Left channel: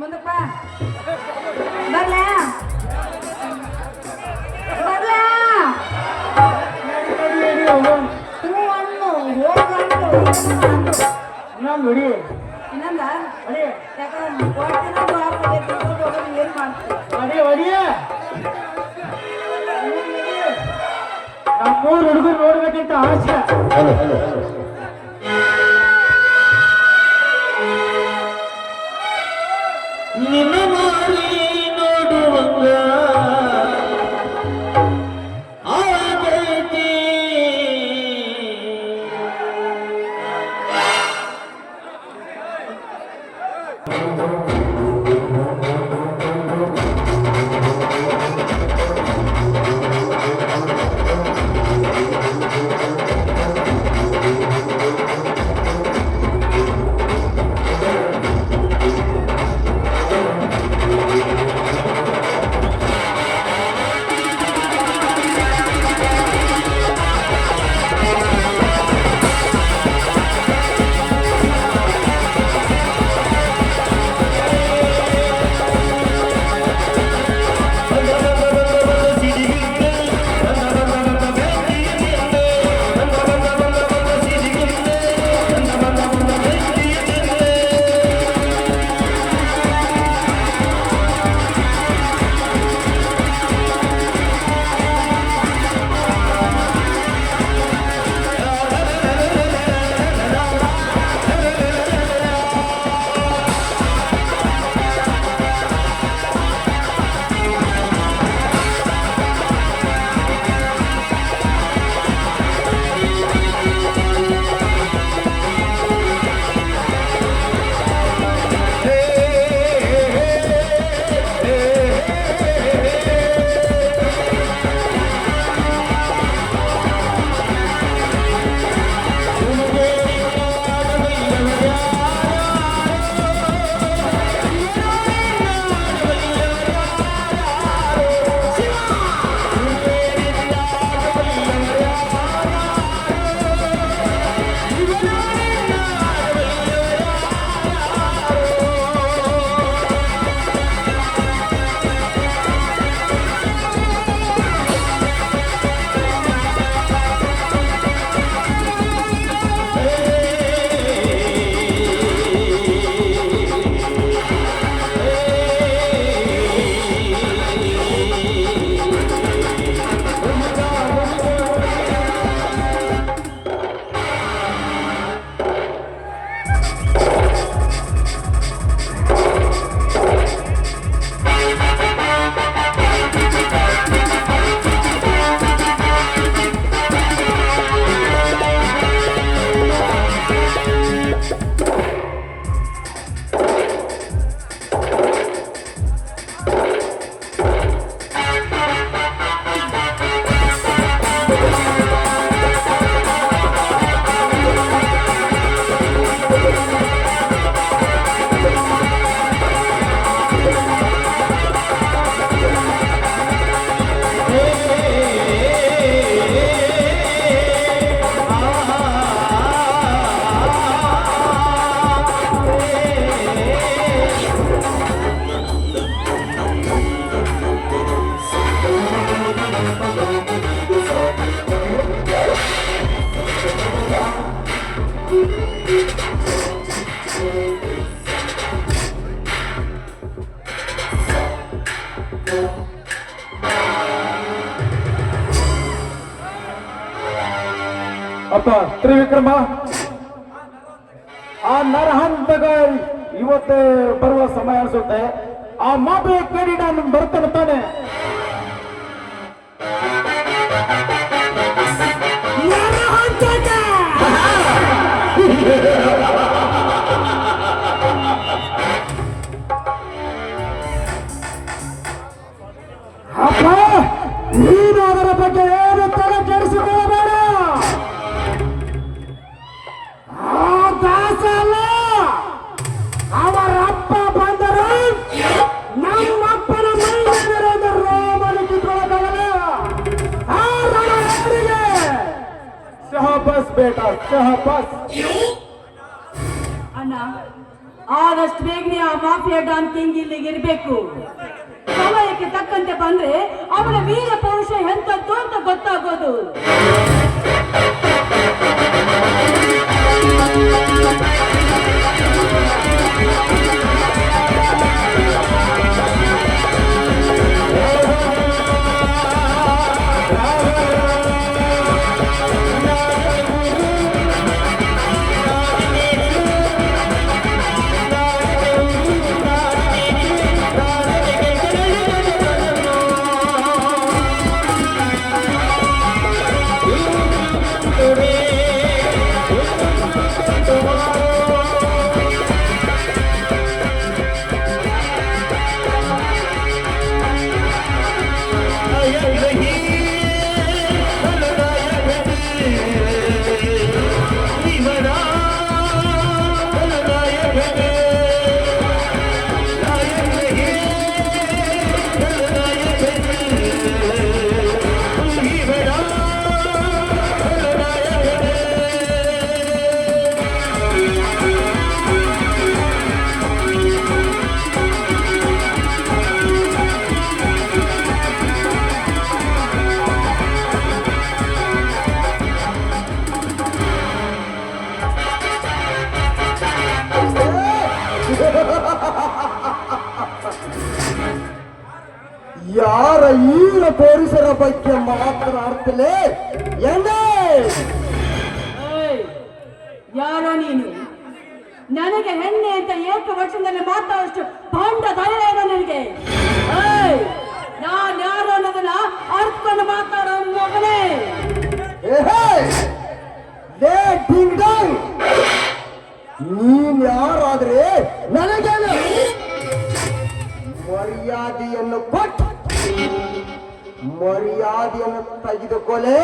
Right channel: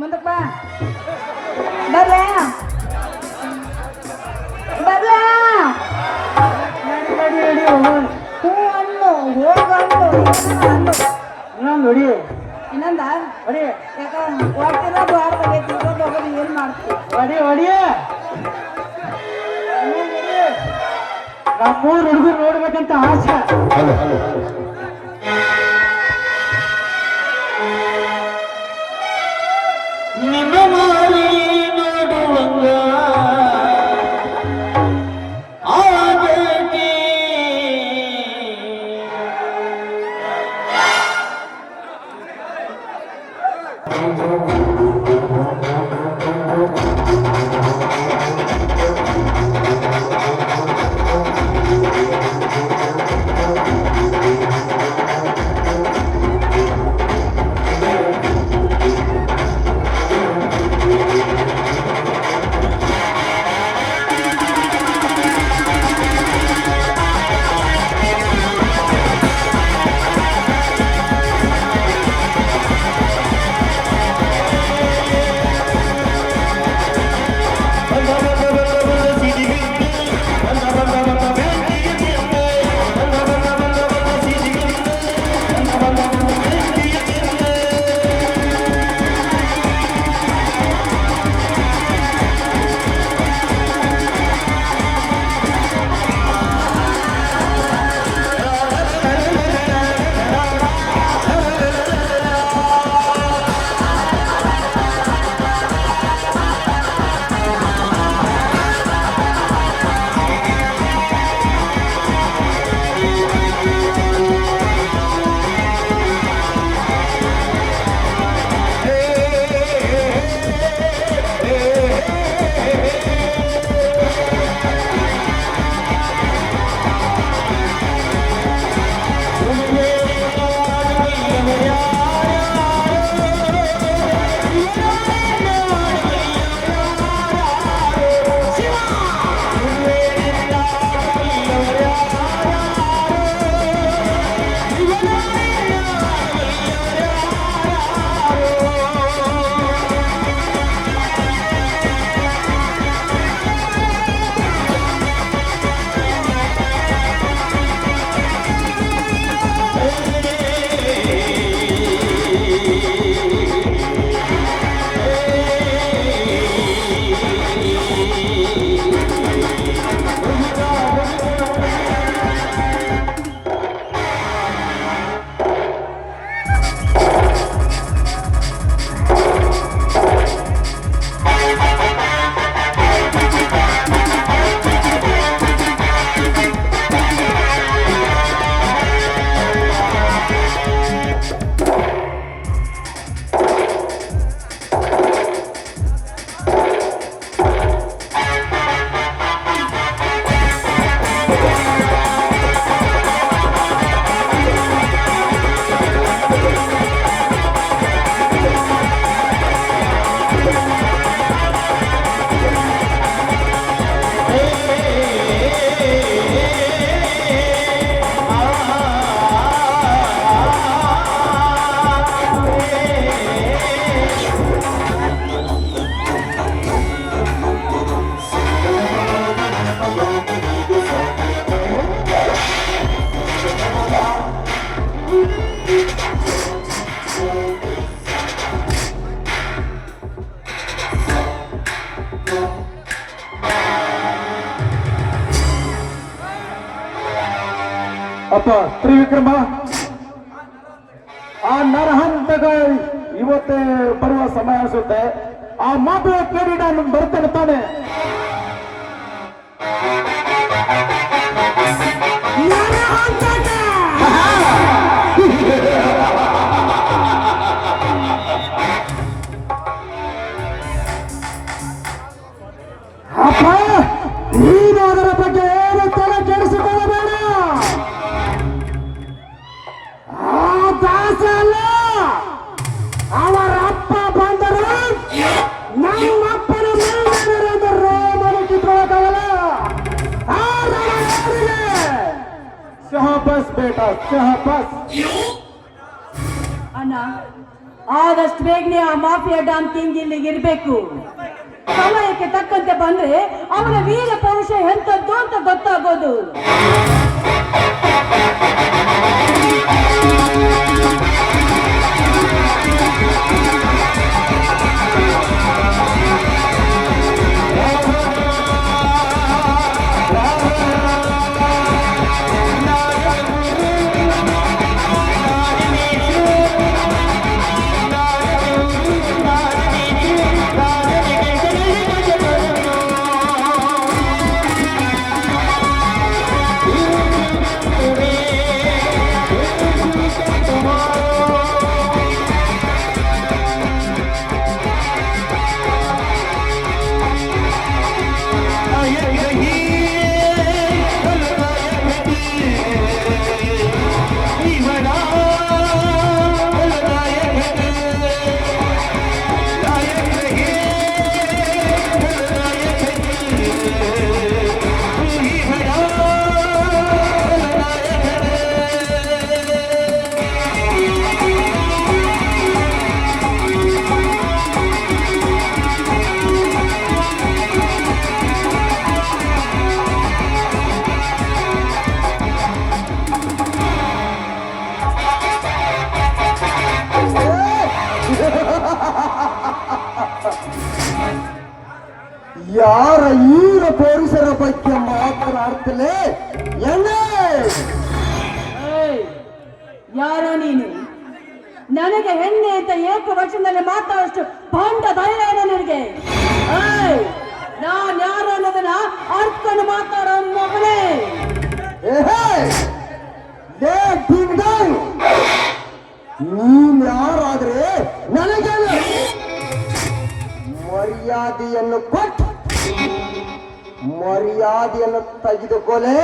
ಮುಂದಪ್ಪ ಬರ್ಲ ಬರ್ಲ ನೋಡಿ ಇನ್ನೊಂದ ಯಾಕ ಏನ್ ಮಾಡ್ತೀವಿ ಹೊಡಿಯ ನಮ್ಮೂರು ಹುಡುಗರು ನೋಡ್ಬೇಕಂತ ಆಸೆ. ನನ್ನ ಮಾರಿ ನೋಡುವಂಗ ಆಗೈತಿ. ಅಪ್ಪ ತ್ರಿವಿಕ್ರಮ, ಆ ನರಹಂತಗ ಇವತ್ತೇ ಬರುವ ಸಮಯ ಅನಿಸುತ್ತೆ. ಆ ಮಾತು ಕೇಳಿ ನಾನು ಬರ್ತಾನೆ ತಾನೆ. ಅಪ್ಪ, ನೀನು ಅದರ ಬಗ್ಗೆ ಏನು ತಲೆ ಕೆಡಿಸಿಕೊಳ್ಳಬೇಡ. ಆ ದಾಸ ಅಲ್ಲ, ಅವರ ಅಪ್ಪ ಬಂದರು ನಮ್ಮಪ್ಪನ ಮೈಮೇಲಿರೋದು ರೋಮನು ಕಿತ್ಕೊಳ್ಳೋಕ್ಕಾಗಲ್ಲ. ಶಹಬಸ್ ಬೇಟ, ಶಹಬಸ್. ಅಣ್ಣ, ಆ ಆದಷ್ಟು ಬೇಗನೆ ಆ ಮಾಫಿಯಾ ಡಾನ್ ಕಿಂಗ್ ಇಲ್ಲಿಗೆ ಇರಬೇಕು. ಸಮಯಕ್ಕೆ ತಕ್ಕಂತೆ ಬಂದ್ರೆ ಅವನ ವೀರ ಪೌರುಷ ಎಂತದ್ದು ಅಂತ ಗೊತ್ತಾಗೋದು. ಯಾರ ಈರ ಪೊಲೀಸರ ಬಗ್ಗೆ ಮಾತನಾಡ್ತಲೇ ಯಾರ ನೀನು? ನನಗೆ ಹೆಣ್ಣೆ ಅಂತ ಏಕವಚನದಲ್ಲಿ ಮಾತಾಡೋಷ್ಟು ಪಾಂಡ ಧೈರ್ಯ ಇದೆ ನಿನಗೆ? ನಾನ್ ಯಾರು ಅನ್ನೋದನ್ನ ಅರ್ಥಕೊಂಡು ಮಾತಾಡೋ ಮಗನೇ. ನೀನ್ ಯಾರಾದ್ರೆ ನನಗೇನು ಮರ್ಯಾದೆಯನ್ನು ಕೊಟ್ಟು ಮರ್ಯಾದೆಯನ್ನು ತೆಗೆದುಕೊಳ್ಳೆ.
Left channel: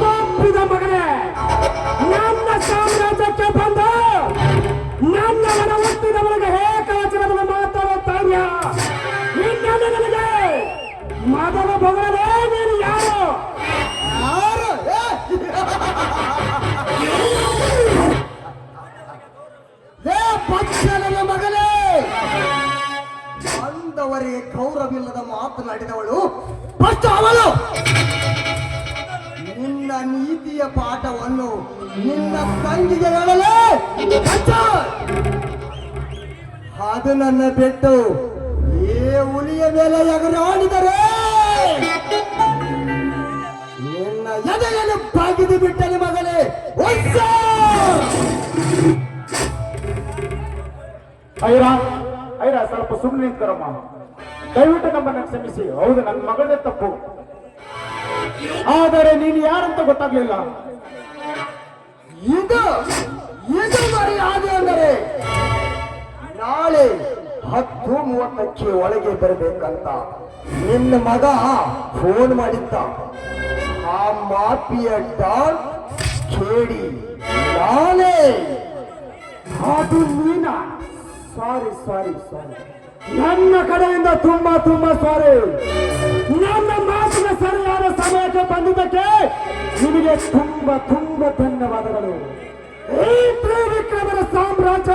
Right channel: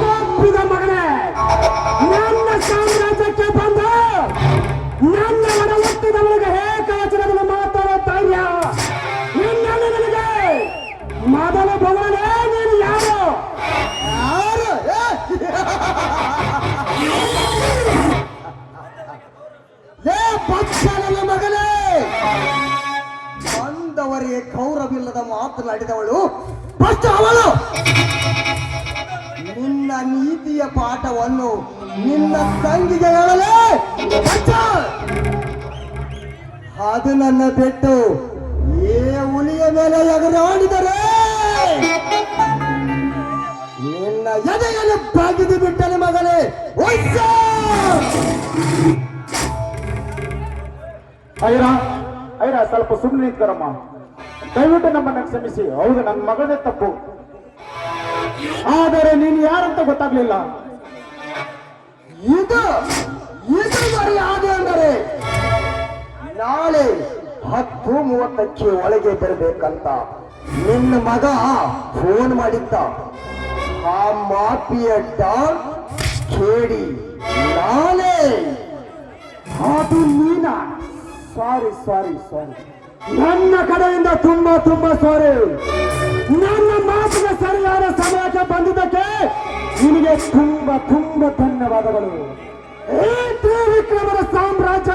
ತಪ್ಪಿದ ಮಗನೇ, ನನ್ನ ಸಾಮ್ರಾಜ್ಯಕ್ಕೆ ಬಂದ ನನ್ನವನ ಹುಟ್ಟಿದವನಿಗೆ ಏಕವಚನವನ್ನು ಮಾತಾಡೋ ಧೈರ್ಯ ನಿನ್ನೆಲ್ಲ ನನಗೆ ಮೊದಲ ಭವನೇ. ನೀನು ಯಾರು? ಪಕ್ಷದ ಮಗನೇ, ಬಂದವರಿಗೆ ಗೌರವಿಲ್ಲದ ಮಾತನಾಡಿದವಳು ಫಸ್ಟ್ ಅವಳು. ನಿನ್ನ ನೀತಿಯ ಪಾಠವನ್ನು ನಿನ್ನ ತಂಗಿಗೆ ಹೇಳಲೇ ಅದು ನನ್ನ ಬಿಟ್ಟು ಏ ಹುಲಿಯ ಮೇಲೆ ಎಗರಾಡಿದರೆ ನಿನ್ನ ಎದೆಯನ್ನು ಬಾಗಿದು ಬಿಟ್ಟನೆ ಮಗನೇ. ಐರಾ ಸ್ವಲ್ಪ ಸುಮ್ಮನೆ ನಿಂತ್ಕರಮ್ಮ, ದಯವಿಟ್ಟು ನಮ್ಮನ್ನ ಕ್ಷಮಿಸಿ. ಹೌದು, ನನ್ನ ಮಗನೇ ತಪ್ಪು, ಆದರೆ ನೀನು ಯಾರಂತ ಗೊತ್ತಾಗ್ಲಿಲ್ಲ. ಇದು ಮರ್ಯಾದೆ ಅಂದರೆ ನಾಳೆ 10:30 ಒಳಗೆ ಬರಬೇಕಂತ ನಿನ್ನ ಮಗ ಫೋನ್ ಮಾಡಿದ್ದ. ಆ ಮಾಫಿಯ ಡಾನ್ ಕೇಳಿ ನಾನೇ. ಅದು ನೀನ? ಸಾರಿ ಸಾರಿ ಸಾರಿ, ನನ್ನ ಕಡೆಯಿಂದ ತುಂಬಾ ಸಾರಿ. ನನ್ನ ಮಾತಿನ ಸರಿಯಾದ ಸಮಯಕ್ಕೆ ಬಂದಿದ್ದಕ್ಕೆ ನಿನಗೆ ತುಂಬಾ ಧನ್ಯವಾದಗಳು. ಈ ತ್ರಿವಿಕ್ರಮರ ಸಾಮ್ರಾಜ್ಯ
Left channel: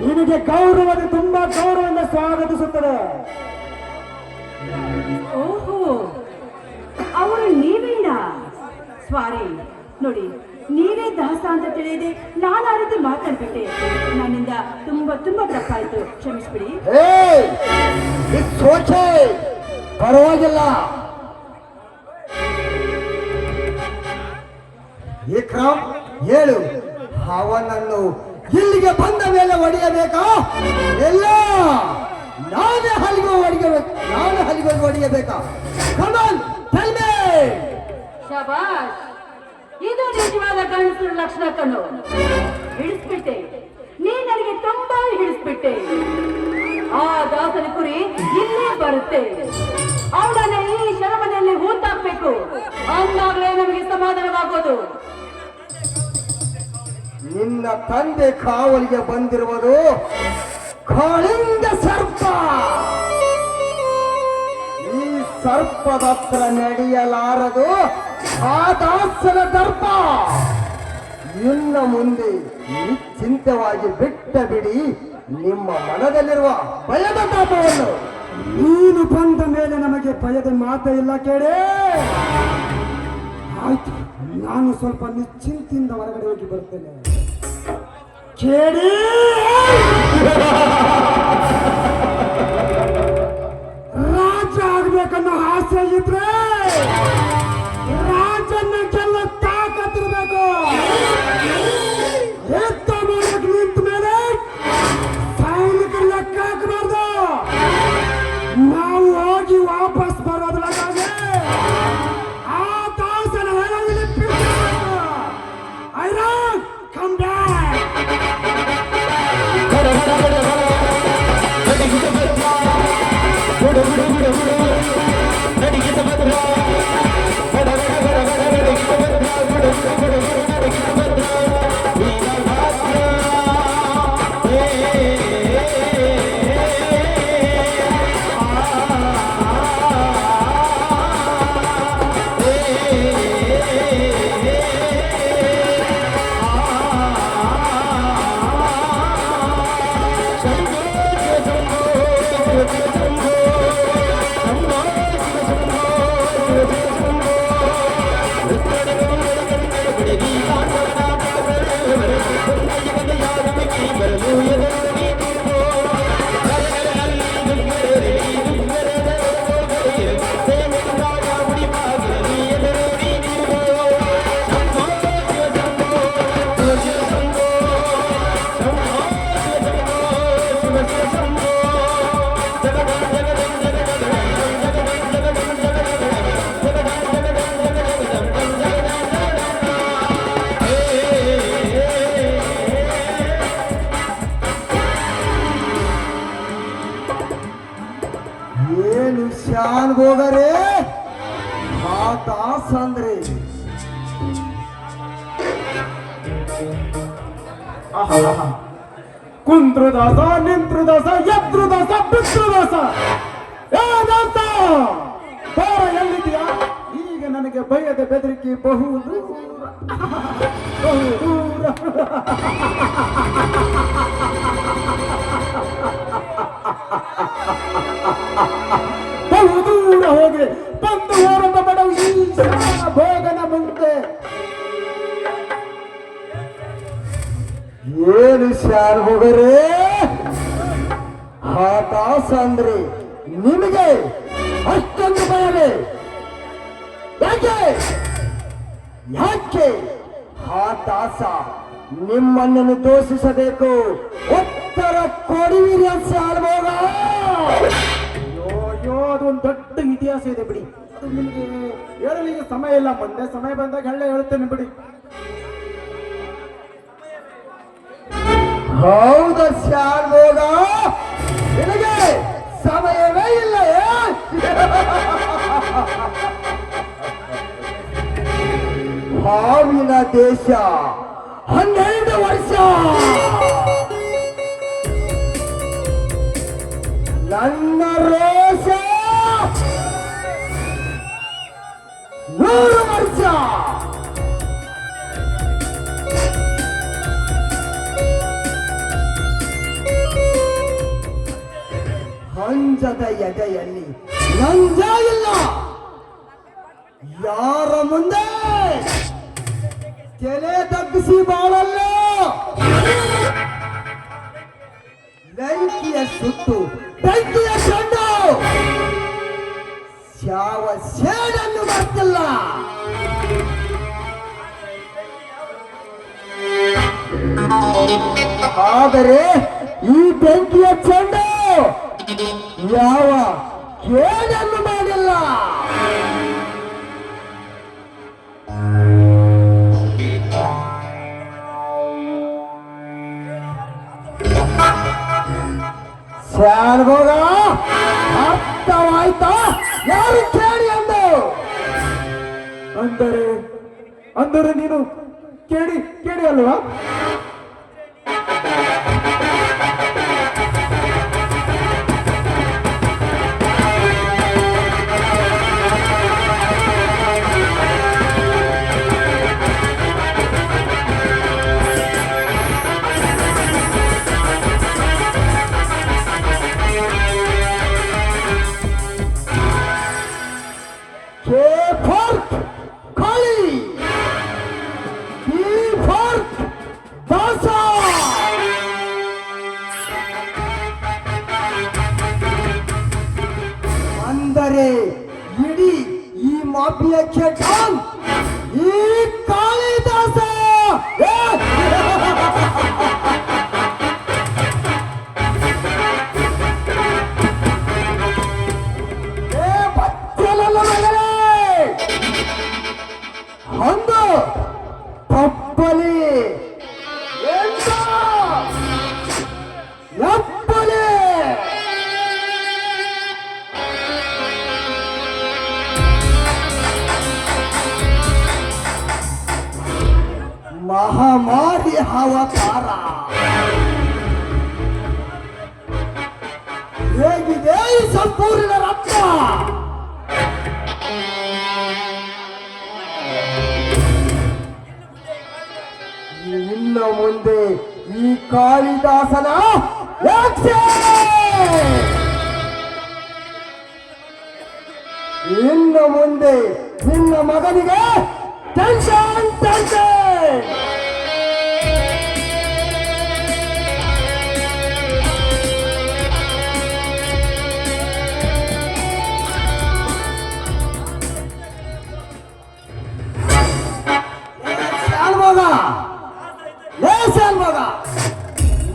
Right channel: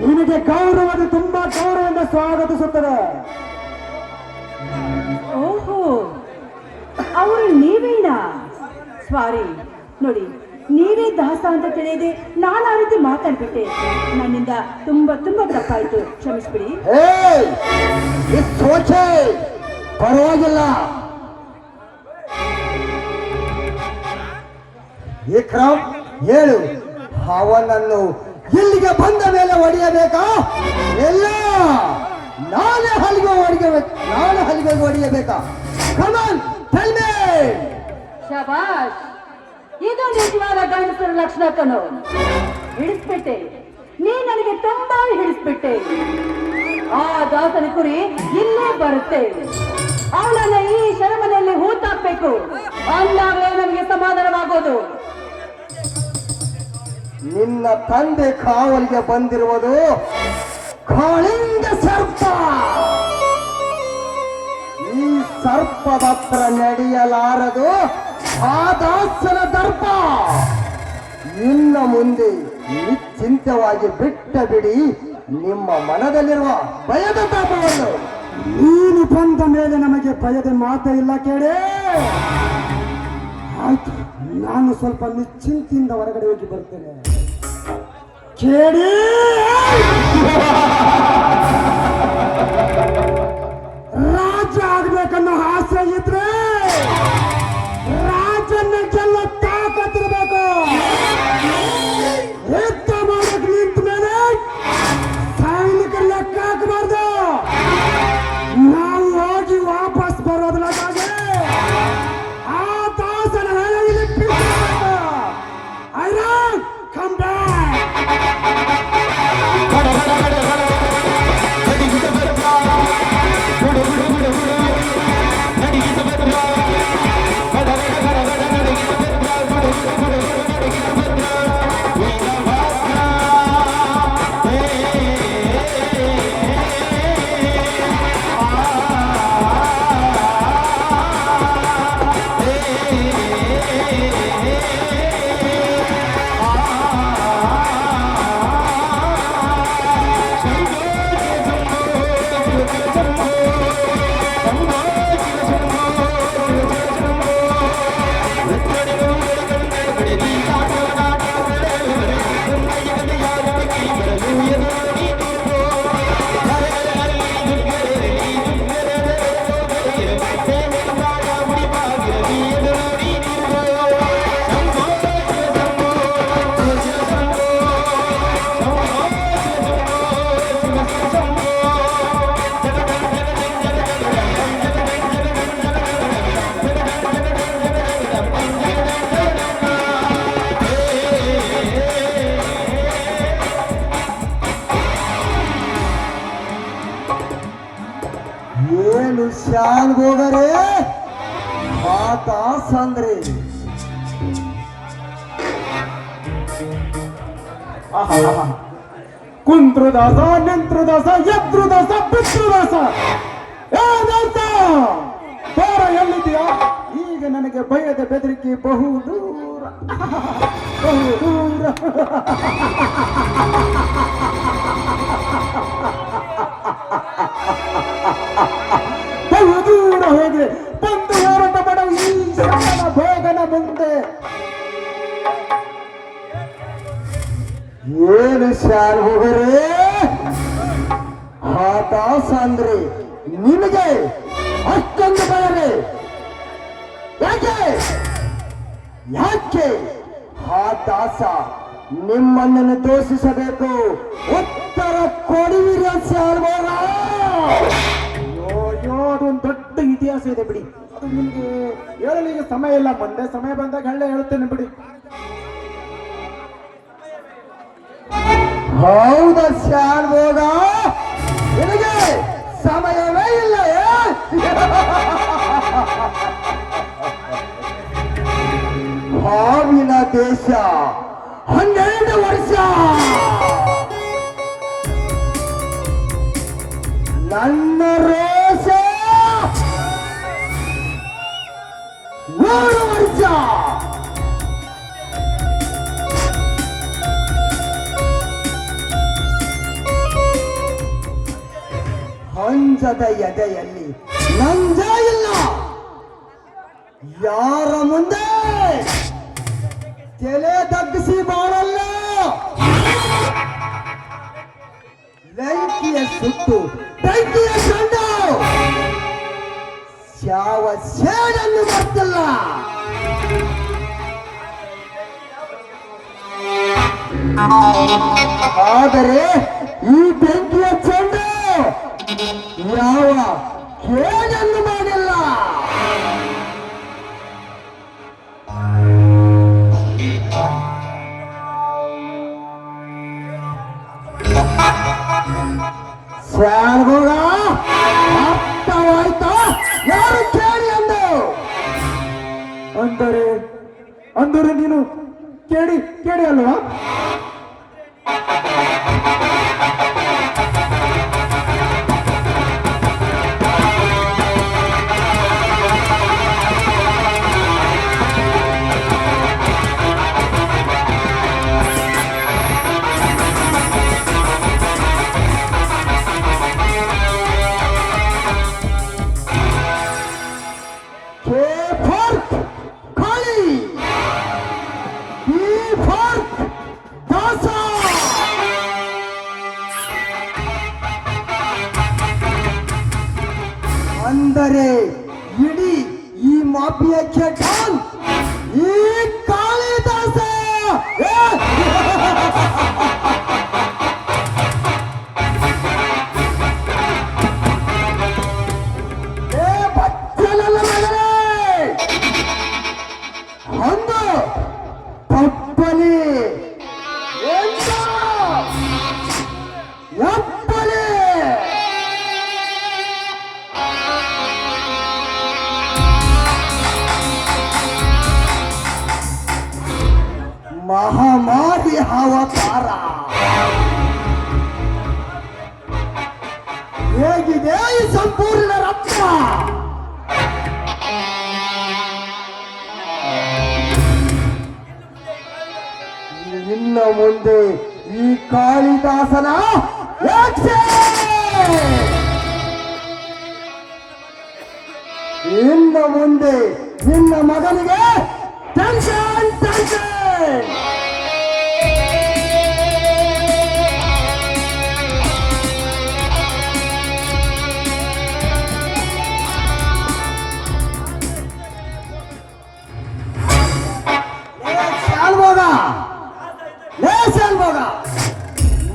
ನಿನಗೆ ತುಂಬಾ ಗೌರವದಿಂದ ಸ್ವಾಗತಿಸುತ್ತದೆ. ಓಹೋ, ಅವರು ನೀವೇನಾ? ಸಾರಿ ನೋಡಿ, ನೀವೇ ದಾಸ ಅಂತ ತಿಳಿಯದೆ ನಾನು ಆ ರೀತಿ ಮಾತಾಡ್ಬಿಟ್ಟೆ. ನನ್ನಿಂದ ತುಂಬಾ ತಪ್ಪಾಯ್ತು, ಕ್ಷಮಿಸ್ಬಿಡಿ. ಪರವಾಗಿಲ್ಲ ವಿಕ್ರಮ್, ಹೇಳು, ಅವನನ್ನು ಇಲ್ಲಿಗೆ ಬಂದ ಮೇಲೆ ಹೊಡೆಯಬೇಕಾ? ಎಲ್ಲ ನಾನೇ ಹಲಿಗೆ ಹೊಡೆಯಬೇಕಾ? ಕಮಾನ್, ಟೆಲ್ ಮೀ. ಶಬಾಷ್, ಇದು ನಿಜವಾದ ಗಂಡಸರ ಲಕ್ಷಣ ಕಣೋ. ಹಿಡಿಸ್ಬಿಟ್ಟೆ, ನೀ ನನಗೆ ತುಂಬಾ ಹಿಡಿಸ್ಬಿಟ್ಟೆ. ಆ ದಾಸನ ಕುರಿ ಇಲ್ಲೇ ಬರುತ್ತೆ. ಅವಳನ್ನ ಈ ಶರಮನೆಯಲ್ಲಿ ಹೂತಾಕ್ಬೇಕು, ಅಂದಾಗಲೇ ನಮಗೆ ಸಮಾಧಾನವಾಗೋದು. ನಿನ್ನ ತಂದೆ ಕಾವಲಿಗೆ ಬಂದಿರುವುದು ಕಾಳಿಂಗ ಸರ್ಪ. ಈ ಸರ್ಪದ ಹತ್ರ ನಡೆಯಲಾರದು ಆ ದಾಸನ ದರ್ಪ. ಇನ್ನು ಮುಂದೆ ನಿಶ್ಚಿಂತವಾಗಿ ಬಿಟ್ಟ ಬಿಡಿ ನಿಮ್ಮ ಮನದಲ್ಲಿರುವ ಭಯದ ತಾಪವನ್ನು. ನೀನು ಬಂದ ಮೇಲೆ ನಮಗೆ ಭಯದ ಮಾತೇ ಇಲ್ಲ ಕೇಳಿ. ಆಯ್ತು, ನಾನು ಸ್ವಲ್ಪ ನಿಶ್ಚಿಂತೆಯಿಂದ ಹೊರಗಡೆ ಹೋಗಿ ಬರ್ತೇನೆ ಕೇಳಿ. ರಾಜ ಆಗ್ಬೇಕನ್ನೋ ಆಸೆ ಇದ್ರೆ ರಾಜನ್ನ ಗೆಲ್ಲ ತಾಕತ್ತಿರ್ಬೇಕು. ಯುದ್ಧ ಮಾಡಕ್ ನಿಂತ ಮೇಲೆ ಸೈನಿಕರ ಲೆಕ್ಕ ಹಾಕಬಾರ್ದು. ನಾವು ಹೋಗಿ ವಾಪಸ್ ಬರೋದ್ರಾಗೆ ಆ ತಾಸನ ಹೆಣದಲ್ಲಿ ಬಿಸಾಡಬೇಕು. ಐರನ್ ಕಮ್ ಬ್ಯಾಕ್. ಏನು ಶಾನ್ ಹೋಗರೆ ಮಾತಾಸ್ ಅಂದ್ರೆ ಕುಂತ್ರುದಾಸ, ನಿಂತ್ರುದಾಸ, ಎದ್ರುದಾಸ, ಪಿತೃದಾಸ. ಏನಂತ ಬಾರ, ಎಲ್ಲಿದೆಯಾ? ಈಗ ನನಗೆ ಭಯದ ಬೆದರಿಕೆ ಬಹು ದೂರ, ಬಹು ದೂರ. ಬಹು ದೂರ ಹೋಗಿ ಬಂದು ಹೋರಾಟ ಮಾಡೋ ಈ ಸಣ್ಣ ಭೋಗನ ಮುಂದೆ. ಏನು ಶಾನ್ ಹೋಗರೆ ಮಾತಾಸ್ ಅಂದ್ರೆ ನಿಮಗೆ ಅಷ್ಟೊಂದು ಭಯವೇ? ಯಾಕೆ ಯಾಕೆ ಆ ದಾಸ ನಿಮ್ಮಣ್ಣನ್ನು ದೋಷಿಸಬೇಕು? ಉತ್ತರ ಕೊಡುವಿರಿ ಶಾನ್ಭೋಗ. ಅಯ್ಯೋ, ಅದೊಂದು ದೊಡ್ಡ ಇತಿಹಾಸ ಇದೆ ಬಿಡಿ. ಅದು ನಿಮಗೆ ಹೇಳಲಿಕ್ಕೆ ಸಮಯ ಇಲ್ಲ. ಮುಂದೆ ಸಮಯ ಬಂದಾಗ ಹೇಳೇ ಹೇಳ್ತೇನೆ ಬಿಡಿ. ಹೌದ ಶಾನ್ಭೋಗ, ನಿನಗೆ ಸಮಯವೇ ಇಲ್ಲ. ಹಾವಿನ ದೇಶ 12 ವರ್ಷ, ನನ್ನ ರೋಷ 100 ವರ್ಷ. ಹಂಜದ ಎದೆಯಲ್ಲಿ ನಂಜ ಇಲ್ಲ. ಯಾರ ಮುಂದೆ ತಲೆ ತಗ್ಗಿಸಿ ಬಾಳಲ್ಲ. ಬೆಂಕಿಯ ಸುಟ್ಟು ಬೆಂಕಿಯ ಕಂಡು ಯಾವ ಸೇಡನ್ನು ಮಾಡ್ತಿಲ್ಲ. ಆದರೆ ಈ ಬೆಂಕಿಯ ಚೆಂಡು ಯಾವ ಕೇಡನ್ನು ಮಾಡಿಲ್ಲ. ಶಾನ್ಭೋಗ, ಅರ್ಥವಾಯ್ತಾ? ಯಾರು ಕೇಳಿ ಅಂದು? ಅಂದರೆ ನೀನು ಕೇಳಿ ಅಲ್ವಾ? ಮಾಫಿಯಾಕ್ಕೆ ಡಾನ್ ಈ ಕಾಳಿದಾಸ. ಏ! ಏ ಬಚ್ಚಲಲ್ಲ ಮಗನೇ, ಒಂದು ತಪ್ಪಲಿ ಎಪ್ಪಲಿ ಮಹಾಮಾರಿ ಅವತಾರ. ಹೇಗಿದೆ ಈ ಸಂಪೂರ್ಣ ರಕ್ತ? ಇನ್ನು ಮುಂದೆ ಈ ಕಾಳಿದಾಸನ ರಕ್ಷೆ! ಇನ್ನು ಮುಂದೆ ನಿನ್ನ ಮಗನಿಗೆ ಟೆನ್ಷನ್ ಟೆನ್ಷನ್.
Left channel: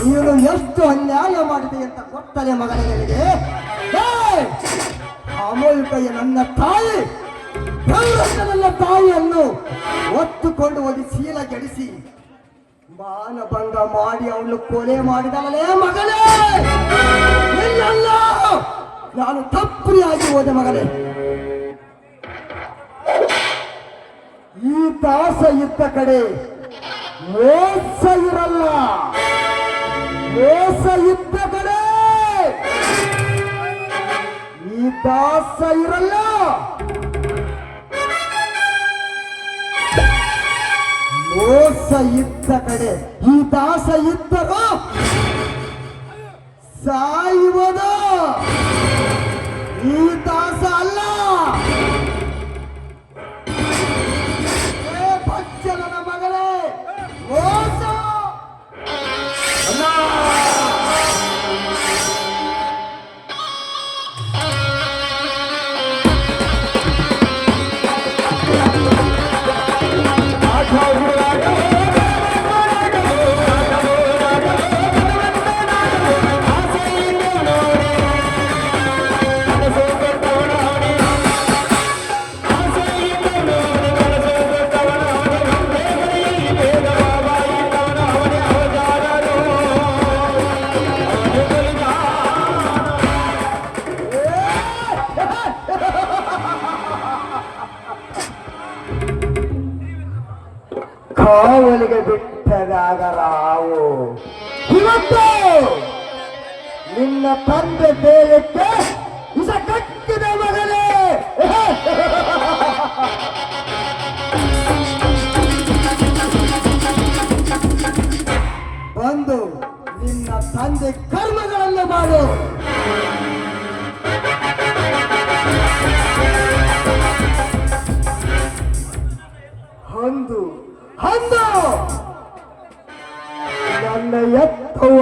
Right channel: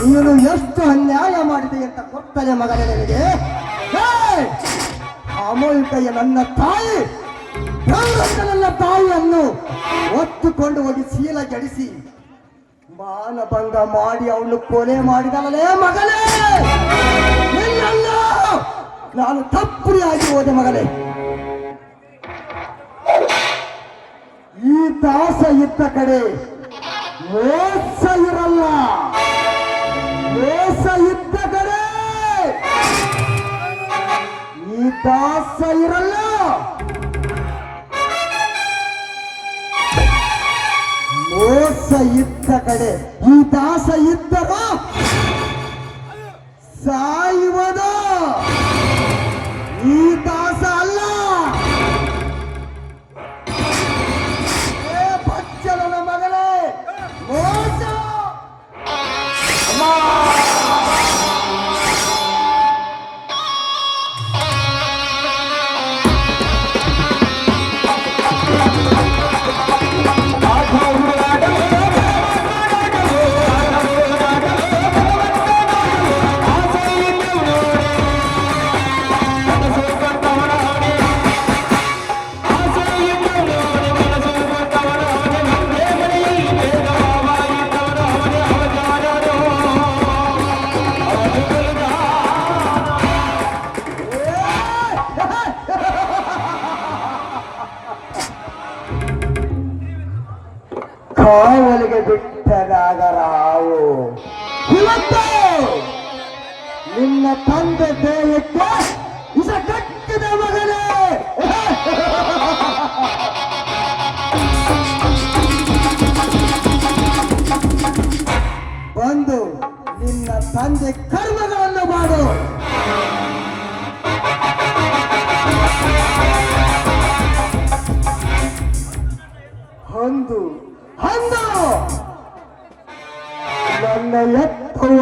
ನೀನು ಎಷ್ಟು ಅನ್ಯಾಯ ಮಾಡಿದೆ ಅಂತ ಗೊತ್ತಲೆ ಮಗನೇ ನಿನಗೆ? ಅಮೂಲ್ಕಯ್ಯ ನನ್ನ ತಾಯಿ ನನ್ನ ತಾಯಿಯನ್ನು ಒತ್ತುಕೊಂಡು ಹೋಗಿ ಶೀಲ ಜಡಿಸಿ ಮಾನಭಂಗ ಮಾಡಿ ಅವನು ಕೊಲೆ ಮಾಡಿದಲೇ ಮಗನೇ. ನಿನ್ನಲ್ಲ ನಾನು ತಪ್ಪರಿಯಾಗಿ ಹೋದೆ ಮಗನೇ. ಈ ದಾಸ ಇದ್ದ ಕಡೆ ಮೋಸ ಇರಲ್ಲ, ಮೋಸ ಇದ್ದ ಕಡೆ ಈ ದಾಸ ಇರಲ್ಲ. ಮೋಸ ಇದ್ದ ಕಡೆ ಈ ದಾಸ ಇದ್ದರು ಸಾಯುವುದು. ಈ ದಾಸ ಅಲ್ಲ. ಏ ಬಚ್ಚಲನ ಮಗಳೇ, ಮೋಸ ಕಾವಲಿಗೆ ಬಿಟ್ಟಗಾಗರಾವು. ಇವತ್ತು ನಿನ್ನ ತಂದೆ ದೇಹಕ್ಕೆ ಇಸ ಕಟ್ಟಿದೆ ಮಗನೇ. ಬಂದು ನಿನ್ನ ತಂದೆ ಕರ್ಮಗಳನ್ನು ಮಾಡು. ಅಂದು ಅಂದು ನನ್ನ ಎತ್ತುವ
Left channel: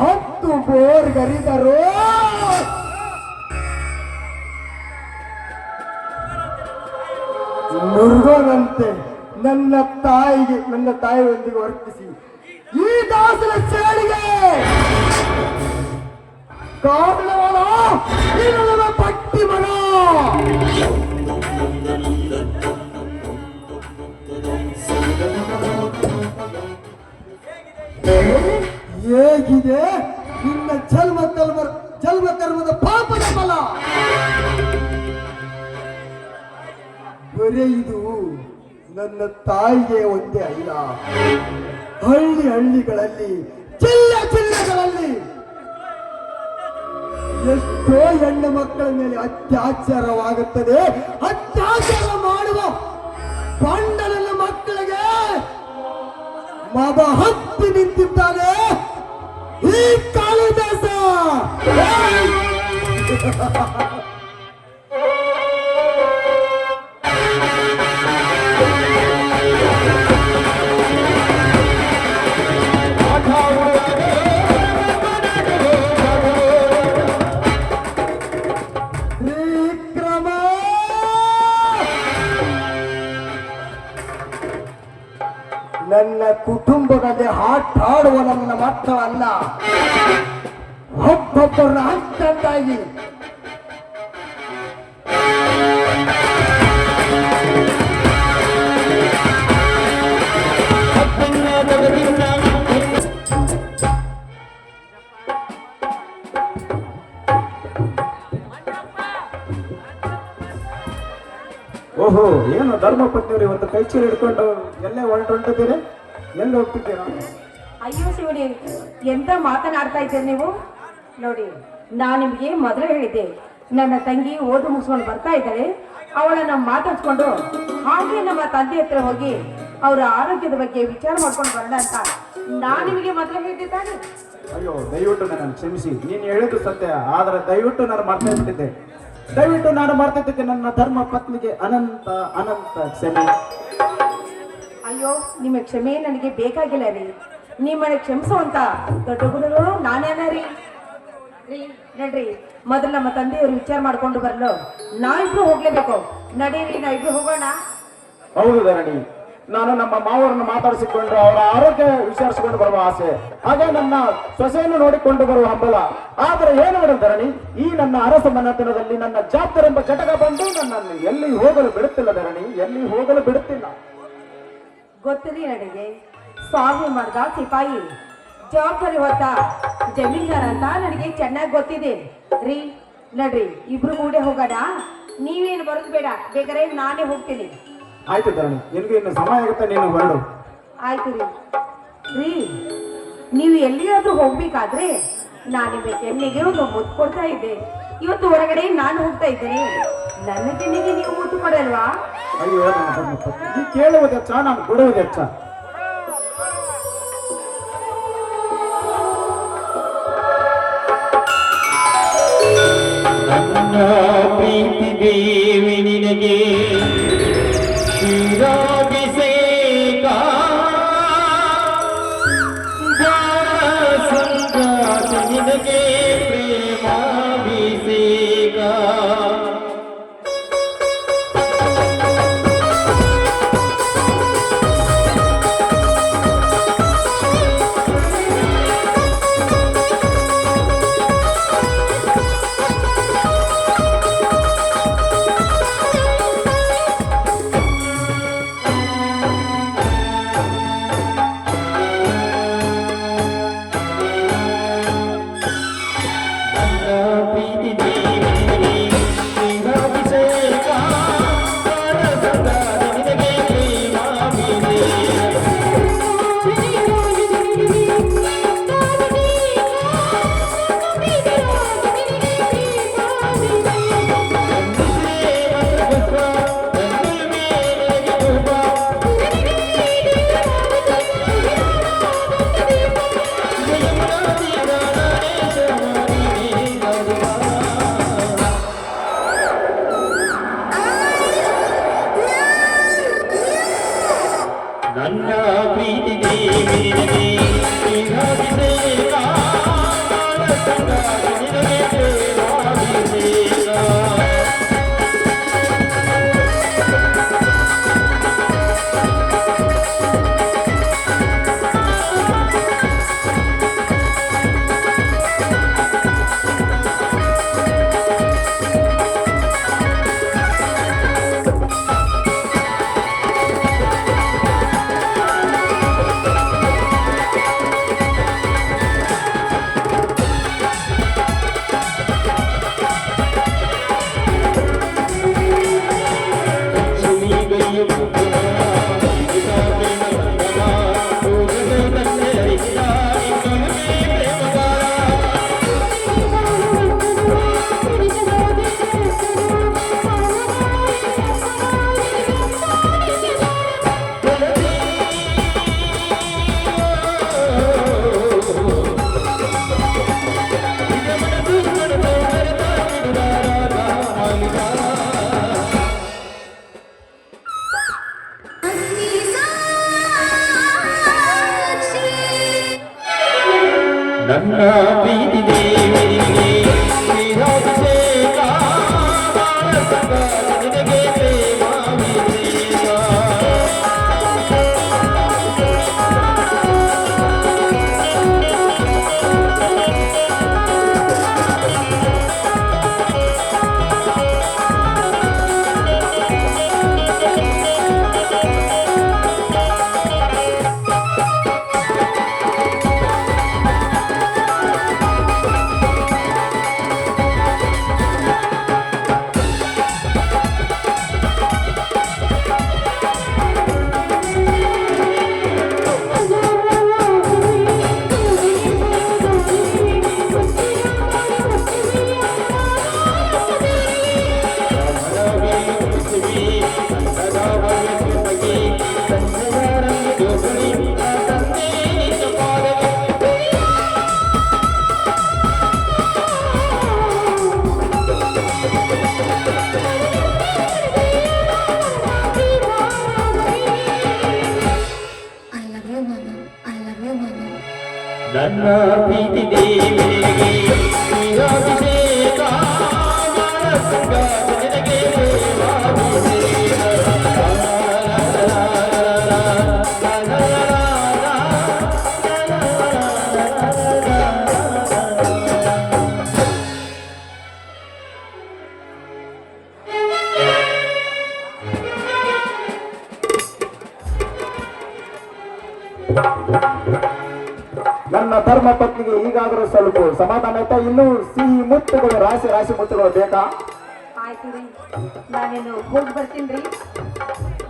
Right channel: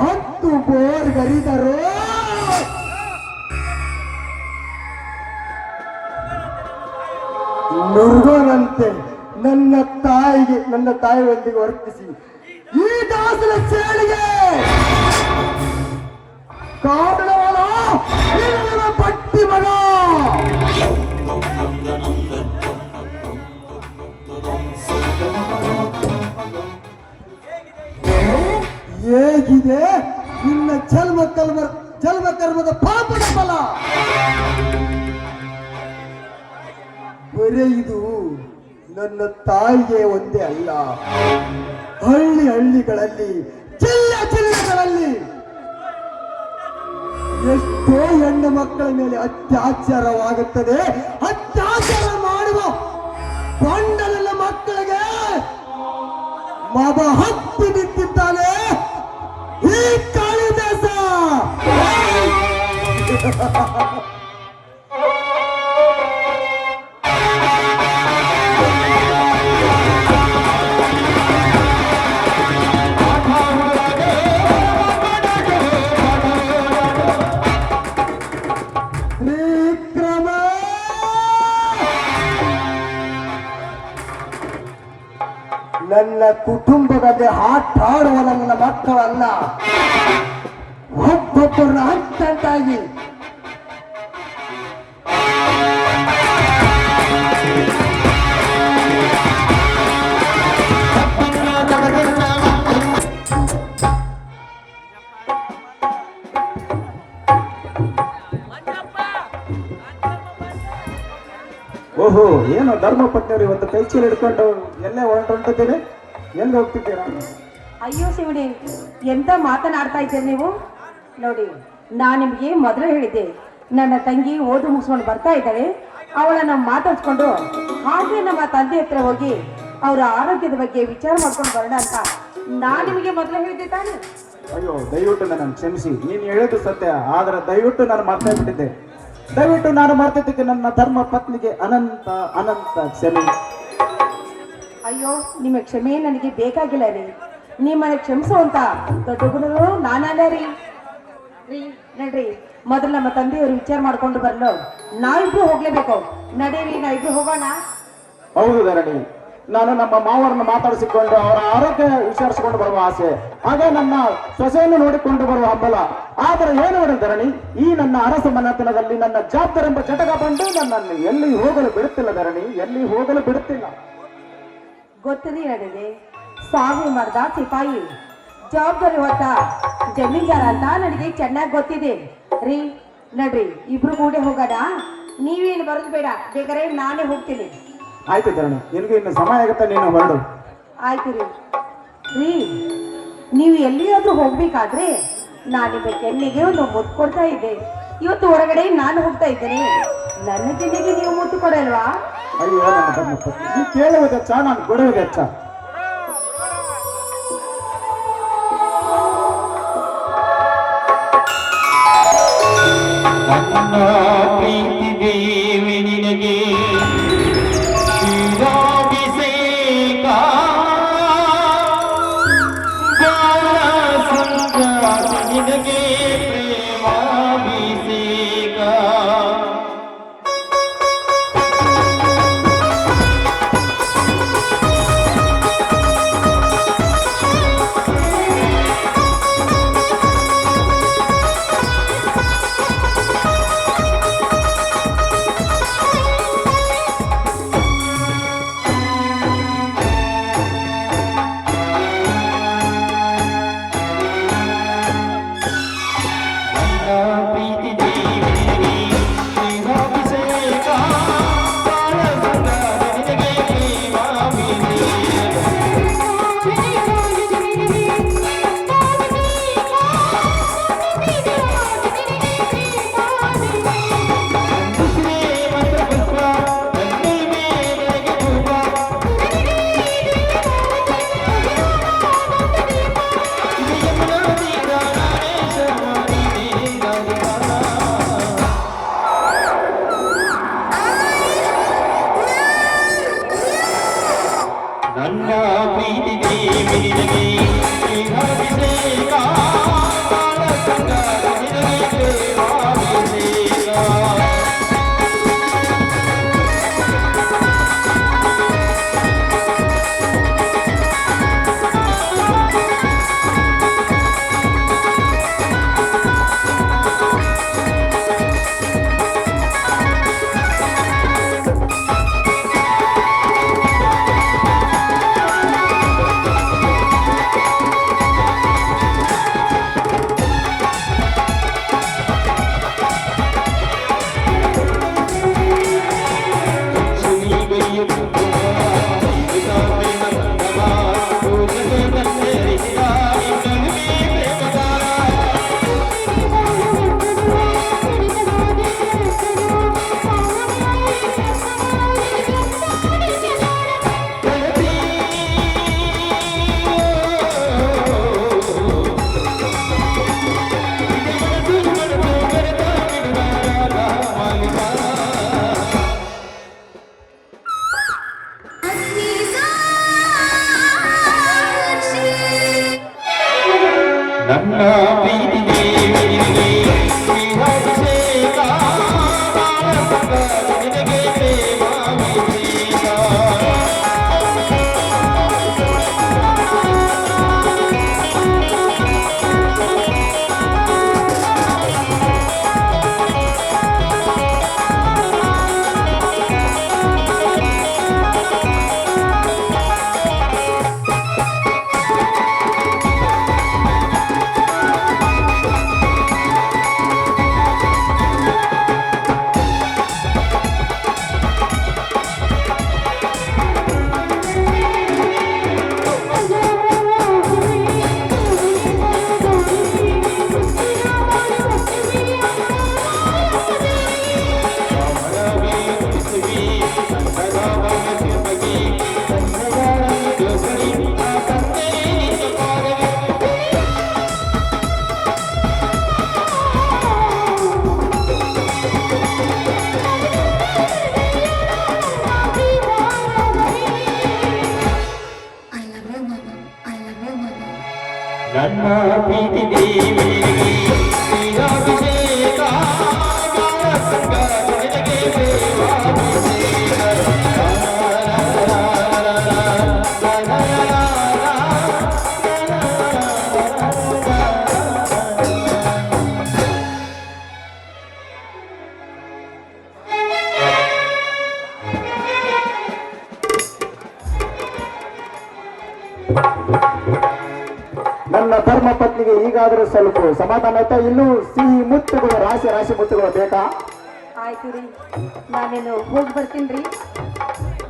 10 ಬೋರ್ಗರಿದರು ಮುರುಗನಂತೆ ನನ್ನ ತಾಯಿಯೊಂದಿಗೆ ವರ್ತಿಸಿ ಈ ದಾಸನ ಸೇಳಿಗೆ ಕಾರಣವಾದ ಪಟ್ಟಿ ಮಗ. ಹೇಗಿದೆ ನಿನ್ನ ಜನ್ಮ ಕರ್ಮದ ಪಾಪದ ಫಲ? ಬರೇ ಇದು ನನ್ನ ತಾಯಿಗೆ ಒಂದೇ ಅಲ್ಲ, ಹಳ್ಳಿಗಳಲ್ಲಿ ಜಿಲ್ಲೆಗಳಲ್ಲಿ ಎಷ್ಟೋ ಹೆಣ್ಣು ಮಕ್ಕಳ ಮೇಲೆ ಅತ್ಯಾಚಾರವಾಗುತ್ತದೆ. ಅತ್ಯಾಚಾರ ಮಾಡುವ ಬಂಡಲನ ಮಕ್ಕಳಿಗೆ ಮಗ ಹತ್ತಿ ನಿಂತಿದ್ದಾನೆ ಈ ಕಾಳಿದಾಸ. ಕುಟುಂಬದಲ್ಲಿ ಆಟಾಡುವ ನನ್ನ ಮಕ್ಕಳನ್ನ ಒಬ್ಬೊಬ್ಬರನ್ನ ಹಂತಾಗಿ ಓಹೋ, ಏನು ಧರ್ಮಪತ್ನಿಯವರು ಇವತ್ತು ಕೈ ಚೀಲ ಹಿಡ್ಕೊಂಡು ಎಲ್ಲೇ ಹೊರಟಿದ್ದೀರಿ? ಎಲ್ಲಿ ಹೋಗ್ತಿದ್ದೀರಾ? ಅಯ್ಯೋ ಶಿವನಿ, ಎಂತ ಮಾತನಾಡ್ತಾ ಇದ್ದೀರಿ ನೀವು? ನೋಡಿ, ನಾನು ನಿಮಗೆ ಮೊದಲೇ ಹೇಳಿದ್ದೆ, ನನ್ನ ತಂಗಿ ಓದು ಮುಗಿಸ್ಕೊಂಡು ಬರ್ತಾ ಇದ್ದಾಳೆ, ಅವಳನ್ನ ಮಾತಾಡ್ಸ್ಕೊಂಡು ಹಾಗೆ ನಮ್ಮ ತಂದೆ ಹತ್ರ ಹೋಗಿ ಅವರ ಆರೋಗ್ಯದ ಬಗ್ಗೆ ವಿಚಾರ ಮಾಡ್ಕೊಂಡು ಬರೋಣ ಅಂತ ನಾನು ನಿಮಗೆ ಮೊದಲೇ ಹೇಳಿದ್ದೆ ತಾನೆ. ಅಯ್ಯೋ, ದಯವಿಟ್ಟು ನನ್ನ ಕ್ಷಮಿಸಿ. ನೀನು ಹೇಳಿದ್ದು ಸತ್ಯ, ಆದರೆ ದಯವಿಟ್ಟು ನಾನು ಮರ್ತೇ ಬಿಟ್ಟಿದ್ದೆ. ದಯವಿಟ್ಟು ನಾನು ಮರ್ತಿದ್ದಕ್ಕೆ ನನ್ನ ಧರ್ಮ ಪತ್ನಿಗೆ ಅನಂತ ಅನಂತ ಕ್ಷಮೆ. ಅಯ್ಯೋ, ನಿಮ್ಮ ಕ್ಷಮೆ ನನಗೆ ಬೇಕಾಗಿಲ್ಲ ರೀ. ನಿಮ್ಮನ್ನ ಕ್ಷಮಿಸುವಂತ ದೊಡ್ಡ ಗುರುಗಳು ನಾನಲ್ಲ ರೀ. ನಡ್ರಿ, ಮೊದಲು ನಮ್ಮ ತಂದೆಯವರು ವಿಚಾರ ಮಾಡ್ಕೊಂಡು ಬರಲು ನಾವಿಬ್ರು ಹೋಗ್ಲೇಬೇಕು. ನಡೀರಿ, ನಾವಿಬ್ರು ಹೋಗೋಣ. ಹೌದು ಧರಣಿ, ನಾನು ನಮ್ಮ ಮಾವರನ್ನು ಮಾತಾಡಿಸಿಕೊಂಡು ಅವರ ಆರೋಗ್ಯ ವಿಚಾರಿಸಿಕೊಂಡು ಬರುವ ಆಸೆ, ಆಗ ನನ್ನ ಸೊಸೆಯನ್ನು ನೋಡಿಕೊಂಡು ಬರುವ ಹಂಬಲ. ಆದರೆ ಏನು ಮಾಡಿದ ಧರಣಿ, ಈ ನನ್ನ ಅರಸ ಮನೆತನದಲ್ಲಿ ನನ್ನ ಜಾಬ್ದಾರಿ ಎಂಬ ಘಟಕ ಬಂದು ನನ್ನನ್ನು ಎಲ್ಲಿ ಹೋಗಲು ಬಿಡುತ್ತಿಲ್ಲ ಧರಣಿ, ಎಲ್ಲಿ ಹೋಗಲು ಬಿಡುತ್ತಿಲ್ಲ. ಗೊತ್ತರಿ ನನಗೆ, ಸ್ವಾಮಿ ಮಾಡ್ದ ಸಿಪಾಯಿ, ಜವಾಬ್ದಾರಿ ಹೊತ್ತ ಜಮೀನ್ದಾರ ಅಂತ ನನಗೆ ಚೆನ್ನಾಗಿ ಗೊತ್ತಿದೆ ರೀ. ನಡ್ರಿ, ಇಬ್ರು ಕೂಡೆ ಹೋಗೋಣ. ನೀವೇನು ಬರೋದು ಬೇಡ, ಬೇಕಾದ್ರೆ ನಾನೇ ಹೋಗ್ತೀನಿ. ಆಯ್ತು ಧರಣಿ, ನಿನಗೆ ಇನ್ನು ಸಮಯ ಆಗುತ್ತೆ, ನೀನು ಹೊರಡು. ಆಯ್ತು ರೀ. ರೀ, ನೀವು ಎಲ್ಲಿಯಾದ್ರೂ ಹೋಗ್ಬೇಕಾದ್ರೆ ನಾನು ನಿಮಗೆ ಕೆನ್ನಿಗೆ ಒಂದು ಮುತ್ತು ಕೊಡ್ತಾ ಇದ್ದೆ. ಇವತ್ತು ಹೊರಗಡೆ ನಾನು ಹೋಗ್ತಾ ಇದ್ದೇನೆ, ನನ್ನ ಕೆನ್ನಿಗೆ ನೀವು ಮುತ್ತು ಕೊಡಲ್ವಾ? ಅಯ್ಯೋ ನನ್ನ ಧರ್ಮ ಪತ್ನಿ, ನೀ ಕೇಳುವುದು ಹೆಚ್ಚ, ನಾನು ಕೊಡುವುದು ಹೆಚ್ಚ. ನನ್ನ ಪ್ರೀತಿ ದೇವಿ ನಿನಗೆ ಕ್ಷೀರಾಭಿಷೇಕ, ಸಂಗಾತ ನಿನಗೆ ಪ್ರೇಮಾಭಿಷೇಕ. ನನ್ನ ಪ್ರೀತಿ ದೇವಿ ನಿನಗೆ ಕ್ಷೀರಾಭಿಷೇಕ, ಸಂಗಾತ ನಿನಗೆ ಪ್ರೇಮಾಭಿಷೇಕ. ನನ್ನ ಪ್ರೀತಿ ದೇವಿ ನಿನಗೆ ಕ್ಷೀರಾಭಿಷೇಕ, ಸಂಗಾತ ನಿನಗೆ ಪ್ರೇಮಾಭಿಷೇಕ. ನನ್ನ ಪ್ರೀತಿ ದೇವಿಗೆ ಶ್ರೀರಾಭಿಷೇಕ ನಾರಸಂಗ ಜನಕ್ಕೆ ದೇವಾಭಿಷೇಕ ನನ್ನ ಧರ್ಮ ಪತ್ನಿಗೆ ಈಗಾದರೂ ಸ್ವಲ್ಪ ಸಮಾಧಾನ ಆಯ್ತಾ? ಇನ್ನೂ ಸಿಹಿ ಮುತ್ತುಗಳು, ರಾಶಿ ರಾಶಿ ಮುತ್ತುಗಳು ಬೇಕಾ? ಆಯ್ತು ರೀ, ನಾನೇನು ಹೋಗಿ ಬರ್ತೀನಿ ರೀ.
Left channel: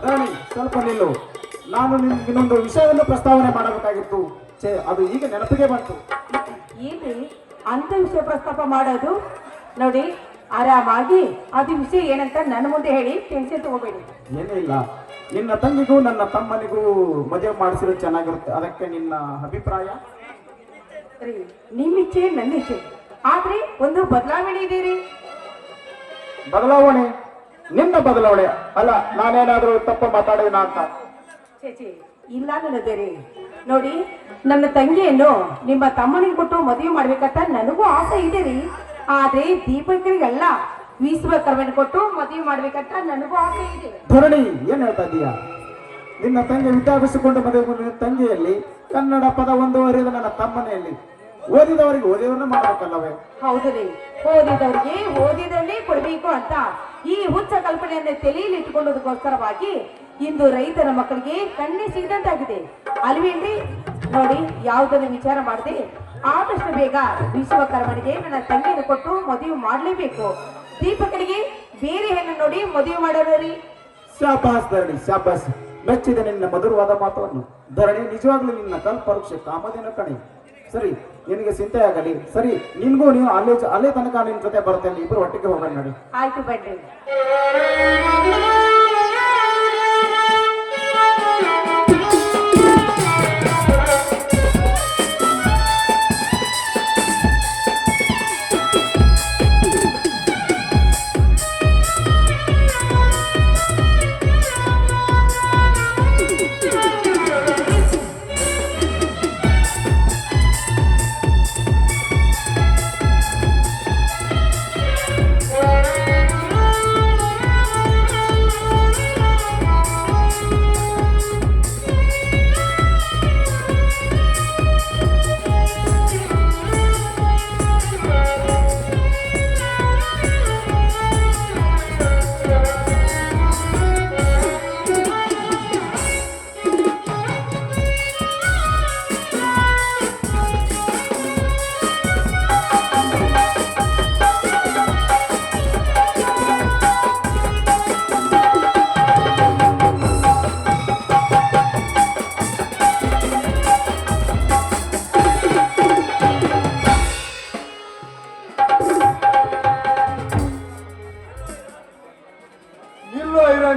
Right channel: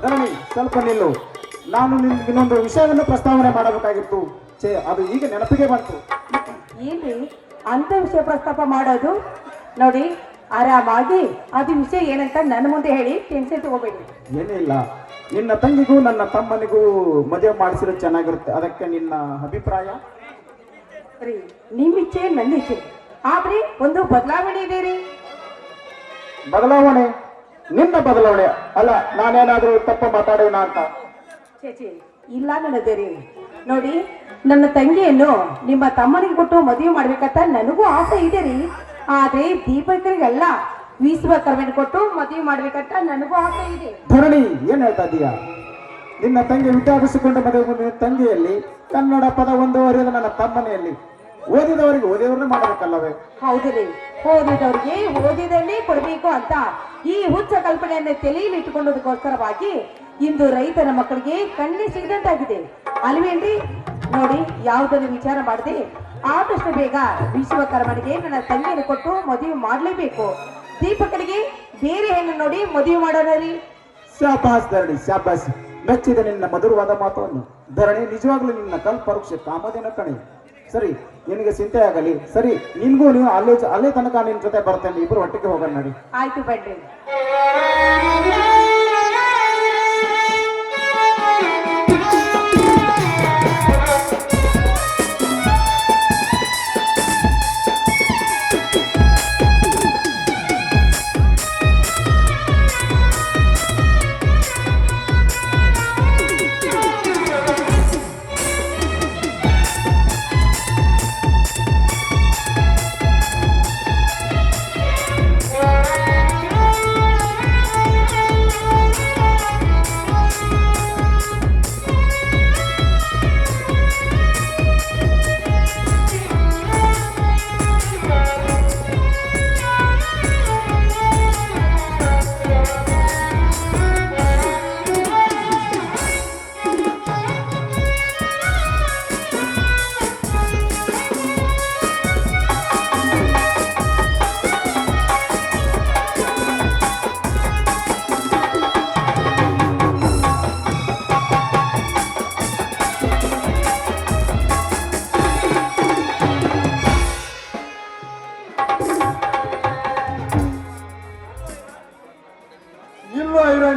ರಾಣಿ ಸ್ವಲ್ಪ ನಿಲ್ಲು. ನಾನು ನಿಮ್ಗೆ ಇನ್ನೊಂದು ವಿಷಯವನ್ನು ಪ್ರಸ್ತಾವನೆ ಮಾಡಬೇಕಾಗಿತ್ತು. ಅದು ಈಗ ನೆನಪಿಗೆ ಬಂತು. ಏನ್ರಿ ಅಂತ ವಿಷಯ ಪ್ರಸ್ತಾಪ ಮಾಡೋದು? ನೋಡಿ, ಆರಾಮಾಗಿ ಅದು ವಿಷಯ ಏನಂತ ನನ್ನ ಮುಂದೆ ಹೇಳಿ, ಟೆನ್ಷನ್ ತಗೋಬೇಡಿ. ಏನಿಲ್ಲ, ನಿನ್ನ ತಂಗಿಗೂ ನನ್ನ ತಮ್ಮನಿಗೂ ಮದುವೆ ಮಾಡಿಸಿದ್ರೆ ಚೆನ್ನಾಗಿರುತ್ತೆ. ಅದಕ್ಕೆ ನಿನ್ನ ಅಭಿಪ್ರಾಯ? ರೀ, ನಿಮ್ಮ ಇಚ್ಛೆ ನನ್ನ ಇಚ್ಛೆ, ಆದ್ರೆ ಒಂದು ಬದಲಾವಣೆ ಇದೆ ರೀ. ಬದಲಾವಣೆ? ನಿನ್ನ ಬದಲಾವಣೆ ಅಲ್ಲ, ನಾನೇನಾದ್ರೂ ತಪ್ಪ ಮಾತಾಡೋಣ ಅಂತ? ಚೇಚಿ ಇಲ್ಲ ನನ್ನದೇ ರೀ. ನೋಡಿ, ನನ್ನ ತಂಗಿಯನ್ನು ನಿಮ್ಮ ತಮ್ಮನಿಗೆ ಕೊಟ್ಟು ಮದುವೆ ಮಾಡ್ಬೇಕಂತ ನನಗೂ ಆಸೆ ಇದೆ ರೀ. ಆದ್ರೆ ದೀಪಕರಿಗೆಲ್ಲ ವಿಶ್ವಕರ್ಮನ ಕೊಟ್ಟು ಮದುವೆ ಮಾಡ್ಬೇಕಂತ ನನಗೂ ಆಸೆ ಇದೆ. ಧರಣಿ, ಏನ್ ಹೇಳ್ತಾ ಇದೀಯಾ? ನಿನ್ನ ತಂಗಿ ವಿದ್ಯಾಭ್ಯಾಸಗೊಂಡ ಮದುವೆ ನಿನ್ನ ತಂಗಿಯಲ್ಲಿ ಕನ್ನಡ ಪದ ಒಂದು ಅರಿಯದ ನನ್ನ ತಮ್ಮನೆಯಲ್ಲಿ ಓದಿದವರಿಗೆ ಓದಿದವ್ರನ್ನ ಮಾಡಬೇಕಲ್ಲವೇ? ಹೌದು ರೀ, ಓದಿದವ್ರಿಗೆ ಓದಿದಲ್ಲಿ ಕೊಡಬೇಕು ಅಂತ ಈ ಹುಚ್ಚ ಕಲ್ಪನೆಯನ್ನು ತಲೆಯಲ್ಲಿ ಇಟ್ಟುಕೊಳ್ಳೋದಕ್ಕೋಸ್ಕರವಾಗಿ ಇಂದು ರೈತನ ಮಕ್ಕಳಿಗೆ ಕಣ್ಣೆ ಸಿಗದಂತಾಗಿದೆ ಅಲ್ವೇನ್ರಿ? ನೋಡಿ, ಯಾವುದನ್ನು ವಿಚಾರ ಮಾಡದೆ ಆದಷ್ಟು ಬೇಗ ವಿಶ್ವಕರ್ಮನಿಗೆ ನನ್ನ ತಂಗಿಯನ್ನು ಕೊಟ್ಟು ಮದುವೆ ಮಾಡಲೇಬೇಕು. ದೀಪಕನಿಗೆ ಬೇರೆ ಹೆಣ್ಣು ನೋಡಿ ಮದುವೆ ಮಾಡೋಣ ರೀ. ಶಾಬಾಸ್ ಧರಣಿ, ಶಾಬಾಸ್. ಮೆಚ್ಚಿದ ನಿನ್ನ ಮಧುರವಾದ ಮಾತನ್ನು. ಧರಣಿ, ನಿಜವಾಗ್ಲೂ ನಿನ್ನ ಕಲ್ಪವೃಕ್ಷ ಕಾಮದಿನ ಕಣಿ. ಸರಿ, ನಿನಗೆ ಚಿಂತೆ ಆಗಲಿ. ಸರಿ, ನಿನ್ಗೂ ನೀವು ಅಲ್ಲೇ ತನಕ ನಿನ್ ಜೊತೆ ಬರ್ತೇನೆ. ಇಬ್ರು ಒಟ್ಟಿಗೆ ಹೋಗೋಣ ನೋಡಿ. ಆಯ್ತು ಬನ್ರಿ.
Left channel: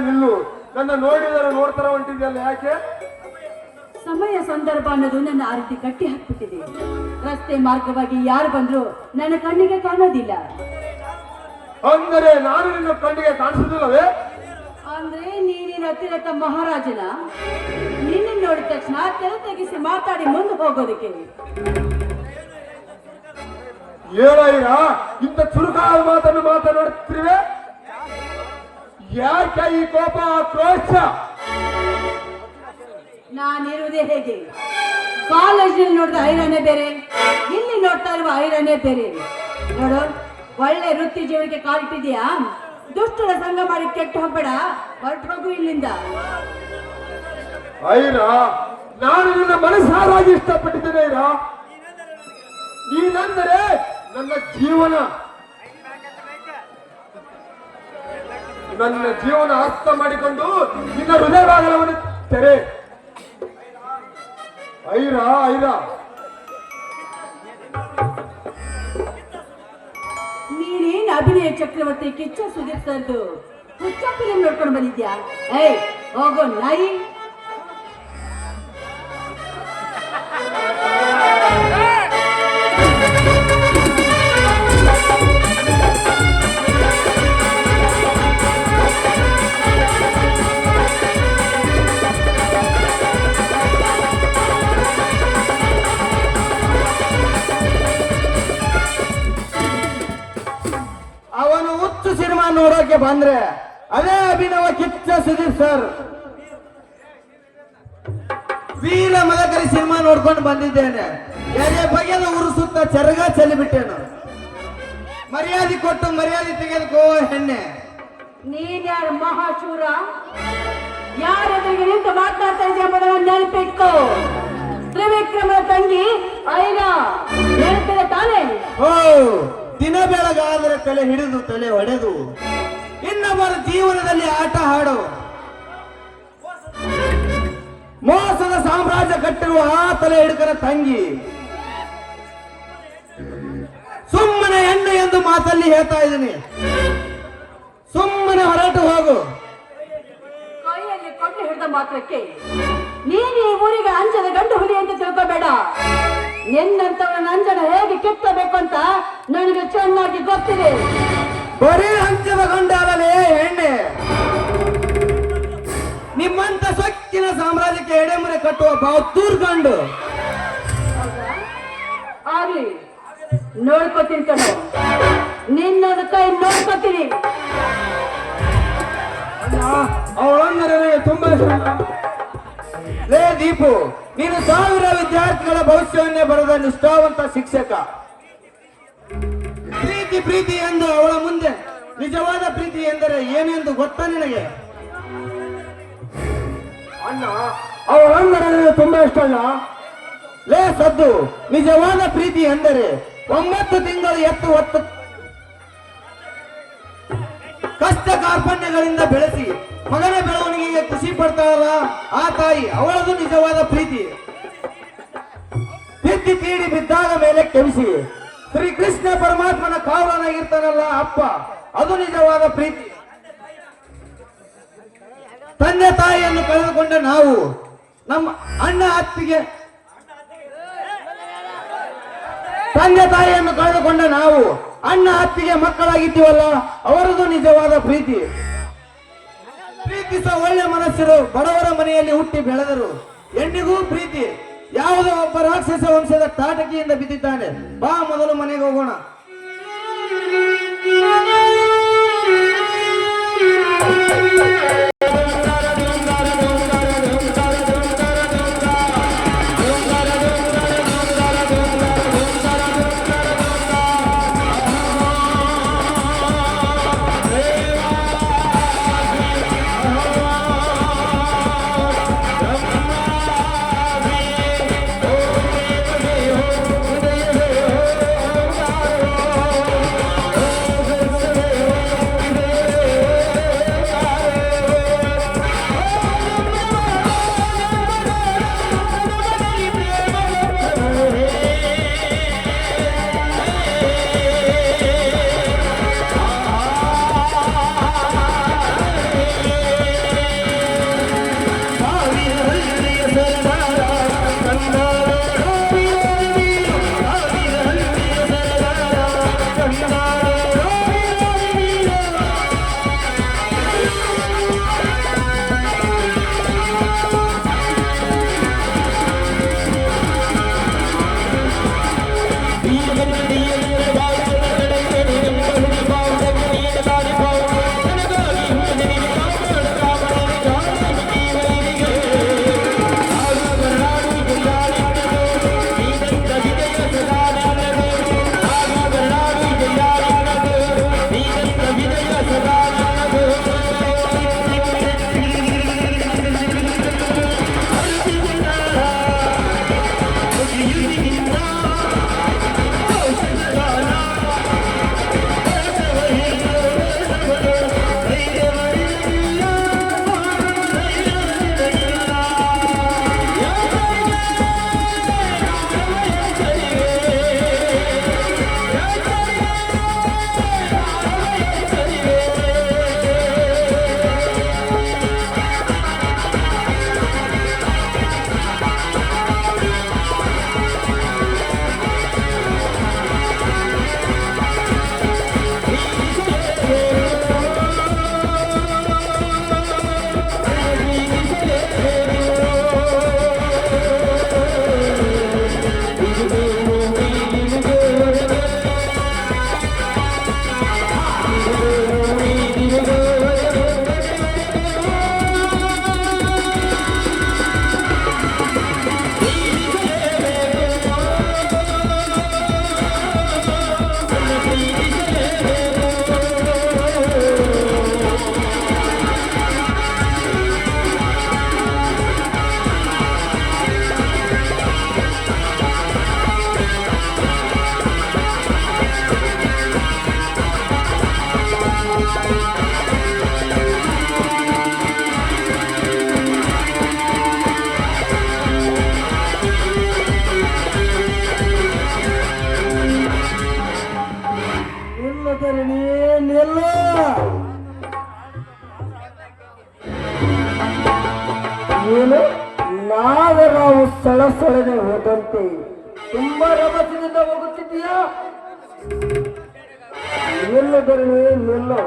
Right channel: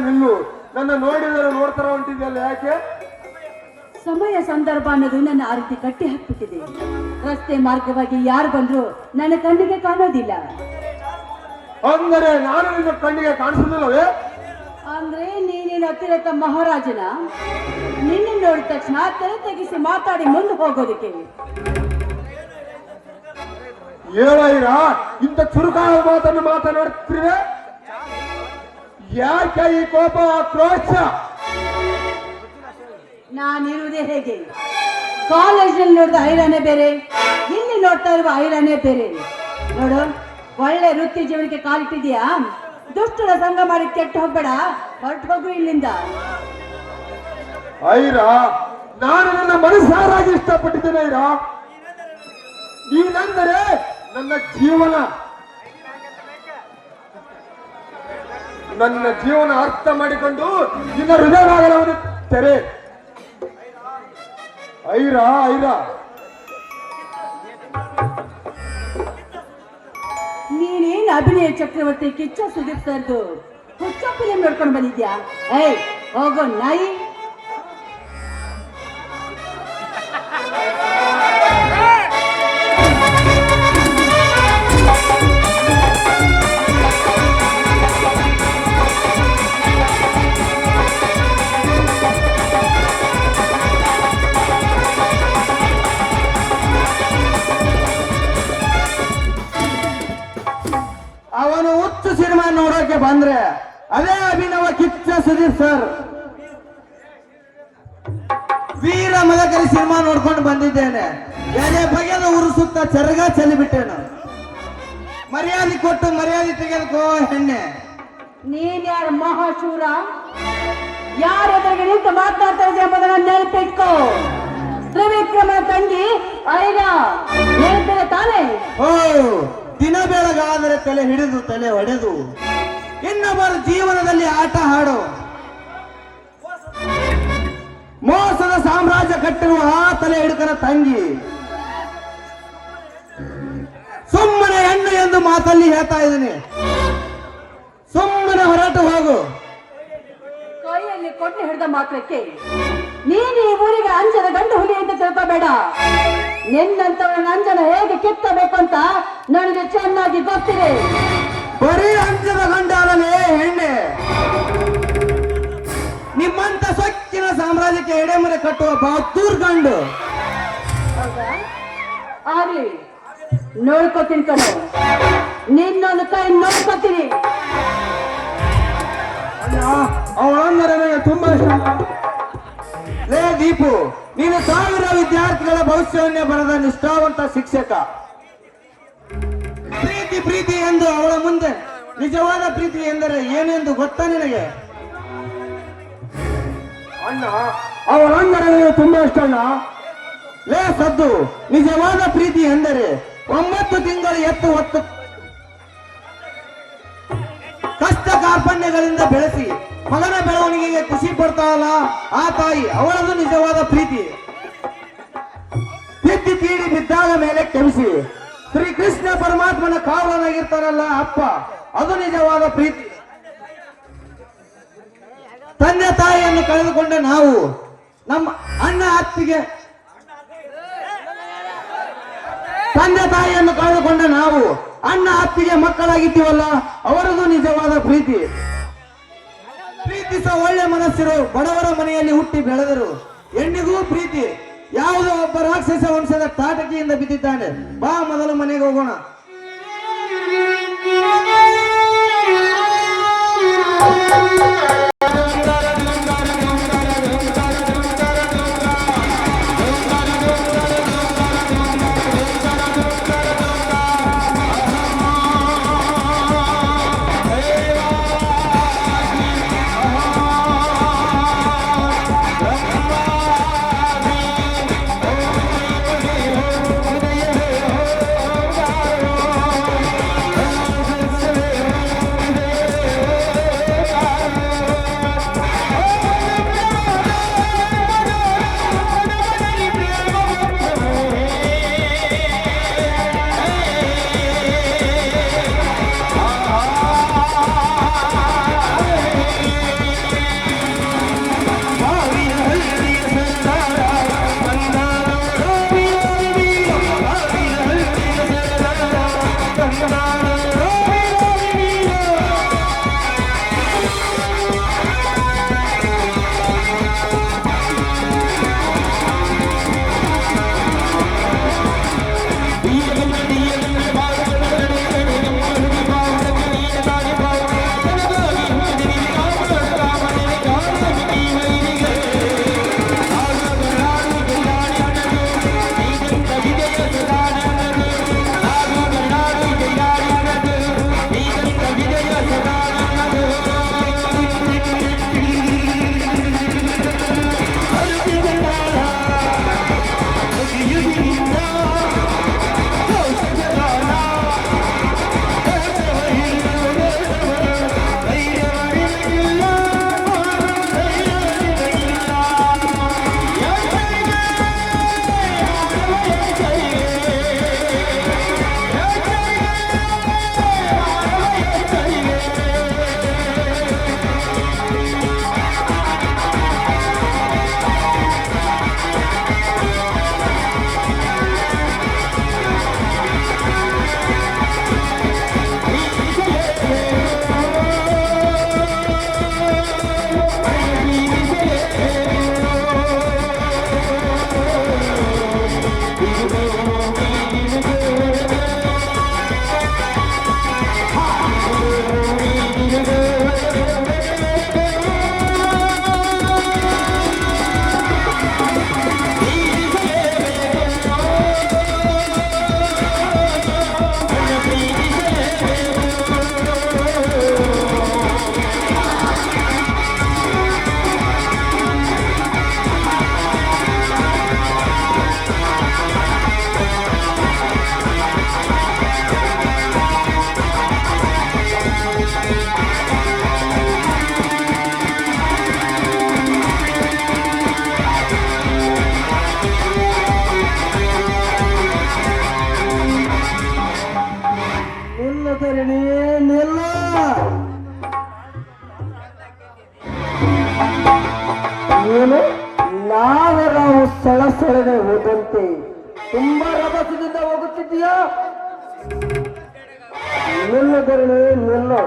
ನಿಲ್ಲು, ನನ್ನ ನೋಡಿದರೆ ನೋಡ್ತಾರ ಹೊಂಟಿದ್ಯಲ್ಲ, ಯಾಕೆ? ಸಮಯ ಸಂದರ್ಭ ಅನ್ನೋದು ನನ್ನ ಆ ರೀತಿ ಕಟ್ಟಿ ಹಾಕ್ಬಿಟ್ಟಿದೆ. ರಸ್ತೆ ಮಾರ್ಗವಾಗಿ ಯಾರು ಬಂದ್ರು ನನ್ನ ಕಣ್ಣಿಗೆ ಕಾಣೋದಿಲ್ಲ. ಅಂದರೆ ನಾನು ನಿನ್ನ ಕಣ್ಣಿಗೆ ಕಾಣಿಸುದಿಲ್ಲವೇ? ಅಂದ್ರೆ ನೀನೇನು ಅತಿರಥ ಮಹಾರಾಜನ? ನಿನ್ನ ನೋಡಿದ ತಕ್ಷಣ ತಲೆ ತೆಗಿಸಿ ಮಾತಾಡಿ ಮುಂದೆ ಹೋಗೋದಕ್ಕೆ ಏನಾಯಿರ ಇಂಥ ಚುರುಕಾದ ಮಾತನ್ನು ಮಾತನಾಡ್ತಿರುವೆ? ಯಾಕೆ ಈ ಕೋಪ, ಆಕ್ರೋಶ? ನಾನಿರುವುದೇ ಹೇಗೆ? ಕಾಲೇಜಿನಲ್ಲಿ ನೋಡಿದ ಐರನ್ನೇ ಬೇರೆ, ಇಲ್ಲಿ ನೋಡ್ತಾ ಇರುವ ಐರನ್ನೇ ಬೇರೆ. ನೋಡು, ಒಳ್ಳೆ ವೃತ್ತಿ ಜೀವನಕ್ಕೆ ಕಾಲಿಟ್ಟಿದ್ಯಾ? ದುಷ್ಟರ ಸಂಘ ಮಾಡಿ ಕೆಟ್ಟು ಹೋಗ್ಬೇಡ, ಹೊರಟು ಹೋಗು ಇಲ್ಲಿಂದ. ಐರ, ನಾನು ನನ್ನ ಮನಸ್ಸಾರಾಗಿ ಇಷ್ಟಪಟ್ಟಿದ್ದೇನೆ ಐರ. ನೀನೆಂದರೆ ನನ್ನ ಜೀವನ. ನನ್ನ ಜೀವನ ಅರ್ಥ ಮಾಡಿಕೊಂಡು ನಿನ್ನ ಹೃದಯವನ್ನು ತೆರೆ. ಐರ, ಐರ, ನೀನೇನ್ ಅಭಿನಯ ಚಕ್ರವರ್ತಿ ಕಿಚ್ಚ ಸುದೀಪ್ ಸರ್ದು ಹುಚ್ಚ ಫಿಲಿಂ ನೋಡ್ಕೊಂಡು ಬಂದಿದ್ಯಾ? ಏಯ್, ಹೋಗೋ ನಾಯಿ. ನೋಡೋಕೆ ಬಂದ್ರೆ ಅದೇ ಅಭಿನವ ಕಿಚ್ಚ ಸುದೀಪ್ ಸರ್. ವೀರ ಮದಕರಿ ಸಿನಿಮಾ ನೋಡ್ಕೊಂಡು ಬಂದಿದ್ದೇನೆ. ಎದೆ ಬಗೆದ ಊರು ಸುತ್ತ ಚರಗ ಚೆಲ್ಲಿಬಿಟ್ಟೇನು. ಮರ್ಯಾದೆ ಕೊಟ್ಟು ಮರ್ಯಾದೆ ತೆಗೆದುಕೋ ಹೆಣ್ಣೆ. ನೀನ್ ಯಾರು ಮಹಾಶೂರ? ಯಾರ ಎದುರಿಗೆ ನಿಂತು ಮಾತನಾಡ್ತಾ ಇದೆಯಾ ಎಂಬುದನ್ನು ನೆನಪಿಟ್ಕೋ. ತ್ರಿವಿಕ್ರಮನ ತಂಗಿ ಐನ ನೆನಪಿದೆ ತಾನೇ? ಓ, ದಿನ ಬೆಳಗಾದರೆ ತಲೆ ಹಿಡಿದು ತಲೆ ಹೊಡೆದು ಇನ್ನೊಬ್ಬರ ಜೀವನದಲ್ಲಿ ಆಟ ಹಾಡು ಮೋಸದ ಸಾಮ್ರಾಜ್ಯ ಕಟ್ಟಿರುವ ಆ ತಲೆ ಹಿಡುಕರ ತಂಗಿ. ಸುಮ್ಮನೆ ಹೆಣ್ಣು ಎಂದು ಮಾತಲ್ಲಿ ಹೇಳ್ತಾ ಇದ್ದೀನಿ. ಸುಮ್ಮನೆ ಹೊರಟು ಹೋಗು. ಕೈಯಲ್ಲಿ ಕೊಟ್ಟು ಹಿಡಿದ ಮಾತ್ರಕ್ಕೆ ನೀನು ಈ ಊರಿಗೆ ಅಂಜದ ಗಂಡು ಹುಲಿ ಎಂದು ತಿಳ್ಕೋಬೇಡ. ನಿನ್ನಂತವನ ಅಂಜನ ಹೇಗೆ ಕಿತ್ತಬೇಕಂತ ನನಗೆ ಚೆನ್ನಾಗಿ ಗೊತ್ತಿದೆ. ಬರೀ ಅಂಚದ ಗಂಡಾಲನೇ ಹೆಣ್ಣೆ. ನಿಮ್ಮಂತ ಸೊಕ್ಕಿನ ಸಾಮ್ರಾಜ್ಯಕ್ಕೆ ಎಡೆಮರೆ ಕಟ್ಟುವ ಬಹದ್ದೂರ್ ಗಂಡು. ಹೌದಾ? ಆಗ್ಲಿ, ನೋಡ್ಕೊತೀನಿ ಕಣೆ. ನಿನ್ನೊಂದು ಕೈ ನೋಡ್ಕೊತೀನಿ. ಅವಳಂದ್ರೆ ನನಗೆ ತುಂಬಾ ಇಷ್ಟ. ಲೇ ದೀಪು, ನೀನು ಸಾವಿರ ವಿದ್ಯಾರ್ಥಿಗಳ ಭವಿಷ್ಯವನ್ನೇ ಬರೆದ ನಿಷ್ಠಾವಂತ ಶಿಕ್ಷಕ. ಪ್ರೀತಿ ಪ್ರೀತಿ ಎಂದು ಅವಳ ಮುಂದೆ ನಿಜವಾದ ಪ್ರೀತಿ ಎಂದರೆ ಏನೆಂದು ಗೊತ್ತಾ ನಿನಗೆ? ಅಣ್ಣ ಅವಳಂದ್ರೆ ನನಗೆ ತುಂಬಾ ಇಷ್ಟ ಅಣ್ಣ. ಲೇ ಸದ್ದು, ನಿಜವಾದ ಪ್ರೀತಿ ಎಂದರೆ 9 ತಿಂಗಳು ಎತ್ತು ಹೊತ್ತು ಕಷ್ಟ ಕಾರ್ಪಣ್ಯಗಳಿಂದ ಬೆಳೆಸಿ ಮಗನ ಬೆಳವಣಿಗೆಗೆ ಖುಷಿ ಪಡ್ತಾಳಲ್ಲ ಆ ತಾಯಿ, ಅವಳದು ನಿಜವಾದ ಪ್ರೀತಿ. ತಿದ್ದಿ ತೀಡಿ ಬಿದ್ದಾಗ ಮೇಲೆ ಕೆಮಿಸಿ ಶ್ರೀಕೃಷ್ಣ ಪರಮಾತ್ಮನ ಕಾವಲನಾಗಿರ್ತಾರಲ್ಲ ಅಪ್ಪ, ಅದು ನಿಜವಾದ ಪ್ರೀತಿ. ತಂದೆ ತಾಯಿಯನ್ನು ಕಳೆದುಕೊಂಡ ನಾವು ನಮ್ಮ ಅಣ್ಣ ಅತ್ತಿಗೆ ತಂದೆ ತಾಯಿಯನ್ನು ಕಳೆದುಕೊಂಡ ನಾವು ಅಣ್ಣ ಅತ್ತಿಗೆ ಮಕ್ಕಳಾಗಿದ್ದೀವಲ್ಲ, ಅವರದು ನಿಜವಾದ ಪ್ರೀತಿ. ಪ್ರೀತಿಸುವ ಒಳ್ಳೆ ಮನಸ್ಸರು ಬಡವರ ಮನೆಯಲ್ಲಿ ಹುಟ್ಟಿ ಬೆಳೆದರು. ಹೆಣ್ಣಿಗೂ ಪ್ರೀತಿ. ಯಾವುದೋ ಒಬ್ಬ ರಾಕ್ಷಸ ವಂಶದ ತಾಟಕಿಯಿಂದ ಬಿದ್ದಿದ್ದಾನೆ. ಬಾ ಮೊದಲು ಮನೆಗೆ ಹೋಗೋಣ. ಏನು ನಾಗರಾವು ಸಳಸಳನೆ ಹೋದಂತೆ ತುಂಬಾ ರಭಸದಿಂದ ಹೋಗುತ್ತಿದ್ದೀಯಾ? ನಿಲ್ಲು ಧರಣಿ, ನಿಲ್ಲು.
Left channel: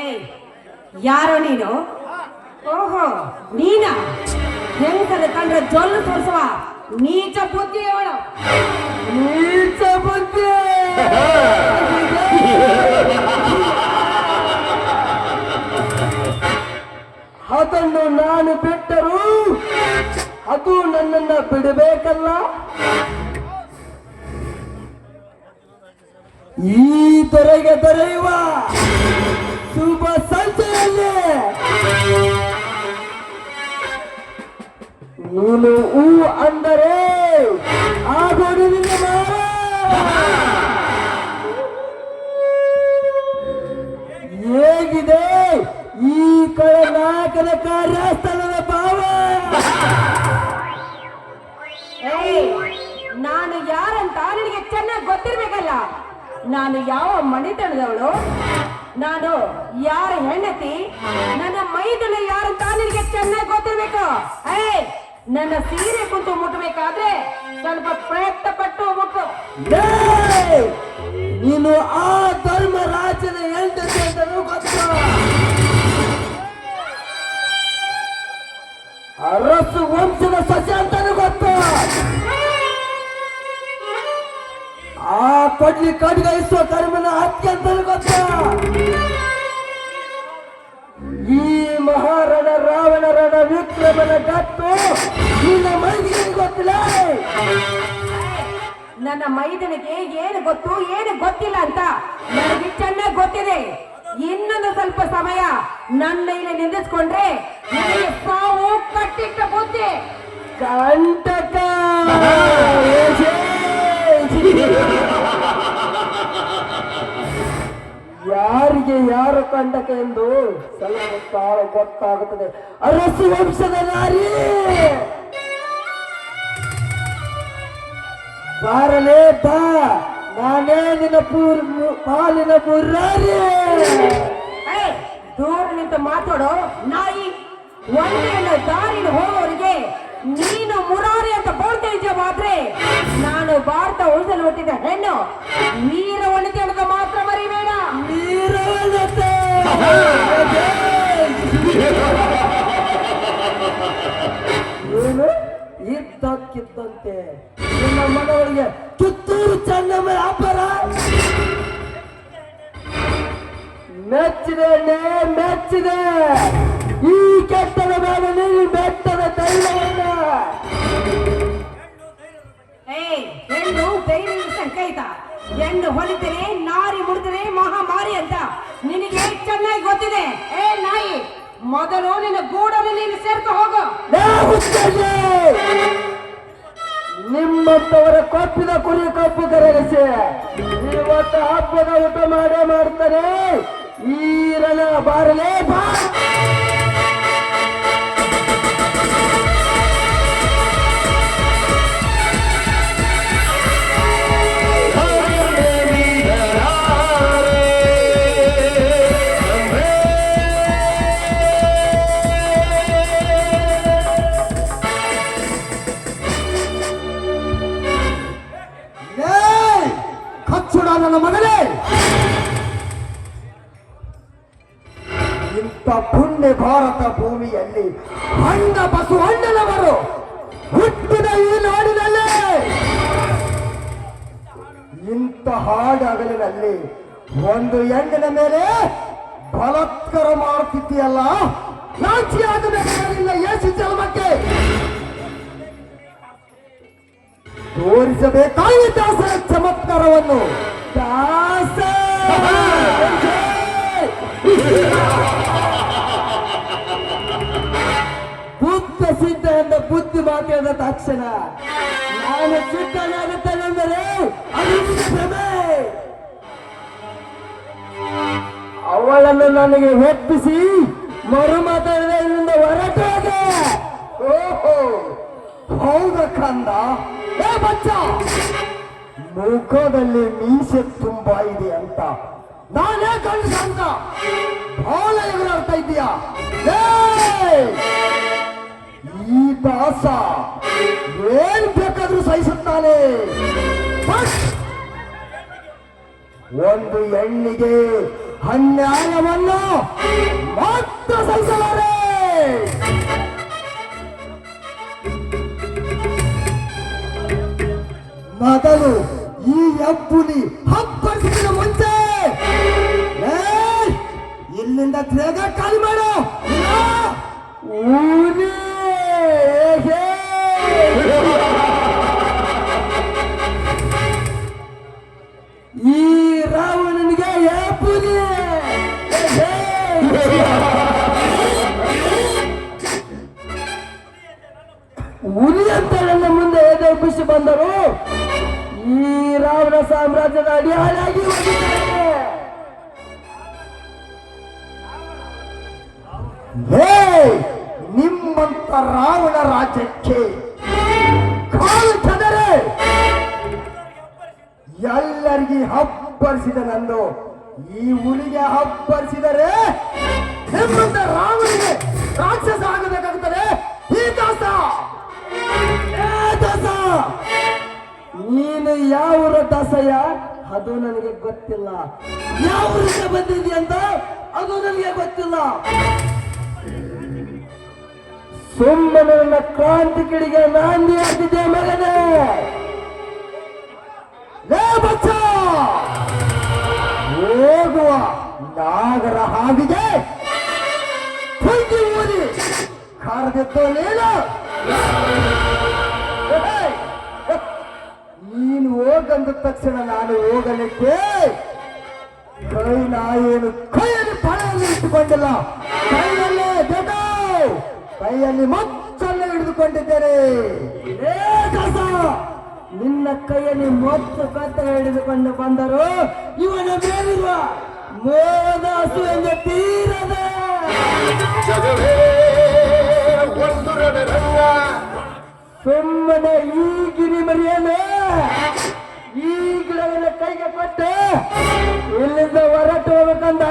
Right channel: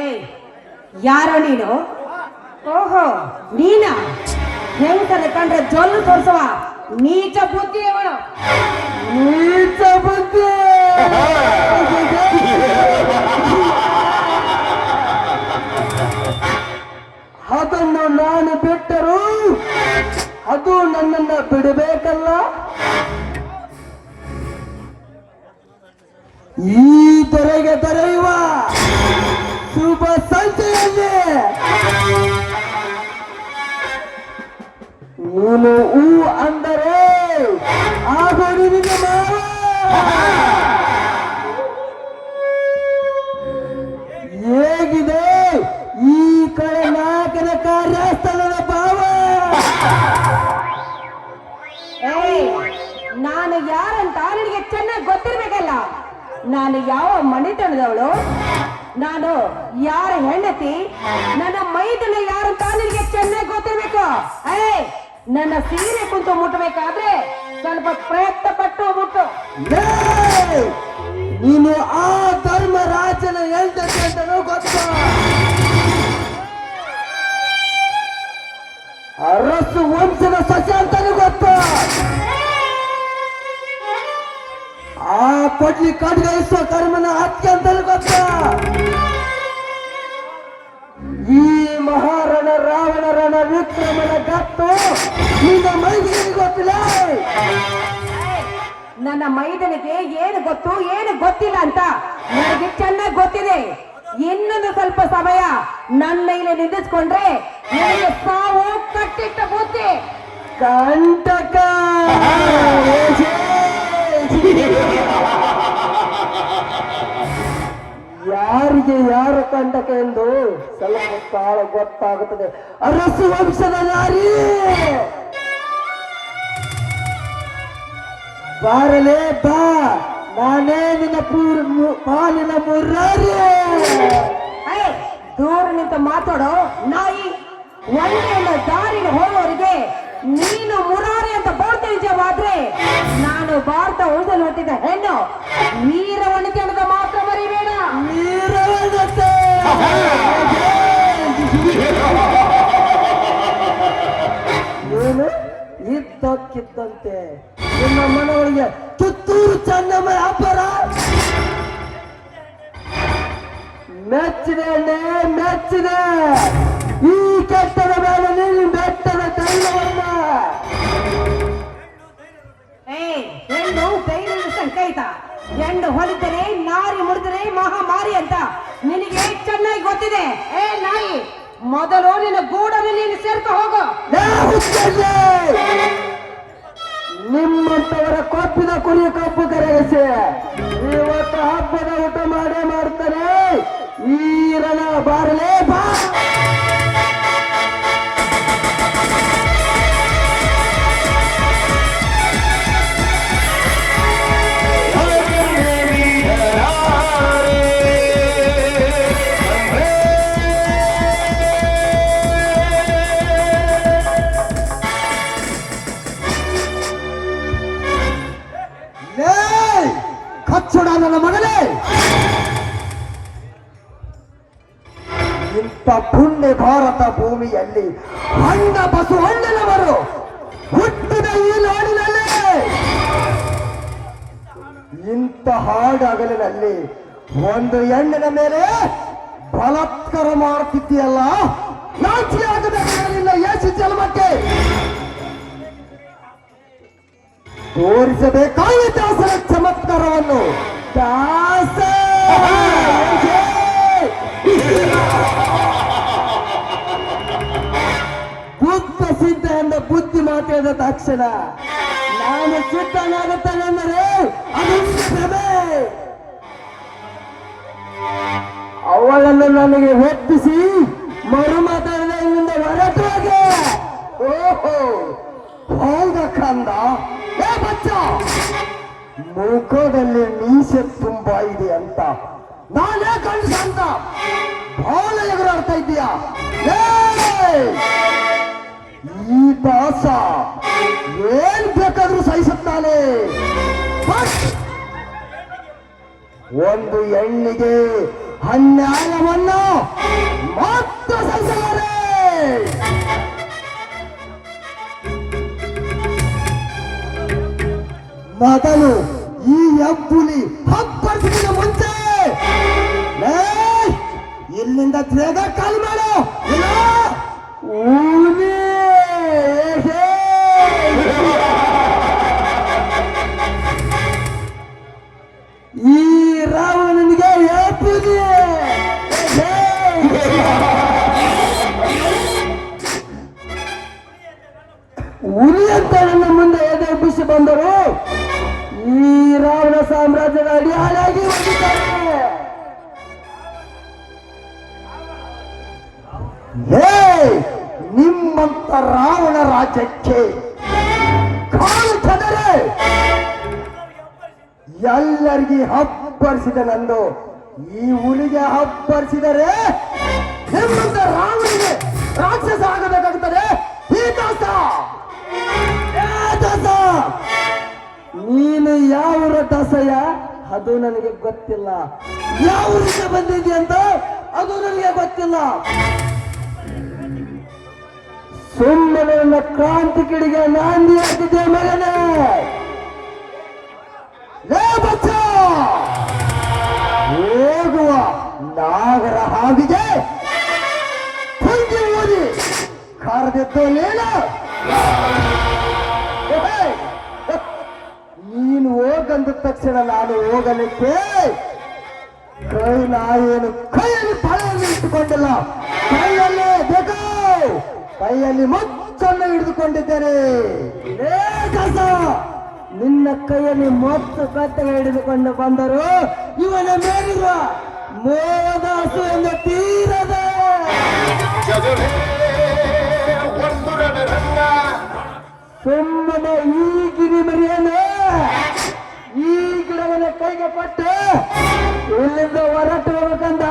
ಏಯ್, ಯಾರೋ ನೀನು? ಓಹೋ, ನೀನಾ? ಹೆಂಗಸದ ಕಂಡ್ರೆ ಜೊಲ್ಲು ತೋರಿಸುವ ನೀಚ ಬುದ್ಧಿ ಅವಳು. ನೀಚ ಬುದ್ಧಿ. ಅದನ್ನು ನಾನು ಬಿಟ್ಟರು ಅದು ನನ್ನನ್ನ ಬಿಡಬೇಕಲ್ಲ. ಈ ದೊರೆಗೆ ದೊರೆಯುವ ಶುಭ ಸಂಜೆಯಲ್ಲಿ ನೀನು ಹೂ ಅಂದರೆ ಆದರೂ ನಿನ್ನ ಮಾರ. ಹೇಗಿದೆ ಈ ಕಡೆ ನಾಯಕನ ಕಾರ್ಯಸ್ಥಳದ ಭಾವ? ಏಯ್, ನಾನು ಯಾರಂತ ನಿನಗೆ ಚೆನ್ನಾಗಿ ಗೊತ್ತಿರ್ಬೇಕಲ್ಲ. ನಾನು ಯಾವ ಮನೆತನದವಳು, ನಾನು ಯಾರ ಹೆಂಡತಿ, ನನ್ನ ಮೈದನ ಯಾರಂತ ನಿನಗೆ ಚೆನ್ನಾಗಿ ಗೊತ್ತಿರ್ಬೇಕು. ಏಯ್, ನನ್ನ ಸೀರೆ ಕುಂತು ಮುಟ್ಟಬೇಕಾದ್ರೆ ಸ್ವಲ್ಪ ಪ್ರಯತ್ನ ಪಟ್ಟು ಮುಟ್ಟು. ಏಯ್! ನೀನು ಆ ಧರ್ಮರಾಜನ ಹೆಂಡತಿ ಅಂತನೂ ಗೊತ್ತು. ಅರಸು ವಂಶದ ಸಸ್ಯ ಅಂತನೂ ಗೊತ್ತು. ಆ ಕೊಡ್ಲಿ ಕಡ್ಗೈಸುವ ಕರ್ಮನ ಹತ್ಯೆ ಅಂತನೂ ಗೊತ್ತು. ಈ ಮಹಾರಣ ರಾವಣರಣ ವಿಕ್ರಮನ ಗತ್ತು ನಿನ್ನ ಮೈಗೆ ಗೊತ್ತಿಲ್ಲ. ನನ್ನ ಮೈದನಿಗೆ ಏನು ಗೊತ್ತು ಏನು ಗೊತ್ತಿಲ್ಲ ಅಂತ ನನಗೆ ಚೆನ್ನಾಗಿ ಗೊತ್ತಿದೆ. ಇನ್ನೊಂದು ಸ್ವಲ್ಪ ಸಮಯ ನನ್ನ ಇಲ್ಲಿ ನಿಲ್ಲಿಸ್ಕೊಂಡ್ರೆ ನನಗೆ ಸಾವು ಕಟ್ಟಿಟ್ಟ ಬುದ್ಧಿ. ಕಂಟಕ. ಯಾರಿಗೆ ಯಾರು ಕಂಟಕ ಎಂದು ಸ್ವಲ್ಪ ಕಾಲ ಗೊತ್ತಾಗುತ್ತದೆ. ಅರಸು ವಂಶದ ನಾರಿ ಬಾರಲೇ ಬಾ, ನಾನೇ ನಿನ್ನ ಪಾಲಿನ ಮುರಾರಿ. ಏಯ್, ದೂರ ನಿಂತು ಮಾತಾಡೋ ನಾಯಿ. ಒಂದೇನ ದಾರಿನ ಹೋಗೋರಿಗೆ ನೀನು ಮುರಾರಿ ಅಂತ ಬೋಳ್ತಾ ಇದೆಯವಾದ್ರೆ ನಾನು ಭಾರತ ಉಳಿದು ನೋಟಿದ್ದ ಹೆಣ್ಣು ವೀರವನಿತೆ ಅಂತ ಮಾತ್ರ ಮರಿಬೇಡ. ವೀರವನತೆ. ಏನು ಇದ್ದಕ್ಕಿದ್ದಂತೆ ನಿನ್ನ ಮನವೊಳಗೆ ಕಿತ್ತೂರು ಚೆನ್ನಮ್ಮ ಅಬ್ಬರ. ಮೆಚ್ಚಿದೆ ಮೆಚ್ಚಿದೆ. ಈ ಕೆಟ್ಟದ ಮೇಲೆ ನೀನು ಬೆಟ್ಟದ ತೈಲವನ್ನ. ಏಯ್, ಹೆಣ್ಣು ಧೈರ್ಯದ ಸಂಕೇತ. ಹೆಣ್ಣು ಹೊಲಿತರೆ ನಾರಿ ಮುಡಿದರೆ ಮಹಾಮಾರಿ ಅಂತ ನಿನಗೆ ಚೆನ್ನಾಗಿ ಗೊತ್ತಿದೆ. ಏ ನಾಯಿ, ಮೊದಲು ನಿನ್ನ ಗೂಡನ್ನು ನೀನು ಸೇರ್ಕ ಹೋಗು. ನಿಮ್ಮಂತವರ ಕೊಪ್ಪಿದ ಕುರಿ ಕಪ್ಪು ಕರಗಿಸಿ ಇವತ್ತು ಹಬ್ಬದ ಊಟ ಮಾಡೇ ಮಾಡ್ತಾರೆ. ಈ ರಣ ಬಾರಲೇ ಬಾ. ನನ್ನ ಮಗನೇ, ಇಂಥ ಪುಣ್ಯ ಭಾರತ ಭೂಮಿಯಲ್ಲಿ ಹಣ್ಣ ಬಸವಣ್ಣನವರು ಹುಟ್ಟಿದ ಈ ನಾಡಿನಲ್ಲಿ ಇಂಥ ಹಾಡಗಲಿನಲ್ಲಿ ಒಂದು ಹೆಣ್ಣಿನ ಮೇಲೆ ಬಲಾತ್ಕಾರ ಮಾಡುತ್ತಿದ್ದೀಯಲ್ಲ, ನಾಚಿಕೆ ಆಗಬೇಕಾಗಲಿಲ್ಲ ಯೇಸು ಜನ್ಮಕ್ಕೆ. ತೋರಿಸಬೇಕಾಗಿ ದಾಸರ ಚಮತ್ಕಾರವನ್ನು. ದಾಸ ಬುದ್ಧ ಸಿದ್ಧ ಎಂದ ಬುದ್ಧಿ ಮಾತಾಡಿದ ತಕ್ಷಣ ನಾನು ಸಿದ್ಧನಾಗುತ್ತೇನೆಂದರೆ ಅದೊಂದು ಭ್ರಮೆ. ಅವಳನ್ನು ನನಗೆ ಒಪ್ಪಿಸಿ ಮರು ಮಾತಾಡದೆ ಇಲ್ಲಿಂದ ಹೊರಟೋಗೆ. ಓಹೋ ಕಂದ ಏ ಬಚ್ಚ ಮುಖದಲ್ಲಿ ಮೀಸೆ ತುಂಬಾ ಇದೆ ಅಂತ ನಾನೇ ಕಂಡು ಅಂತ ಬಹಳ ಎದುರಾಡ್ತಾ ಇದೀಯಾ ಈ ದಾಸ ಏನ್ ಬೇಕಾದ್ರೂ ಸಹಿಸುತ್ತಾನೆ ಬಟ್ ಒಂದು ಹೆಣ್ಣಿಗೆ ಅನ್ಯಾಯವನ್ನು ಮಾತ್ರ ಸಹಿಸಲಾರೆ. ಮೊದಲು ಈ ಹೆಬ್ಬುಲಿ ಹಬ್ಬರಿಸಿದ ಮುಂಚೆ ಇಲ್ಲಿಂದ ಬೇಗ ಕಾಲು ಮಾಡು ಊರಿ ಈ ರಾವಣನಿಗೆ ಹೆಬ್ಬುಲಿಯೇ ಹುಲಿ ಅಂತ ನನ್ನ ಮುಂದೆ ಎದುರಿಸಿ ಬಂದರು ಈ ರಾವಣ ಸಾಮ್ರಾಜ್ಯದ ಅಡಿಯಾಳಾಗಿ ಹೋಗಿದ್ದಾರೆ. ನಿಮ್ಮಂತ ರಾವಣ ರಾಜ್ಯಕ್ಕೆ ಕಾಲು ಚದರೆ ಎಲ್ಲರಿಗೆ ಹಬ್ಬರಿಸಿದ ನಂದು ಈ ಹುಲಿಗೆ ಹಬ್ಬರಿಸಿದರೆ ನಿಮ್ಮಂತ ರಾವಣಿಗೆ ರಾಕ್ಷಸ ಆಗಬೇಕಾಗುತ್ತದೆ. ಈ ದಾಸ ದಾಸ ನೀನು ಯಾವ ದಾಸಯ್ಯ ಅದು ನನಗೆ ಗೊತ್ತಿಲ್ಲ, ಯಾವ ಊರಿಂದ ಬಂದಿದ್ದೀಯ ಅಂತ ಅದು ನನಗೆ ಗೊತ್ತಿಲ್ಲ. ಸುಮ್ಮನೆ ನನ್ನ ಕ್ರಾಂತಿ ಕಿಡಿಗೆ ನಾಂದಿ ಹಾಕಿದ್ದೆ ಮಗನೇ. ಬಚ್ಚ ಹೋಗುವ ನಾಗರ ಹಾವಿಗೆ ಊರಿ ಕರೆದಿದ್ದು ನೀನು ಹೋಗಂದ ತಕ್ಷಣ ನಾನು ಹೋಗಲಿಕ್ಕೆ ನಾಯೇನು ಕೈಯಲ್ಲಿ ಫಲವನ್ನು ಇಟ್ಟುಕೊಂಡಿಲ್ಲ, ಕೈಯಲ್ಲೇ ಬೇಕು ಕೈಯಲ್ಲಿ ಮೊಚ್ಚನ್ನು ಹಿಡಿದುಕೊಂಡಿದ್ದೇನೆ. ನಿನ್ನ ಕೈಯಲ್ಲಿ ಮೊತ್ತು ಕತ್ತ ಹಿಡಿದುಕೊಂಡು ಬಂದರು ಇವನ ಮೇಲಿರುವ ಮೋದಾಸು ಎಂದು ತೀರದ ಸುಮ್ಮನೆ ಈ ಗಿರಿ ಮರಿಯಲು ಈ ಗಿಡವನ್ನ ಕೈಗೆ ಪಟ್ಟು ಇಲ್ಲಿಂದ ಹೊರಟು ಹೋಗ್ಬೇಕಂದ.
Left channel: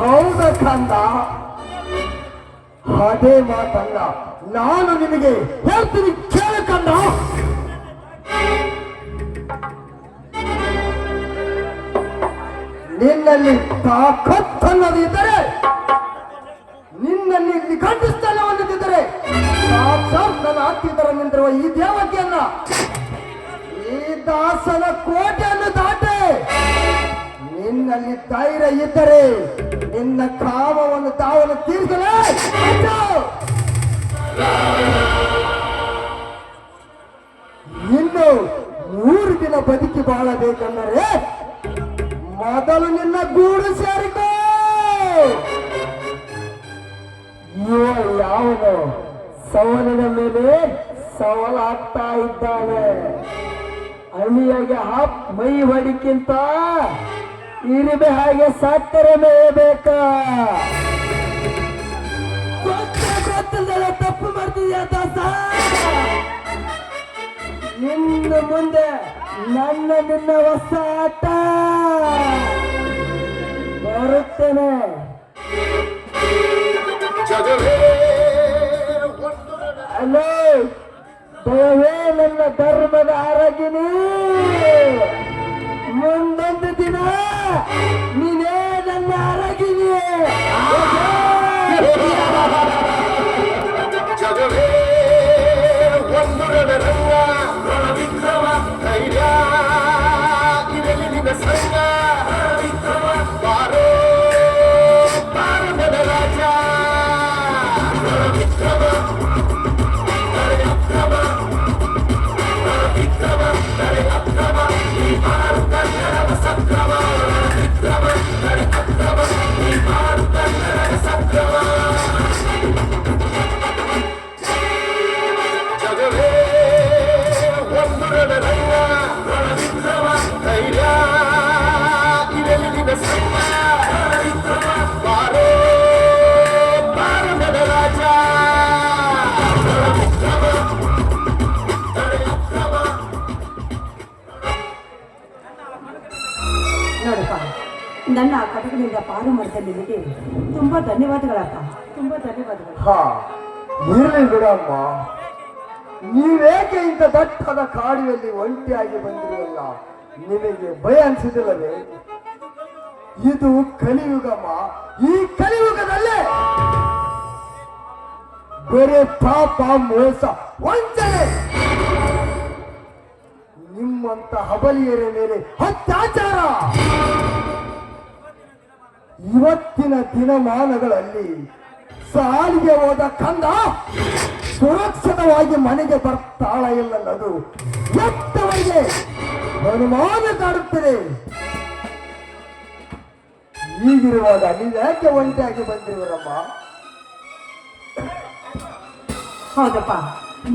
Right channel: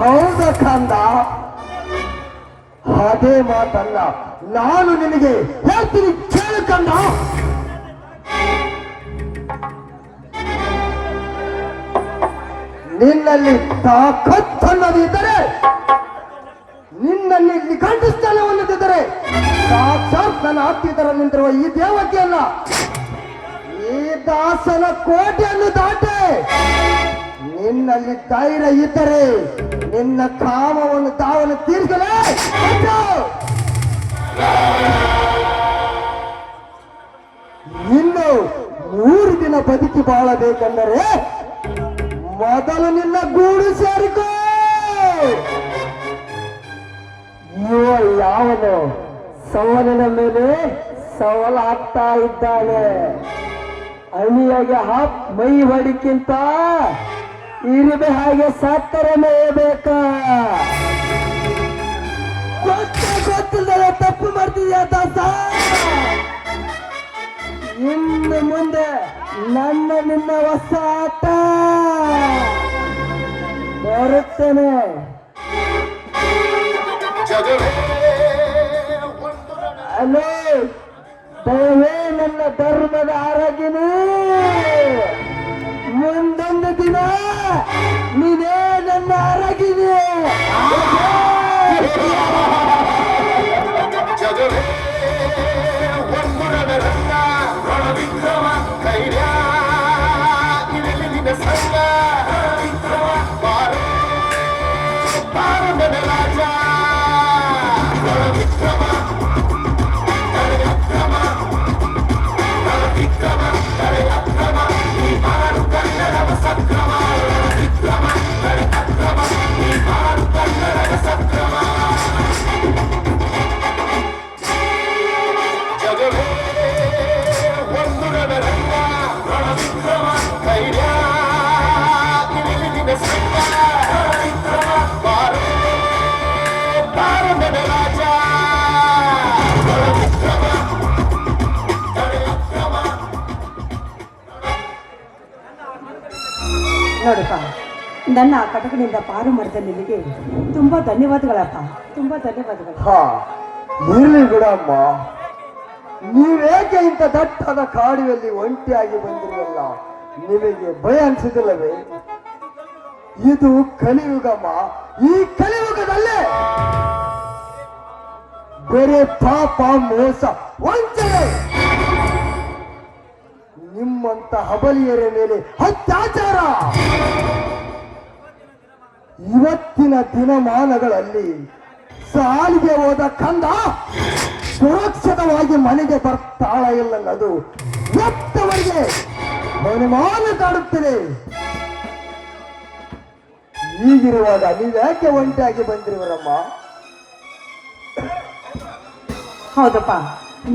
ಹೌದ ಕಂದ, ಅದೇ ಮಾತಲ್ಲ ನಾನು ನಿನಗೆ ಹೇಳ್ತೀನಿ ಕೇಳು ಕಂದ. ನಿನ್ನಲ್ಲಿ ತಾಕತ್ತನ್ನದಿದ್ದರೆ, ನಿನ್ನಲ್ಲಿ ನಿಘಂಟಸ್ಥಾನವನ್ನಿದ್ದರೆ ಸಾಕ್ಷಾತ್ ನನ್ನ ಹತ್ತಿರ ನಿಂತಿರುವ ಈ ದೇವತೆಯನ್ನ ಈ ದಾಸನ ಕೋಟೆಯನ್ನು ದಾಟೆ ನಿನ್ನಲ್ಲಿ ಧೈರ್ಯ ಇದ್ದರೆ ನಿನ್ನ ಕಾಮವನ್ನು ತಾವನ್ನು ತೀರಿಸಲೇ. ಇನ್ನು 3 ದಿನ ಬದುಕಿ ಬಾಳಬೇಕೆಂದರೆ ಮೊದಲು ನಿನ್ನ ಗೂಡು ಸೇರಿಕೋ. ಯಾವನು ಸವಲಿನ ಮೇಲೆ ಸವಾಲಾಗ್ತಾ ಇದ್ದಾನೆ. ಅಣಿಯಾಗೆ ಮೈ ಹೊಡಿಕ್ಕಿಂತ ಇರಿಬೆ ಹಾಗೆ ಸಕ್ಕರೆ ಮೇಯಬೇಕಾ? ಗೊತ್ತಿಲ್ಲದೆ ತಪ್ಪು ಮಾಡ್ತಿದ್ಯಾ ದಾಸ? ಇನ್ನು ಮುಂದೆ ನಿನ್ನ ಹೊಸ ಆಟ ಬರುತ್ತೇನೆ. ಅಲೋ ದಯವೇ ನನ್ನ ಧರ್ಮದ ಆರಾಗಿನಿ, ಮುಂದೊಂದು ದಿನ ನೀನೇ ನನ್ನ ಆರಾಗಿನಿ. Come on. ನನ್ನ ಆ ಕಟಕನಿಂದ ಪಾರು ಮಾಡಿದ ನಿನಗೆ ತುಂಬಾ ಧನ್ಯವಾದಗಳಪ್ಪ, ತುಂಬಾ ಧನ್ಯವಾದಗಳು. ಹಾ ಇರ್ಲಿ ಬಿಡಮ್ಮ. ನೀವೇಕೆ ಇಂಥ ದಟ್ಟದ ಕಾಡಿನಲ್ಲಿ ಒಂಟಿಯಾಗಿ ಬಂದಿರಲ್ಲ, ನಿಮಗೆ ಭಯ ಅನ್ಸಿದಿಲ್ಲವೇ? ಇದು ಕಲಿಯುಗಮ್ಮ. ಈ ಕಲಿಯುಗದಲ್ಲೇ ಬೇರೆ ಪಾಪ, ಮೋಸ, ವಂಚನೆ, ನಿಮ್ಮಂತ ಹಬಲಿಯರ ಮೇಲೆ ಅತ್ಯಾಚಾರ ಇವತ್ತಿನ ದಿನಮಾನಗಳಲ್ಲಿ ಸಾಲಿಗೆ ಹೋದ ಕಂದ ಸುರಕ್ಷಿತವಾಗಿ ಮನೆಗೆ ಬರ್ತಾಳ ಇಲ್ಲನ್ನದು ಎತ್ತವರಿಗೆ ಅನುಮಾನ ಕಾಡುತ್ತಿದೆ. ಹೀಗಿರುವಾಗ ನೀವ್ಯಾಕೆ ಒಂಟಿಯಾಗಿ ಬಂದಿರುವರಮ್ಮ? ಹೌದಪ್ಪ,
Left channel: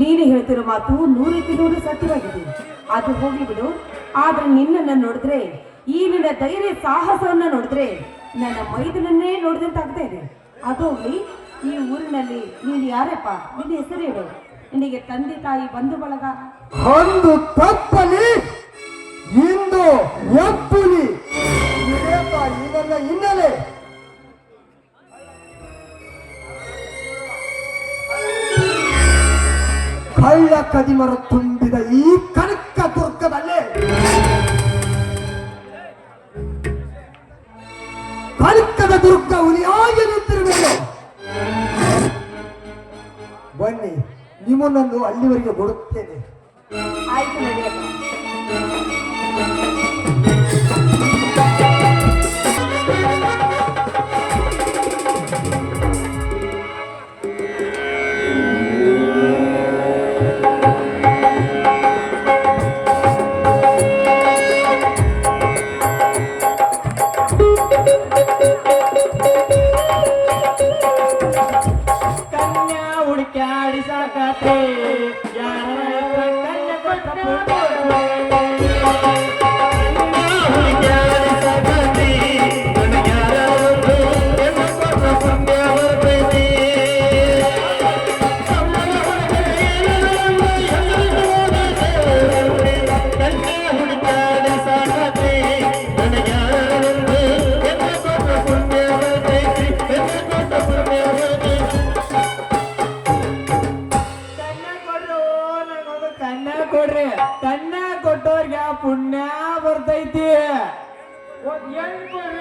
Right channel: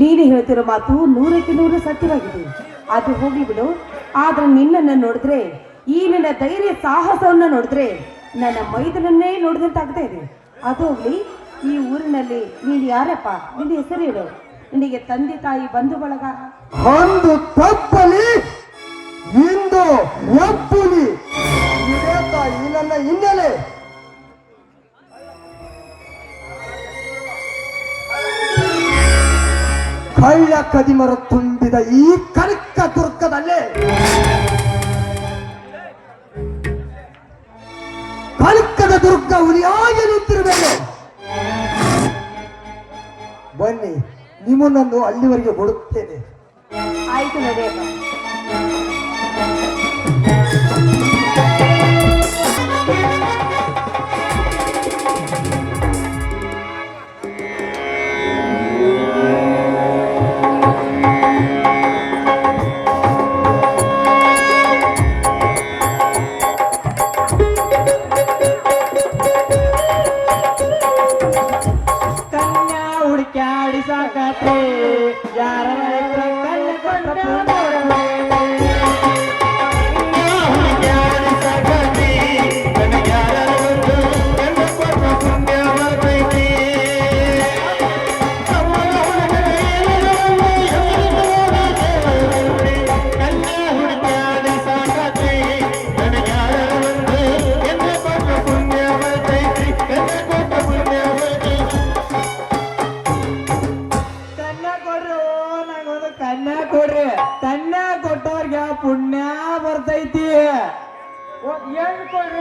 ನೀನು ಹೇಳ್ತಿರೋ ಮಾತು 100% ಸತ್ಯವಾಗಿದೆ. ಅದು ಹೋಗ್ಲಿ ಬಿಡು. ಆದ್ರೆ ನಿನ್ನನ್ನು ನೋಡಿದ್ರೆ, ಈ ನಿನ್ನ ಧೈರ್ಯ ಸಾಹಸವನ್ನ ನೋಡಿದ್ರೆ ನನ್ನ ಮೈದನನ್ನೇ ನೋಡಿದಂತಾಗ್ತಾ ಇದೆ. ಅದು ಹೋಗ್ಲಿ, ಈ ಊರಿನಲ್ಲಿ ನೀನು ಯಾರಪ್ಪ? ನಿನ್ನ ಹೆಸರು ಹೇಳು. ನಿನಗೆ ತಂದೆ ತಾಯಿ ಬಂಧು ಬಳಗ? ಒಂದು ತಪ್ಪಲಿ ಇಂದು ಎಪ್ಪುಲಿ ಇದೇಪ ಈ ನನ್ನ ಹಿನ್ನೆಲೆ. ಕಳ್ಳ ಕದಿಮರ ತುಂಬಿದ ಈ ಕನಕ ದುರ್ಗದಲ್ಲೇ ಕನಕದ ದುರ್ಗ ಹುಲಿಯಾಗಿ ನಿಂತಿರಬೇಕು. ಬನ್ನಿ, ನಿಮ್ಮನ್ನೊಂದು ಅಲ್ಲಿವರೆಗೆ ಬಿಡುತ್ತೇನೆ. ಆಯ್ತು, ನಡೆಯಪ್ಪ. ಕನ್ಯಾ ಹುಡುಕ್ಯಾಡಿ ಸಾಕಾತೆ ಯಾರ ಕನ್ಯಾ ಕೊಡ್ರಿ. ಕನ್ಯಾ ಕೊಟ್ಟವ್ರಿಗೆ ಪುಣ್ಯ ಬರ್ತೈತಿ. ಹೆಣ್ಣು ಕೊಡ್ರಿ,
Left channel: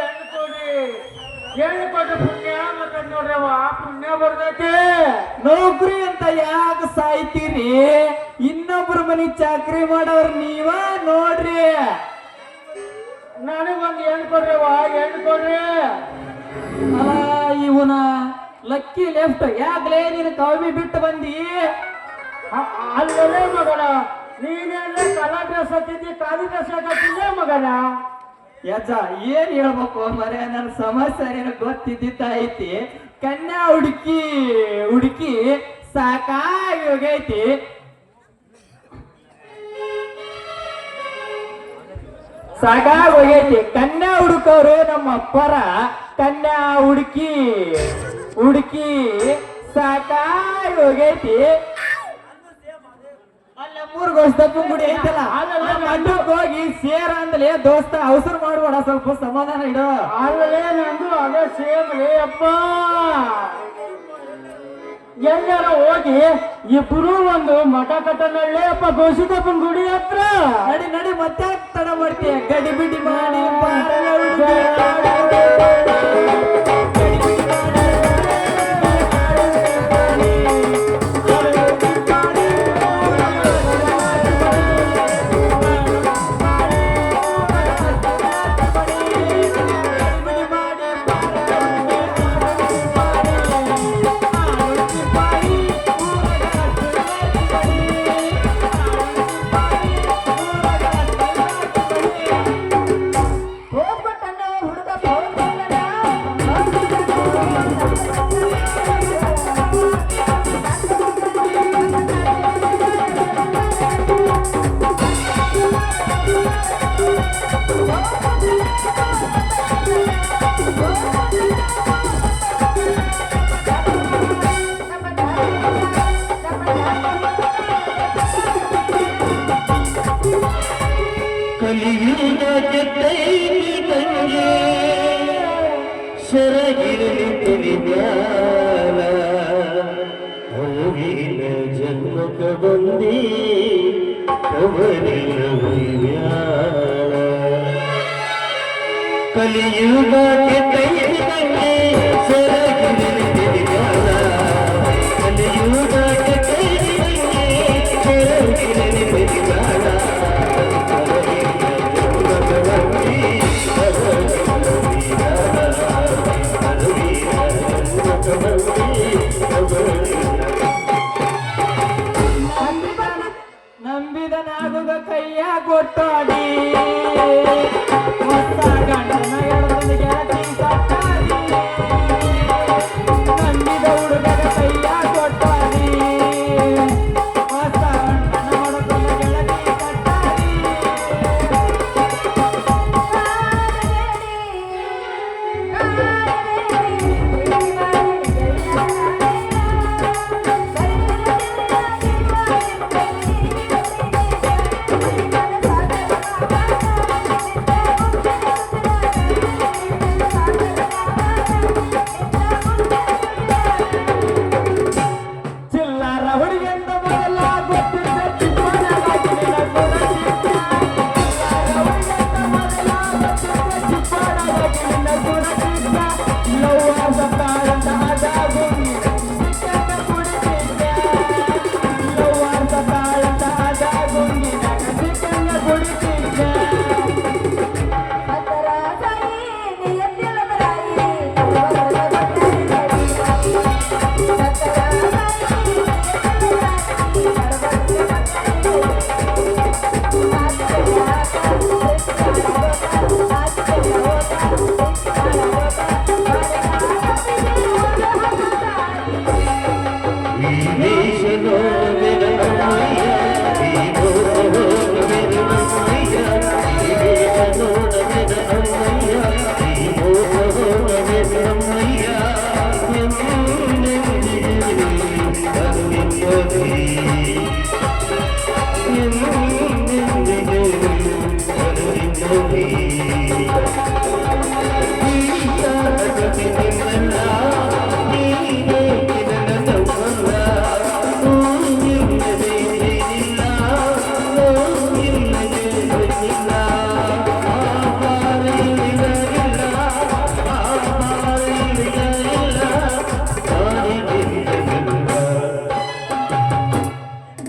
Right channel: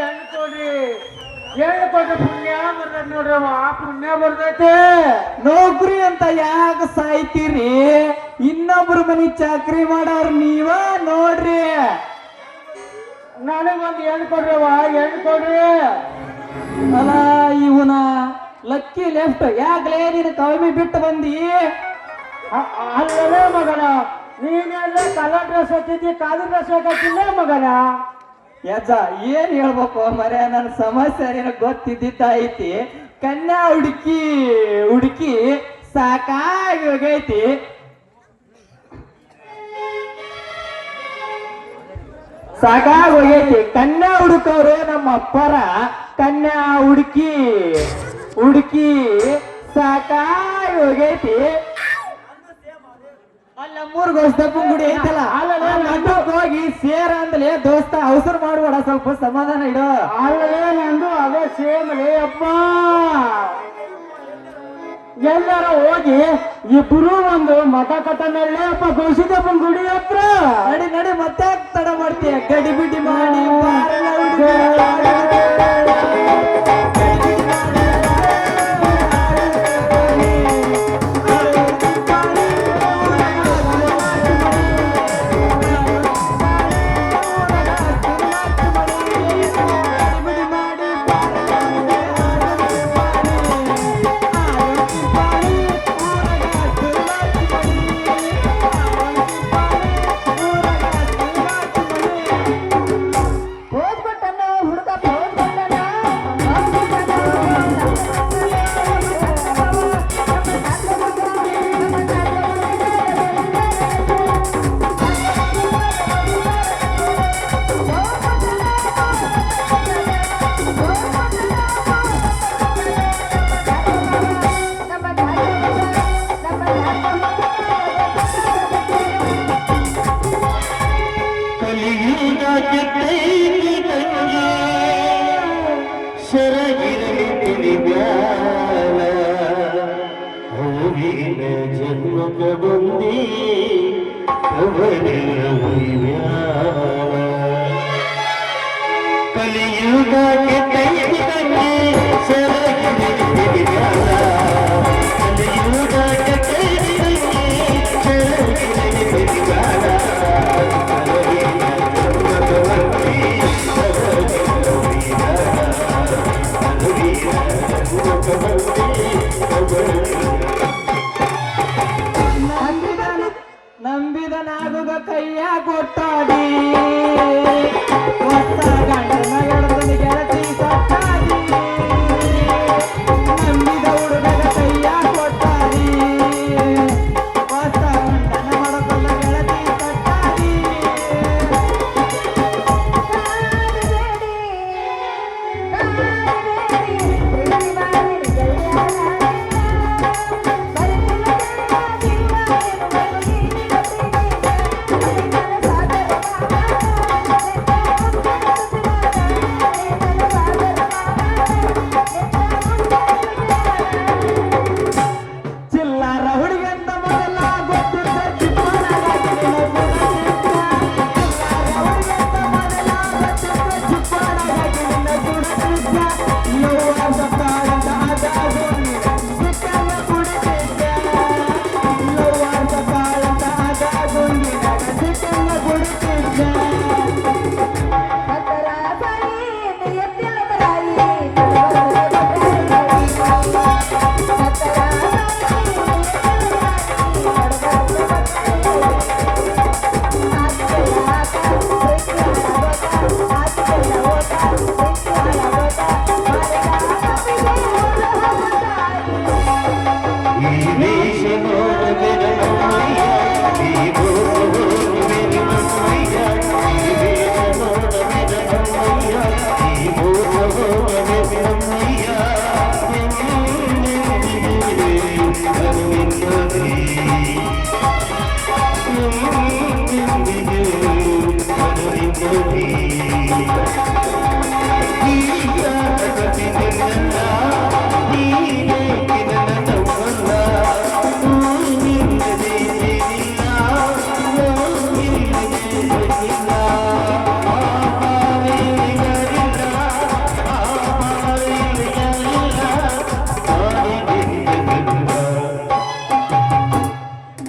ಹೆಣ್ಣು ಕೊಡ್ರಿ, ಹೆಣ್ಣು ಕೊಟ್ರೆ ಪುಣ್ಯ ಬರ್ತೈತಿ ನೋಡ್ರಿ. ಪುಣ್ಯ ಬರ್ತೈತಿ. ನೌಕರಿ ಅಂತ ಯಾಕೆ ಸಾಯ್ತೀರಿ? ಇನ್ನೊಬ್ರ ಮನಿ ಚಾಕ್ರಿ ಮಾಡೋರ್ ನೀವ ನೋಡ್ರಿ. ನನಗೊಂದು ಹೆಣ್ಣು ಕೊಡ್ರಿ, ಹೆಣ್ಣು ಕೊಡ್ರಿ. ಅಲ್ಲ ಇವನ ಲಕ್ಕಿ ಲೆಫ್ಟ್ ಯಾಕಲೇ ನೀನು ಕಮ್ಮಿ ಬಿಟ್ಟು ಬಂದಿ? ಅಲ್ಲವೇ ಮಗನ, ನೀನೆಲ್ಲ ಕಲರ್ ಡ್ರೆಸ್ ಹಾಕಿದ್ದಿ, ಖಾಲಿ ಡ್ರೆಸ್ ಹಾಕಿಲ್ಲ ಮಗನ. ಯಜ್ಜ ಏನ್ ಹೇಳ್ಬೇಕು ಮರೆ, ನನ್ನ ಸಮಸ್ಯೆ ನಿನಗೆ ಗೊತ್ತಿದ್ದಿದ್ದ ಐತಿ. ಕನ್ಯಾ ಹುಡುಕಿ ಹುಡುಕಿ ಸಾಕಾಗಿ ಹೋಗೈತಿ. ಸಾಕಾಗಿ ಹೋಗೈತಿ. ಕನ್ಯಾ ಹುಡುಕವ್ರು ನಮ್ಮ ಅಪ್ಪರ. ಕನ್ಯಾ ಹುಡುಕಿ ಹುಡುಕಿ ಸಾಕಾಗಿ ಹೋಗೈತಿ. ಅಲ್ಲ ಮೂರು ಗೋಸ್ತಪ್ಪನ ಗುಡಿ ಐತಲ್ಲ, ಅಡ್ಡಕ್ಕೆ ಹೋಗಿ ಸೇರ ಅಂದಲೇ ದೋಸ್ತ ಅವಸರ ಮಾಡ್ಬೇಡ, ಸ್ವಲ್ಪ ಸಮಾಧಾನ ಇಡ. ಅಲ್ಲೇ ನಂದು ಅದೇ ಸೇಮ್ ಲೇ ಅಪ್ಪ. ಎಲ್ಲಾರ ಹೋಗಿ ಇಬ್ರು ಒಂದು ಮಠ ಕಟ್ಟ ಮೇಲೆ ಅಪ್ಪ ಗೋಸಿದಪ್ಪನ ಗುಡಿ ಹತ್ರ. ನಡಿ ನಡಿ, ಮತ್ತೆ ತಡ ಮಾಡ್ತೀಯ? ಗಡಿ ಬಿಡಿ ಮಾಡಿ ಬಾರಲ ಹುಡುಗ. ಸರಗಿರಲಿ ತಿಳಿಗಾಲ ಹರಿನ ಜನ್ಮಕ ಬಂದಿ ಕವರಿನ ಹುಯ್ಯಾಳ ಕಲಿಯುಗಕ್ಕೆ ಕೈ ಕಟ್ಟಿ ಸರಗಿರಲಿ ತಿಳಿಗಾಲ ಕಲಿಯುಗಕ್ಕೆ ಕೈ ಕಟ್ಟಿ ಸರಗಿರಲಿ ತಿಳಿಗಾಲ ಹರಿನ ಜನ್ಮಕ ಬಂದಿ ನಂಬಿದನಾಗುವ ಕೈಯ ಕೊಟ್ಟಾಡಿ ಹೊಸ ಗಂಡನ ಎಡದಲ್ಲಿ ಗೆಳತಿ ಸತ್ತಾಡಿ ನಂಬಿದ ಹುಡುಗನ ಕೈಯ ಕೊಟ್ಟಾಡಿ ಹೊಸ ಗಂಡನ ಎಡದಲ್ಲಿ ಗೆಳತಿ ಸತ್ತಾಡಿ ಚಿಲ್ಲರ ಹುಡುಗಂತ ಬದಲ ಗೊತ್ತಿದ್ದ ಚಿಕ್ಕವನಾಗಿ ನಿನ್ನ ಗುಣಚಿತ್ರ. ಚಿಲ್ಲರ ಹುಡುಗಂತ ಬದಲ ಗೊತ್ತಿದ್ದ ಚಿಕ್ಕವನಾಗಿ ನಿನ್ನ ಗುಣಚಿತ್ರ. ಲವ್ವಾದ ಕಾಲದ ಅದಾಗುಂಗಿ ಚಿಕ್ಕಂದ ಕುಡಿತಿದ್ದ. ಲವ್ವಾದ ಕಾಲದ ಅದಾಗುಂಗಿ ಚಿಕ್ಕಂದ ಕುಡಿತಿದ್ದ.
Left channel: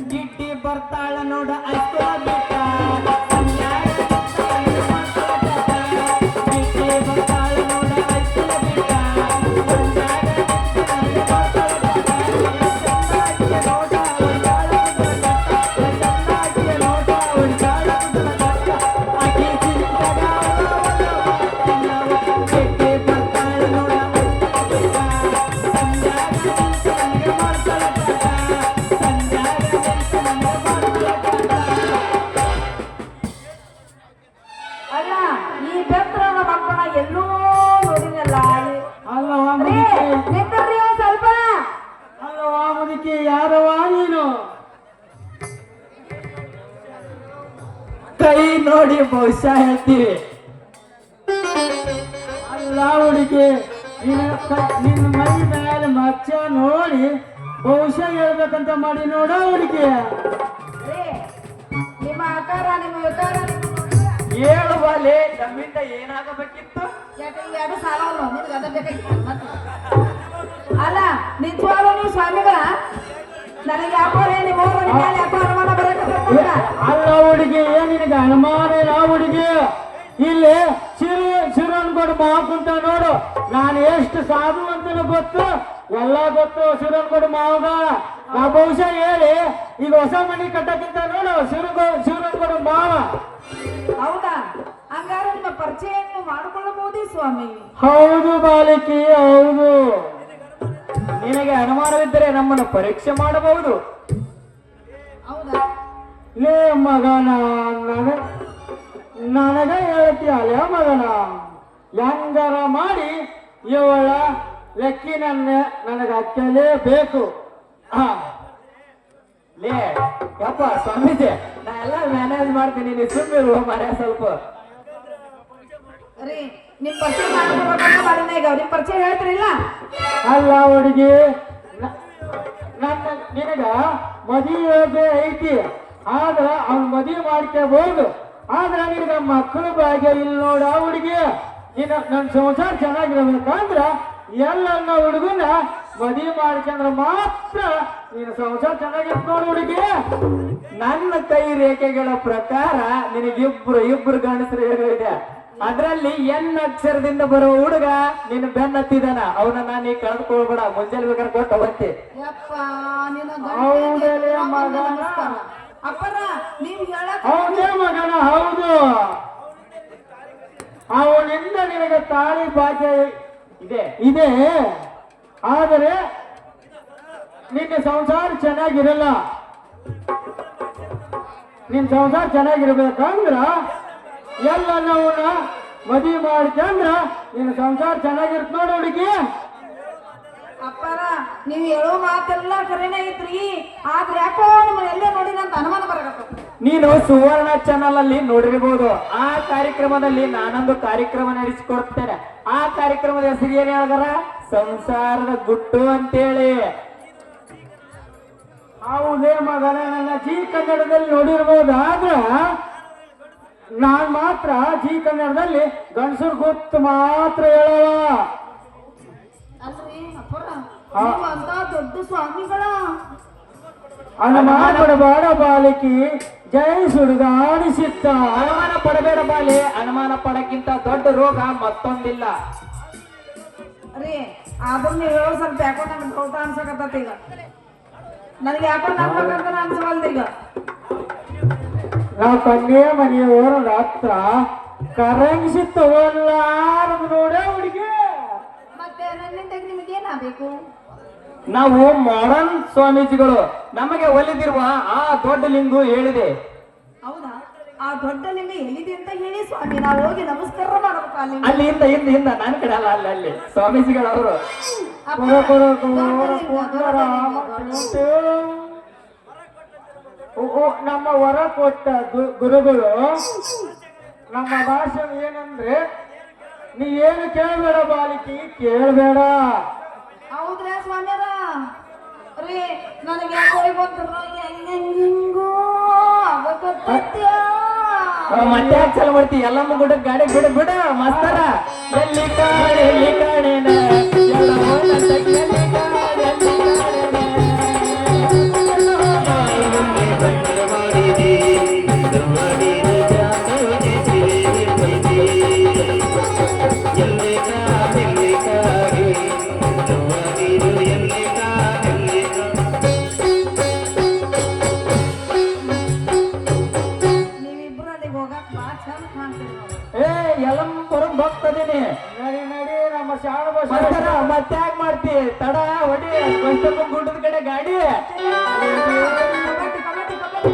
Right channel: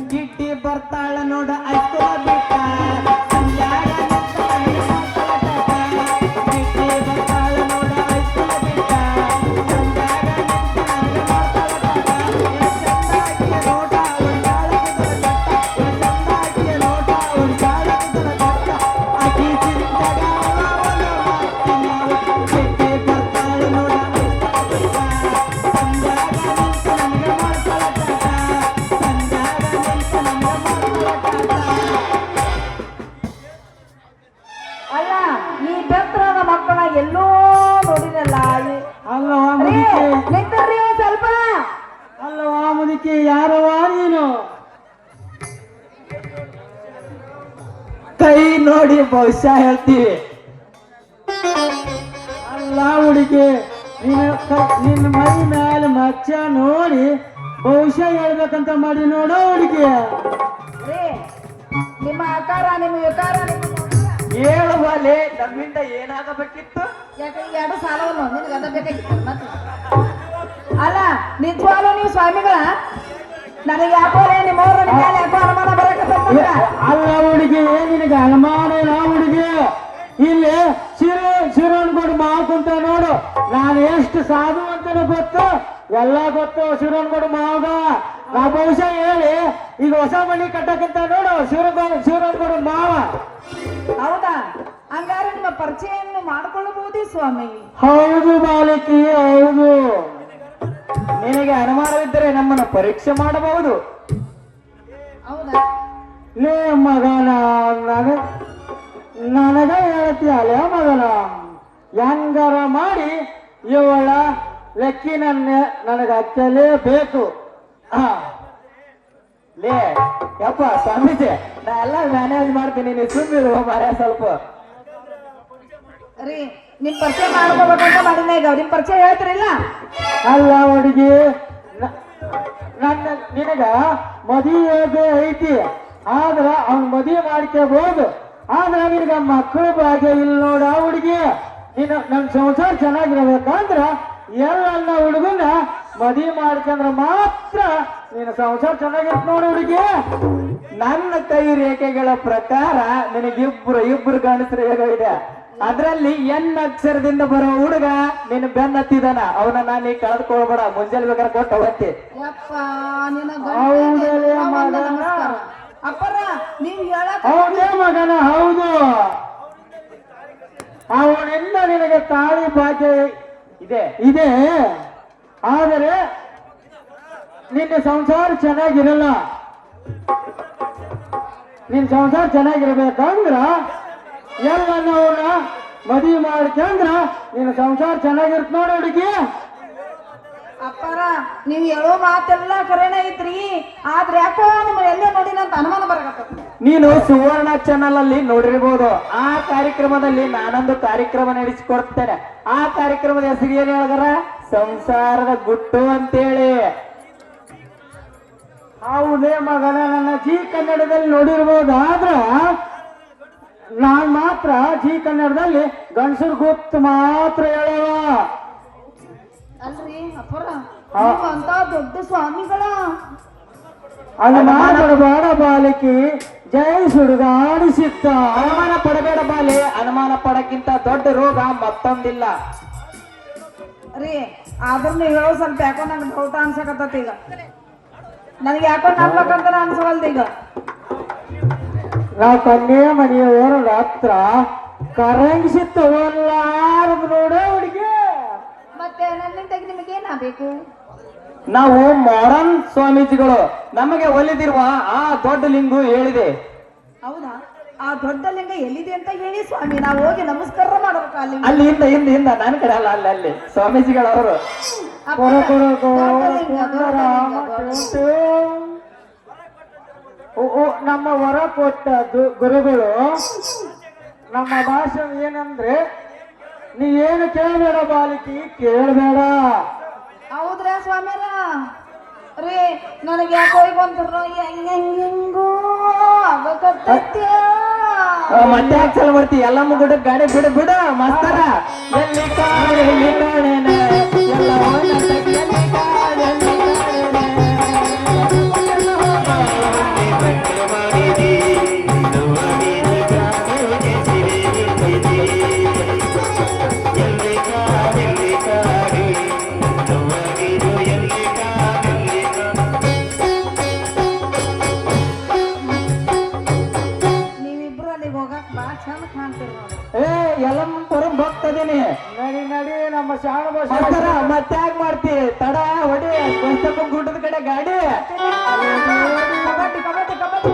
ಗಿಡ್ಡಿ ಬರ್ತಾಳ ನೋಡ ಅಷ್ಟ ಬಿಟ್ಟ ಸಂಜಾಗ ಗಿಡ್ಡಿ ಬರ್ತಾಳ ನೋಡ ಅಷ್ಟ ಬಿಟ್ಟ ಸಂಜಾಗ ನೋಟ ಒಂದಾಳ ಒಂದಾಳ ಅಕ್ಕಿ ಚಿಂತಗ ಗಿಡ್ಡಿ ಬರ್ತಾಳ ನೋಡ ಅಷ್ಟ ಬಿಟ್ಟ ಅಲ್ಲ ಈ ಬೆತ್ತರದ ಮಕ್ಕಳ ಎಲ್ಲೋ ನೋಡಿರಲ್ಲ ಅಲ್ಲ ಮುದುಕಿ ನಿಂತ್ರಿ ಸ್ವಲ್ಪ ಅಲ್ಲ ಮುದುಕಿ ಯಾರವ ನೀನು ಕೈ ನೋಡಿ ಬಹುಶಃ ಹೇಳ್ತೀವಿ ಅಲ್ಲ ಹುಡುಗಿ ನಿನ್ನ ಮೈ ಮೇಲೆ ಮಚ್ಚ ನೋಡಿ ಬಹುಶಃ ಹೇಳ್ಬೇಕಂತ ಮಾಡಿ ನೋಡೋ ಹುಡುಗಿ ನಿಮ್ಮ ಆಕಾರ ನಿಮ್ಮ ಯುಕಾರ ಹೇಳುವಲೆ ನಮ್ಮಿಂದ ಏನಾಗಬೇಕಿತ್ತು ಯಾಕೆ ಈ ಎರಡು ಸಾಲವನ್ನು ನಿನಗೆ ಅದ ಬೇಕಾಗಿತ್ತು ಮತ್ತೆ ಅಲ್ಲ ನಿಜವಾಗ್ಲೂ ನೀವು ಸ್ವಾಮಿಗಳ ನನಗೆ ವ್ಯಾಪಾರ ನಿಮ್ಮವ್ರ ನಿಮ್ಮ ಮೇಲೆ ವ್ಯಾಪಾರ ಮಾಡ ಬರಕತ್ತೀರ ಅಲ್ಲ ಹುಡುಗಿ ಏನ್ ನಿನಗೆ ಅನುಮಾನ ಇಲ್ಲ ಹುಡುಗಿ ಇಲ್ಲಿ ಶಿವನ್ಗೌಡ ಮಾವು ಕುಂತ ನೋಡು ನಾನು ಎಷ್ಟು ಸಾಧು ಅಂತ ಗೊತ್ತು ಎಲ್ಲ ಗೊತ್ತು ಶಿವನ್ಗೌಡ ಮಾವಗ ನಾ ಬಹುಶಃ ಹೇಳಿ ಈಗ ಹೊಸ ಮನೆ ಕಟ್ಟಕ್ಕಿಂತ ನೋಡು ಶಿವನ್ಗೌಡ ಮಾವ ಹೌದಾ ಹಂಗಾರೆ ನಿಮ್ಮ ಪರಿಚಯವನ್ನು ಮಾಡಿಕೊಳ್ಳಬಹುದೇ ಸ್ವಾಮಿ ಹೌದು ಬಾಲಕಿ ಹೌದು ನಿನಗೆ ಅನುಮಾನವಿದ್ದರೆ ನಮ್ಮನ್ನ ಪರೀಕ್ಷೆ ಮಾಡಬಹುದು ಹೌದಾ ಲೇ ಮಗನ ನನಗ ಹೇಳ್ತೀಯಲ್ಲ ಮಗನ ಹೆಂಗಾರ ಮಾಡಿ ಇವಳ ಲೆಕ್ಕಿನನ್ನ ನನಗೆ ಹಚ್ಚಲೇಬೇಕು ಲೇ ಯಪ್ಪ ಸ್ವಾಮೀಜಿ ನಾ ಎಲ್ಲ ಮ್ಯಾನೇಜ್ ಮಾಡ್ತೀನಿ ನೀನು ಸುಮ್ಮಿರು ಮರ ಸ್ವಲ್ಪ ರೀ ನಿಮ್ ಪರಿಚಯ ಮಾಡ್ಕೋಬೇಕಂತ ಮಾಡಿನ ಈಗ ನಿಮ್ ಪರಿಚಯ ಹೇಳ್ತಿರಿಲ್ಲ ಅಲ್ಲ ಹುಡುಗಿ ನನ್ನ ನಿನಗ ಮದುವೆ ಐತಿ ಆದ್ರ ಅವ್ನ ಮದುವೆ ಮಾಡ್ಕೋಬಹುದು ಆದ್ರ ನಿನಗ ಮಕ್ಕಳು ಭಾಗ್ಯ ಇಲ್ಲ ನೋಡ ಹುಡುಗಿ ನಿನ್ನ ನನ್ನ ಸಂಸಾರ ಚೆನ್ನಾಗಿರ್ಬೇಕಂದ್ರ ಎಲ್ಲ ಹುಡುಗನ ಮದುವೆ ಮಾಡ್ಕೊಂಡ್ರ ಮಾತ್ರ ನಿನ್ನ ಸಂಸಾರ ಚೆನ್ನಾಗಿರ್ತ ನೋಡ ಹುಡುಗಿ. ನನ್ನ ಕೈ ರೇಖೆಗಳ ಪ್ರಕಾರ ಇಬ್ರು ಗಂಡಸರು ಇದೆ. ಅದ್ರಲ್ಲಿ ಎನ್ ಅಕ್ಷರದಿಂದ ಬರೋ ಹುಡುಗ ನಿನ್ನ ಬೆನ್ನತ್ತಿದಾನ, ಅವನ ನಾನು ಕಳೆದುಕೊಳ್ಬೇಡ. ಮುಂಜಾನೆ ಬೇಕಾದ್ರೆ ಕೊಟ್ಟು ಹೋಗತ್ತೆ. ಯಪ್ಪ ನಿನ್ನ ಹೌದಲೇ ಮಗನ ಅಪ್ಪರ ನೀವ್ ಹೇಳಕ್ ಹೌದೇ ಮಗನ ಹೌದು. ಅವನಿಂದ ನಿನಗೆ ತಾಳಿ ಭಾಗ್ಯ ಇದೆ ಆದರೆ ನಿನ್ನ ಸಂಸಾರ ಚೆನ್ನಾಗಿರಲ್ಲ. ನಿನ್ ಸಂಸಾರ ಚೆನ್ನಾಗಿರ್ಬೇಕಂದ್ರ ಎಲ್ಲವನ್ನ ಮದುವೆ ಮಾಡ್ಕೊಂಡ್ರ ನಿನ್ನ ಸಂಸಾರ ಚೆನ್ನಾಗಿರ್ತ ನೋಡ ಹುಡುಗಿ. ಅಪ್ಪಾರ ನೀವ್ ಹೇಳೋ ಮಾತೆಲ್ಲ ಕರೆನೇ ಐತ್ರಿ, ಆದ್ರೆ ಯಾಕೋ ನಿಮ್ ಎಲ್ಲೇ ನೋಡಿ ನಂತ ಅನುಮಾನ ಬರಬೇಕು. ನೀನು ಸುವರ್ಣ ಚಾನಲ್ ಅಲ್ಲಿ ನೋಡಿರ್ಬೋದು. ಆ ಕಾರ್ಯಕ್ರಮದಲ್ಲಿ ನಾನೊಂದು ಕಾರ್ಯಕ್ರಮ ನಡೆಸಿಕೊಡ್ತೇನೆ. ಆ ಕಾರ್ಯಕ್ರಮದ ಹೆಸರು ಏನ್ ಹೇಳಿದಾರ? ಸಂಸಾರದ ಗುಟ್ಟು ಅಂತೇಳಿ. ಹೌದೇ ಮಗನ ನನ್ನ ಜಿ ಕನ್ನಡದಲ್ಲಿ ನೋಡಿರ್ಬೋದು. ಆದ್ರ ನಾನ್ ಮಾತ್ರ ಜಿ ಕನ್ನಡದಲ್ಲಿ ಗಂಡಸರು ಗುತ್ತು ಮಾತ್ರ ಹೇಳವ. ಅಲ್ರಿ ಅಪ್ಪರ ಅಂತ ದೊಡ್ಡ ಸ್ವಾಮಿಗಳ ಅದು ಮಾಡಬೇಡ ಬಾಲಕಿ ಜೈ ಸುಡುಗಾಡಿಸಿತ್ತ. ಅನುಮಾನ ಪಡಬೇಡ ಬಾಲಿ, ಅನುಮಾನ ಪಡಕ್ಕಿಂತ ದೊಡ್ಡ ರೋಗ ಮತ್ತೊಂದಿಲ್ಲ. ರೀ ಆದ್ರೂ ನೀವ್ ಹೇಳೋ ಸ್ವಲ್ಪ ಯಾಕೋ ನಮ್ಗೆ ಊಟ ಅನ್ಸಕತ್ತೈತಿ ಈಗ. ನನಗೆ ಯಾಕೋ ನಂಬಕಂತ ಅನ್ಸವಲ್ದು ಈಗ. ನಾವು ಕನ್ಯೆ ಮನೆಯವರು ರಾತ್ರ ಕರಂಗಿಸಿ ತಗೊಳ್ಳಾರದು ನೋಡ ಹುಡುಗಿ. ಮತ್ತೆ ನನ್ನಿಂದ ನಿಮಗೆ ಏನಾಗಬೇಕು? ನಾವು ಮಾಡರ್ನ್ ಸ್ವಾಮೀಜಿಗಳು. ನಮಗೆ ಒಲಿದಿರುವ ಆ ದೊಡ್ಡ ಲಿಂಗು ಹೇಳಿದೆ. ಹೌದಾ? ಆ ದೊಡ್ಡ ಲಿಂಗ ಎಲ್ಲಿದೆ ಅಂತ ಹೇಳಿ ಸ್ವಾಮಿ, ನಾವು ಹೋಗಿ ನಮಸ್ಕಾರ ಮಾಡ್ಬೇಕು ಅಲ್ಲಿ. ಅಲ್ಲಿ ಹಿಂದ ನನ್ನ ಕಡೆ ಅಲ್ಲ, ಅಲ್ಲಿ ಸ್ವಾಮೀಜಿಗಳವರು. ನಮ್ಮ ಹೊರ ಕೊಟ್ಟ ಗುರುಗಳು ನಮ್ಮ ಭಾಷೆ ಏನಂದ್ರೆ ನೀ ಏನು ಕೇಳಬೇಡ ಬಾಲಿಕಿ, ಕೇಳಬೇಡ. ಹೌದ್ರಾ ಸ್ವಾಮಿಯರ? ರೀ ನನಗೆ ಯಾಕೋ ಬಂದ್ರು ಹೆಂಗೋ ಅವಕತ್ಯ. ಮತ್ತೆ ಯಾಕೆ ಚಲ ಮಾಡ್ತಿ? ಎಲ್ಲಮ್ಮ ಗುಡ್ಡ ಗಾಡಿ ಬಿಡ ಮಸ್ತಾರ. ಎಲ್ಲಿ ಕಾಣೆ ಎಲ್ಲ ನೀವಿಬ್ರು ಅಲ್ಲಿಗೆ ಹೋಗಕ್ ಬಾ ಚಂದ ಕಾಣ್ತೀರಿ. ಎಲ್ಲಮ್ಮ ಬರೋದು ಹೋಗ್ತದೀನಿ. ನಡಿ ನಮ್ಮ ಶಾಣ ಮಸ್ತಾರ ಮತ್ತೆ ಯಾಕೆ ಮಾಡ್ತಿ? ತಡ ಹೊಡಿ ಗುಡ್ಡದ ಕಡೆ ಗಾಡಿ. ಕಬಡ್ಡಿ ಕಬಡ್ಡಿ ಕಬಡ್ಡಿ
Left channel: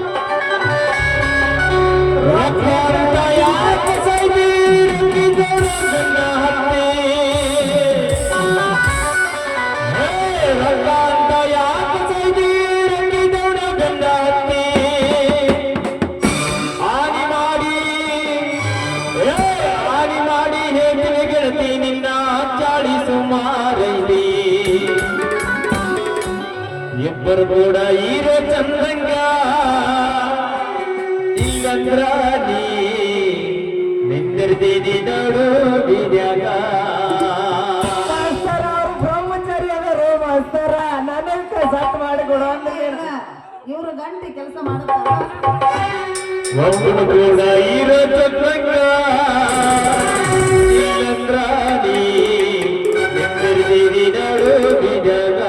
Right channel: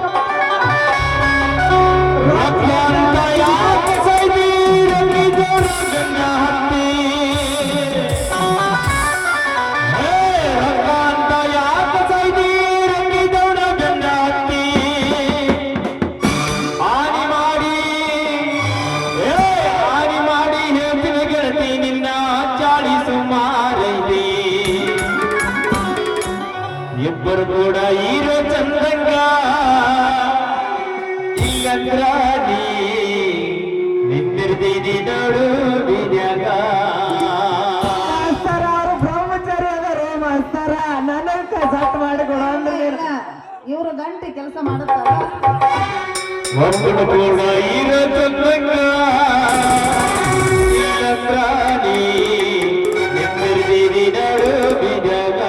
ನಿನ್ನ ಚಾಳಿಸು ಮಾರೈದಿ ಇಬ್ಬರು ಕೂಡ ಈರೋ ಚಂದ್ರಂಗ ಇಲ್ಲಂದ್ರ ನೀ ನಿಂದಿರ್ದೀನಿ ನೋಡು ಬಿದ್ಯಾಗ. ಬ್ರಹ್ಮಚಾರಿ ಅವರು ಮಸ್ತಾರ ನನಗೆ ಸಟ್ ಮಾಡಿಕೊಡು ಅಂದ್ರೆ ಇವ್ರು ಗಂಟೆ ಕೆಲಸ ಮಾಡುತ್ತಾರ. ಒಂದು ಕೂಡ ಈರೋ ಚಂದ್ರಂಗ ಇಲ್ಲಂದ್ರ ನೀ ನಿಂದಿರ್ದೀನಿ ನೋಡು ಬಿದ್ಯಾಗ.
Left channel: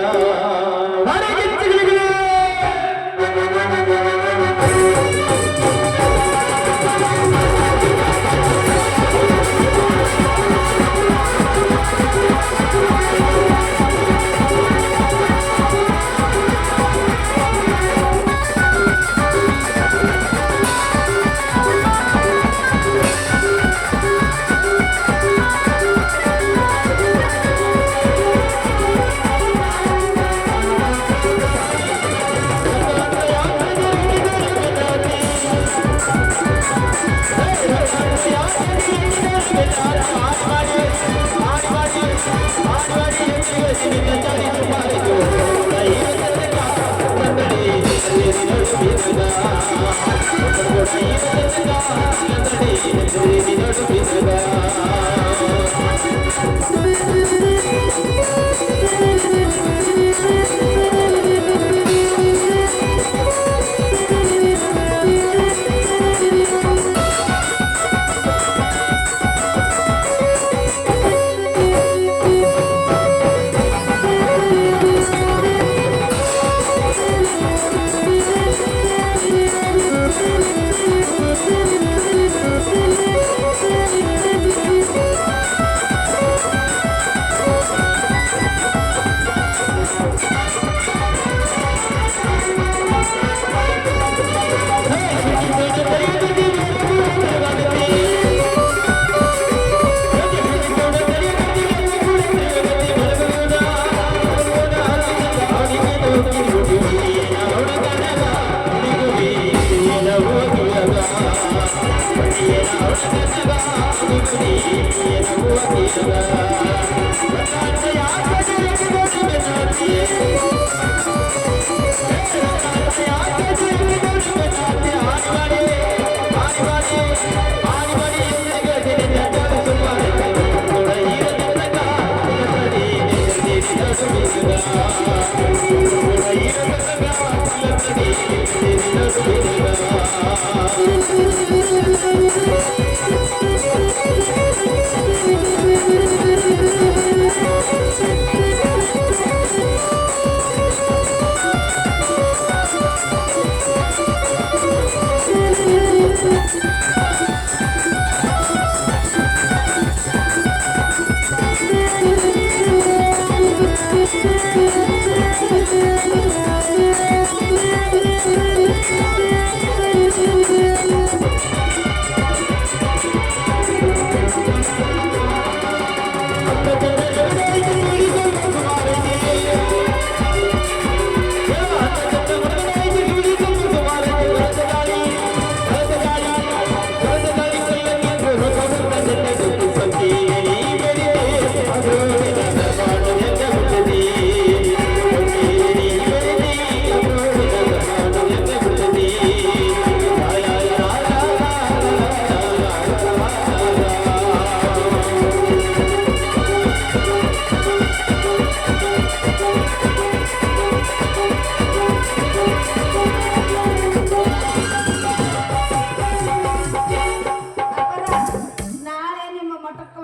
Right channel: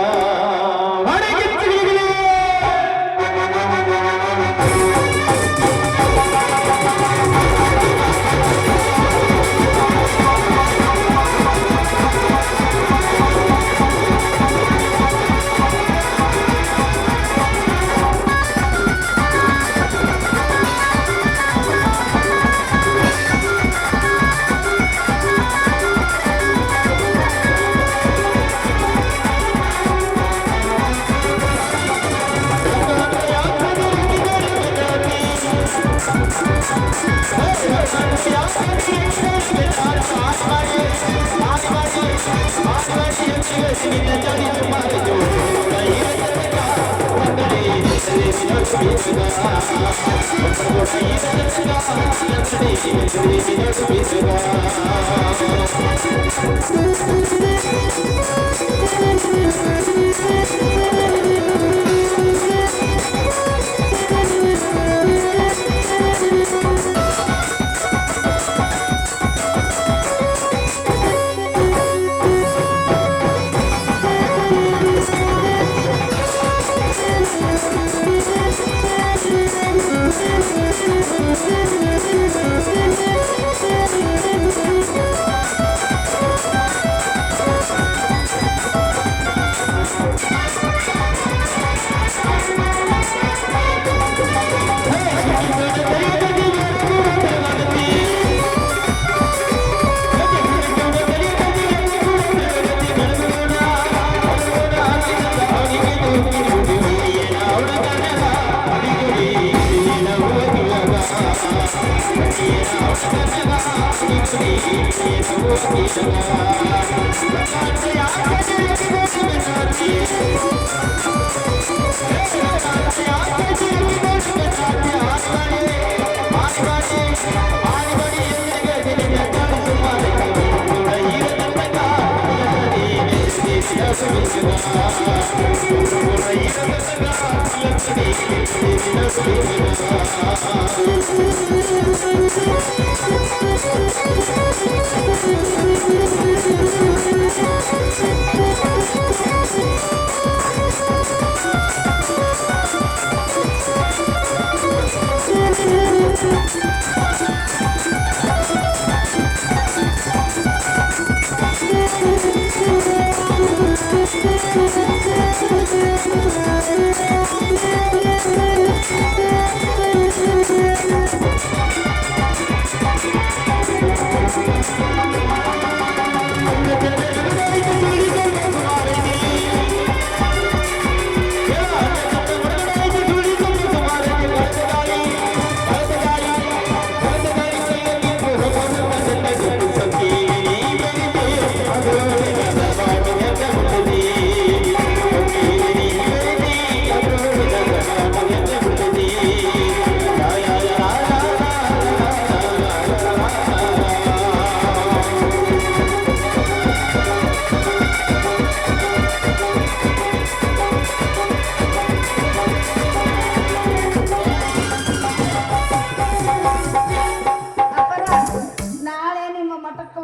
ನಾಳೆ ನಿಮ್ಮ ಮಠಕ್ಕೆ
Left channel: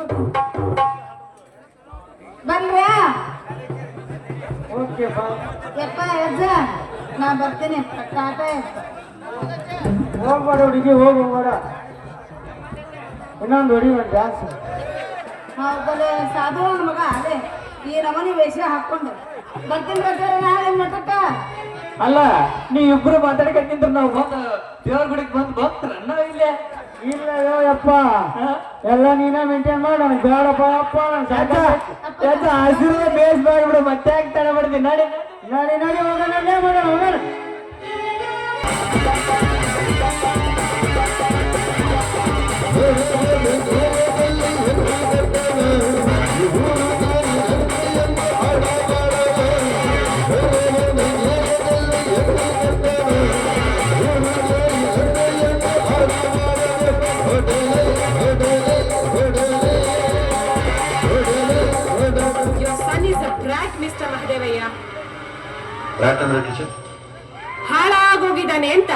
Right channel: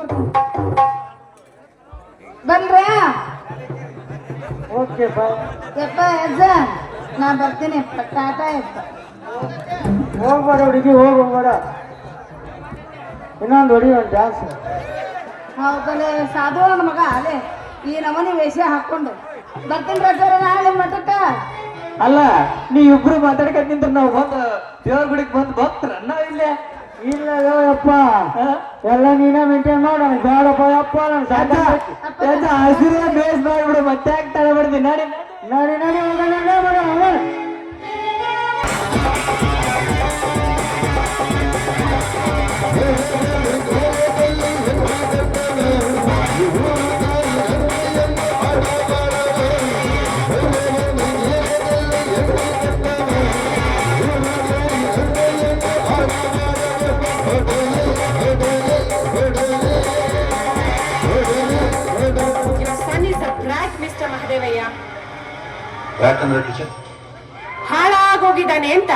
ಬಂದ್ರಾ? ಓಕೆ ಬಾ ಯಪ್ಪ ಅಜ್ಜ ನಾ ಬರ್ತೀನಿ ಟಾಟಾ ಯಪ್ಪ. ಹೋಗ್ಬೇಡ ಹುಡುಗಿ ಹೋಗ್ಬೇಡ ಇನ್ನೊಂದು ಹೊಡಿ ಒಂದು ಡ್ಯಾನ್ಸ್ ಒಬ್ಬನೇ ಸಾಧು ನನ್ನ ಮಗ ಅದೇ ಈ ನಮೂನಿ ವೇಷ ಹಾಕೊಂಡು ಬರ್ತೀನಿ ರಜಾರ ನಾಳೆ ಮಠಕ್ಕ. ಅಲ್ಲ ನೀ ಇಬ್ರು ಮಾತಾಡ್ಕೊಂಡ್ ನಾವು ಬಂದು ದೇವ್ರ ಗುಡಿಗೆ ಬಂದು ಬರ್ತಾರ ನಾವು ಇಲ್ಲೇ ಇಲ್ಲ ಯಪ್ಪ ಎಲ್ಲ ನೀನ ಮೇಂಟೈನ್ ಮಾಡ ಬೇಡಪ್ಪ ಅಪ್ಪ ಹಸಿರು ಬೇಸ್ ಮಾಡಿಬಿಡು ಮತ್ತೆ ಯಾಕೆ ತಡ ಮಾಡ್ತೀನಿ ನಡಿ ನಡಿ ನಡಿ ಹೋಗೋಣ Your son is a brat, Mr. Mahadevaya. ಯಾಕಂದ್ರೆ ಟೀಚರ್ ಹಾಳಾಗೋಗಿದ್ದಾನೆ ಅಂತ.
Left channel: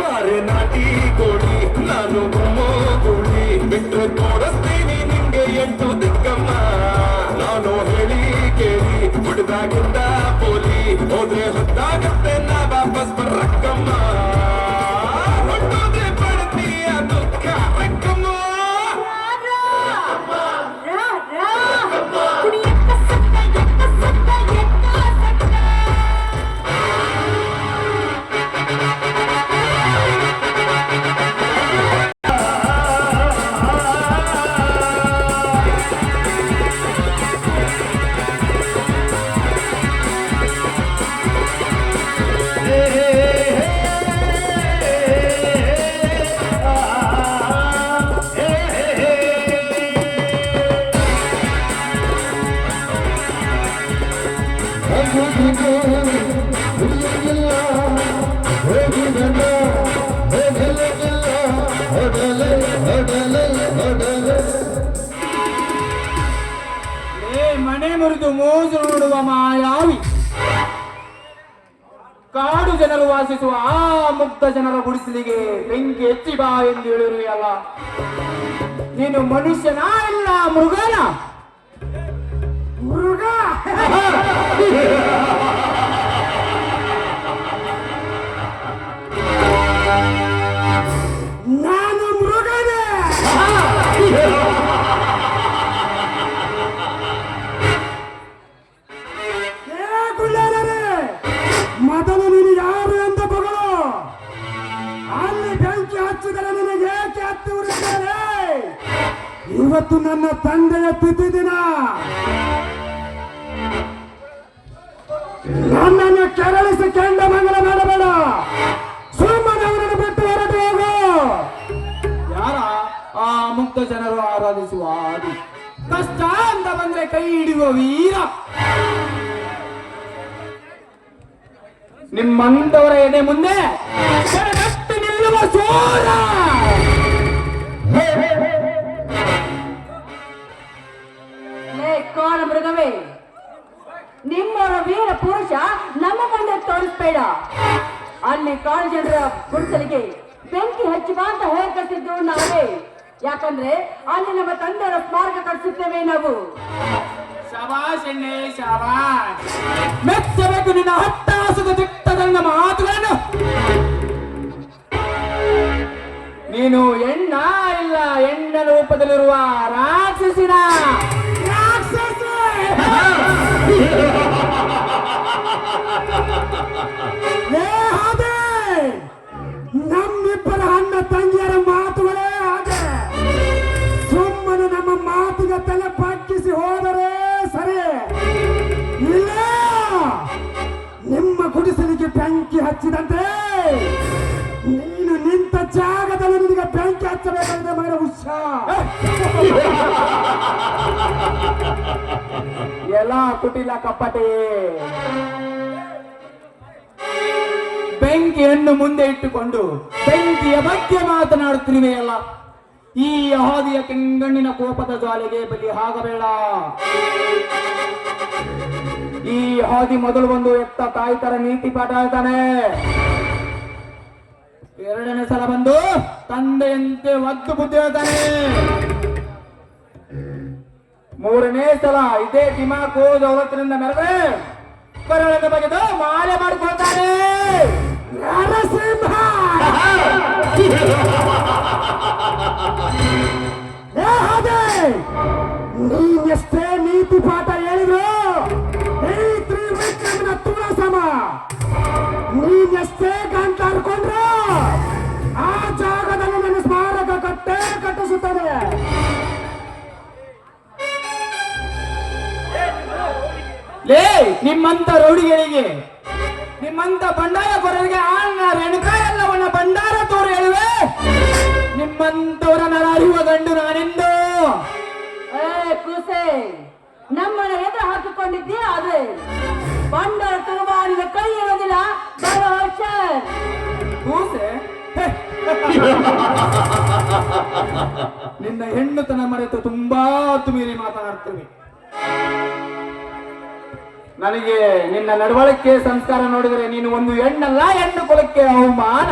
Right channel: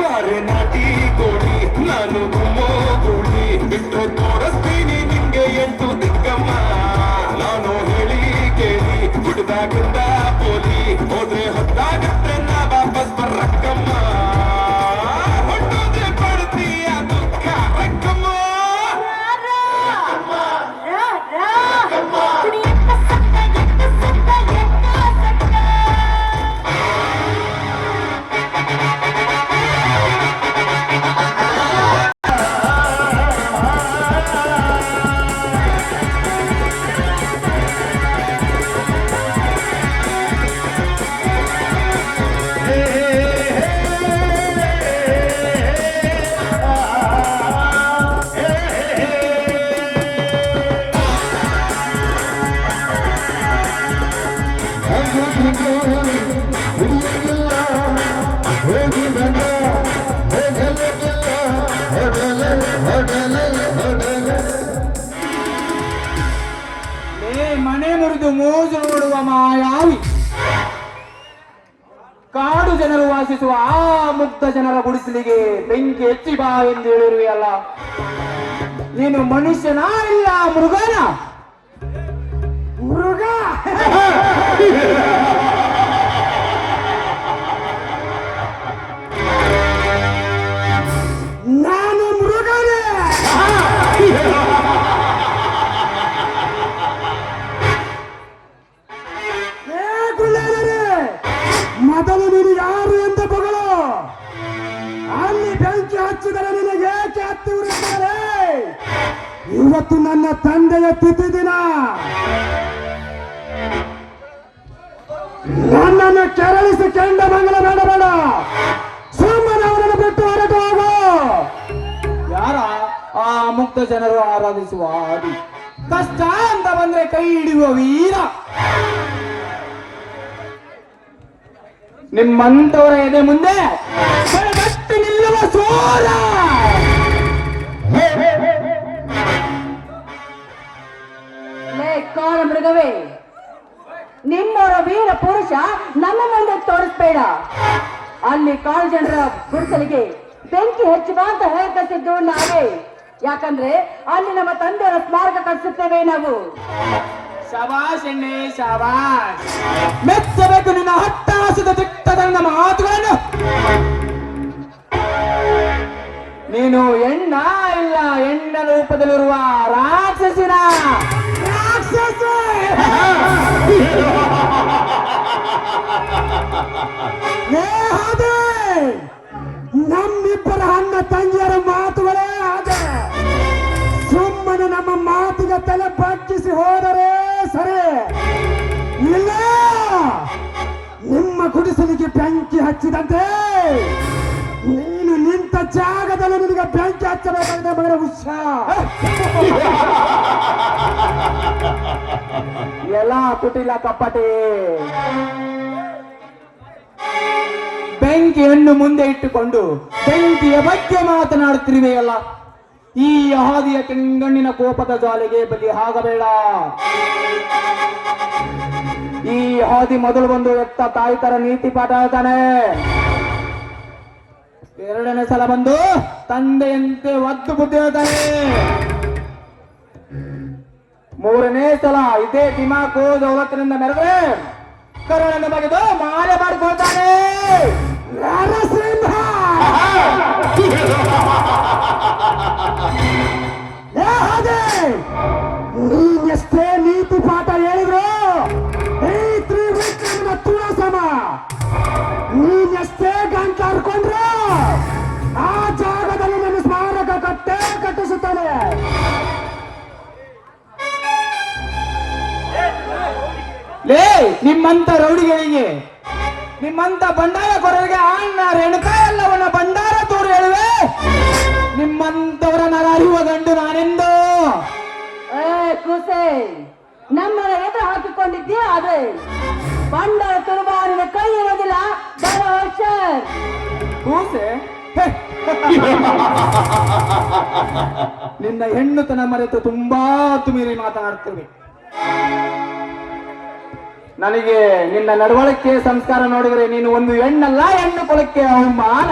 ಬಾರೆ ನಾಟಿ ಗೋಡಿ ನಾನು ಗುಮ್ಮೋಗುಳಿ ಬಿಟ್ರೆ ತೋರಿಸ್ತೀನಿ ನಿಂಗೆ ಎಂಟು ದಿಕ್ಕಮ್ಮ ನಾನು ಹೇಳಿ ಕೇಳಿ ಹುಡುಗಾಗಿಂದ ಪೋಲಿ ಹೋದ್ರೆ ಹೊತ್ತಾಗತ್ತೆ ನಾ ವಾಪಸ್ ಬರಕ್ಕಮ್ಮ ಹೊಟ್ಟೋದ್ರೆ ಬರ್ತೀಯ ದುಃಖ ರಕ್ಕಮ್ಮ ಮನೆ ಮುರಿದು ಮೋಜು ನೋಡುವ ಮಾಯಾವಿ ಕಾಡು ಜನರು ವಾಸಿಸುವ ಆ ಮುಗ್ಧ ಜನರ ಗುಡಿಸಲಿಗೆ ಬೆಂಕಿ ಹೆಚ್ಚಿ ಬಾ ಎಂದು ಹೇಳಿರುವೆಯಲ್ಲ. ನೀನು ಮನುಷ್ಯನ ಇಲ್ಲ ಮೃಗನ? ಮೃಗ ನಾನು ಮೃಗನೇ. ಮೊದಲು ನೀನು ಯಾರು ಅಂತ ಬಗಳು. ಅಲ್ಲಿ ಬೆಂಕಿ ಹಚ್ಚಿದರೆ ನಿನಗೆ ಏಕೆ ಹತ್ತಿ ಉರಿಯುತ್ತಾರೆ? ಇವತ್ತು ನನ್ನ ತಂದೆಯ ತಿಥಿ ದಿನ. ನನ್ನನ್ನು ಕೆರಳಿಸಿ ಕೆಂಡ ಮಂಗಲ ಮಾಡಬೇಡ. ಸುಮ್ಮನೆ ಅವರನ್ನು ಬಿಟ್ಟು ಹೊರಟು ಹೋಗು. ಯಾರ ಆ ಮುಕ್ತ ಜನರು ಆರಾಧಿಸುವ ಆದಿ, ಕಷ್ಟ ಅಂತ ಬಂದ್ರೆ ಕೈ ಹಿಡಿಯುವ ವೀರ. ನಿಮ್ಮಂತವರ ಎದೆ ಮುಂದೆ ಗಟ್ಟಿ ನಿಲ್ಲುವ ಸೋರ. ಲೇ ಕಾಲ ಮೃಗವೇ, ನಿಮ್ಮ ವೀರ ಪುರುಷ ನಮ್ಮ ಮುಂದೆ ತೋರಿಸ್ಬೇಡ. ಅಲ್ಲಿ ಕಾಳು ಜನರ ಗುಡಿಸಲಿಗೆ ಬೆಂಕಿ ಹಚ್ಚುವ ಅಂತ ಹೇಳ್ಕೊತಿದ್ದು ನಾವೇ. ಯಾಕಂದ್ರೆ ಅಲ್ಲಿ ನಮ್ಮ ತಂದೆಯವರ ಸ್ಮಾರಕ ಕಟ್ಟಿಸುತ್ತೇವೆ ನಾವು. ಶಬಾಷ್ ಎಣ್ಣೆ ಶಬಾಷ್. ಮೆಚ್ಚಬೇಕು ನಿನ್ನ ಹತ್ತಾಸದ ದಿಟ್ಟದ ಮಾತುಗಳನ್ನು. ನೀನು ಹೆಣ್ಣ ಇಲ್ಲ ಹೆಣ್ಣ ರೂಪದಲ್ಲಿರುವ ರಾಕ್ಷಸಿನ ರಾಕ್ಷಸ. ನಮ್ಮಿಬ್ಬರ ಅಣ್ಣ ತಂಗಿಯರ ಮಾತುಗಳೇ ಹಾಗೆ. ಸುಮ್ಮನೆ ನಮ್ಮ ಮಾತಿಗೆ ತಲೆ ಪಕ್ಕಿಸಿ ಹೋದರೆ ಸರಿ. ಇಲ್ಲ ನಿಮ್ಮ ಗುಡಿಸಲಿಗೆ ಬೆಂಕಿ ಹಚ್ಚಿದಂತೆ ನೀನು ನಿಂತ ಜಾಗದಲ್ಲಿ ನಿನಗೆ ಬೆಂಕಿ ಹಚ್ಚಬೇಕಾಗಿದೆ ಮಗನ ಹುಷಾರ್. ಎಲ್ಲ ಕುಟಿಲ ಕಪ್ಪಟೆ. ಬೆಂಕಿಯನ್ನು ಮುಂದೆ ಇಟ್ಟುಕೊಂಡು ಬೆಂಕಿಯ ಬಗ್ಗೆ ಮಾತನಾಡುತ್ತಿರುವೆಯಲ್ಲ. ಈ ಹಾದಿಯ ಕೆಂಗಣ್ಣಿನ ಕೋಪದ ಜ್ವಾಲೆಗೆ ಬಲಿ ಆಗಬೇಡ. ಈ ಹಾದಿ ಮೊದಲು ಬಂದು ಎತ್ತ ತಾಯಿ ತರ ನೀತಿ ಪಾಠ ಹೇಳ್ತಾನೆ. ಎರಡನೇ ಸಲ ಬಂದು ತಂದೆಯಂತೆ ಒದ್ದು ಬುದ್ಧಿ ಹೇಳ್ತಾನೆ. ಮೂರನೇ ಸಲ ಇದೇ ದಿಮಾಕು ದೌಲತ್ತಿನಿಂದ ಮೆರೆದ್ರೆ ಕರುಳನ್ನು ಬಗೆದು ಮಾಲೆ ಮಾಡ್ಕೊಳ್ತಾನೆ. ನರಸಿಂಹ ನೀನೆಷ್ಟೇ ನೀತಿ ಪಾಠ ಹೇಳಿದ್ರು ಈ ತ್ರಿವಿಕ್ರಮನ ತುಳ ಸಮ. ನೀನೆಷ್ಟೇ ಗಂಟ ಹರ್ಕೊಂಡ್ರು ಆ ಜಾಗದಲ್ಲಿ ನನ್ನ ಸ್ಮಾರಕ ಕಟ್ಟೆ ಕಟ್ಟಿಸುತ್ತಾನೆ. ಲೇ ನಿಮ್ಮಂತ ರೌಡಿಗಳಿಗೆ, ನಿಮ್ಮಂತ ಬಂಡಾರ ಕೊರರಿಗೆ ಅಣ್ಣ ರೇಣುಕಾ ಎಲ್ಲವನ್ನ ಬಂಡಾರ ತೋರು ಹೇಳುವೆ. ನಿಮ್ಮಂತವರನ್ನ ಅರಿಯುವ ಗಂಡು ನಾನೆಂದು. ಕೂಸೆ, ನಮ್ಮನ್ನ ಎದುರು ಹಾಕಿಕೊಂಡು ತಿಳ್ಕೊಂಡಿದ್ದೆ ಆದ್ರೆ ಬಂಡ ತುಳುವ ನಿನ್ನ ಕೈ ಇರೋದಿಲ್ಲ ಬರೋ ಅಕ್ಷರ್. ಕೂಸೆ ನಿನ್ನ ಹೆಣ್ಣುತನ ಮರೆತು ತುಂಬಾ ಮೀರಿ ಮಾತನಾಡ್ತೀನಿ. ನನಗೆ ನಿನ್ನ ನಡವಳಿಕೆ ಸಂಸ್ಕಾರ ನೋಡಿದರೆ ನೀನು ಒಂದು ಹೆಣ್ಣಲ್ಲ, ಹೆಣ್ಣು ಕುಲಕ್ಕೆ ಅವಮಾನ.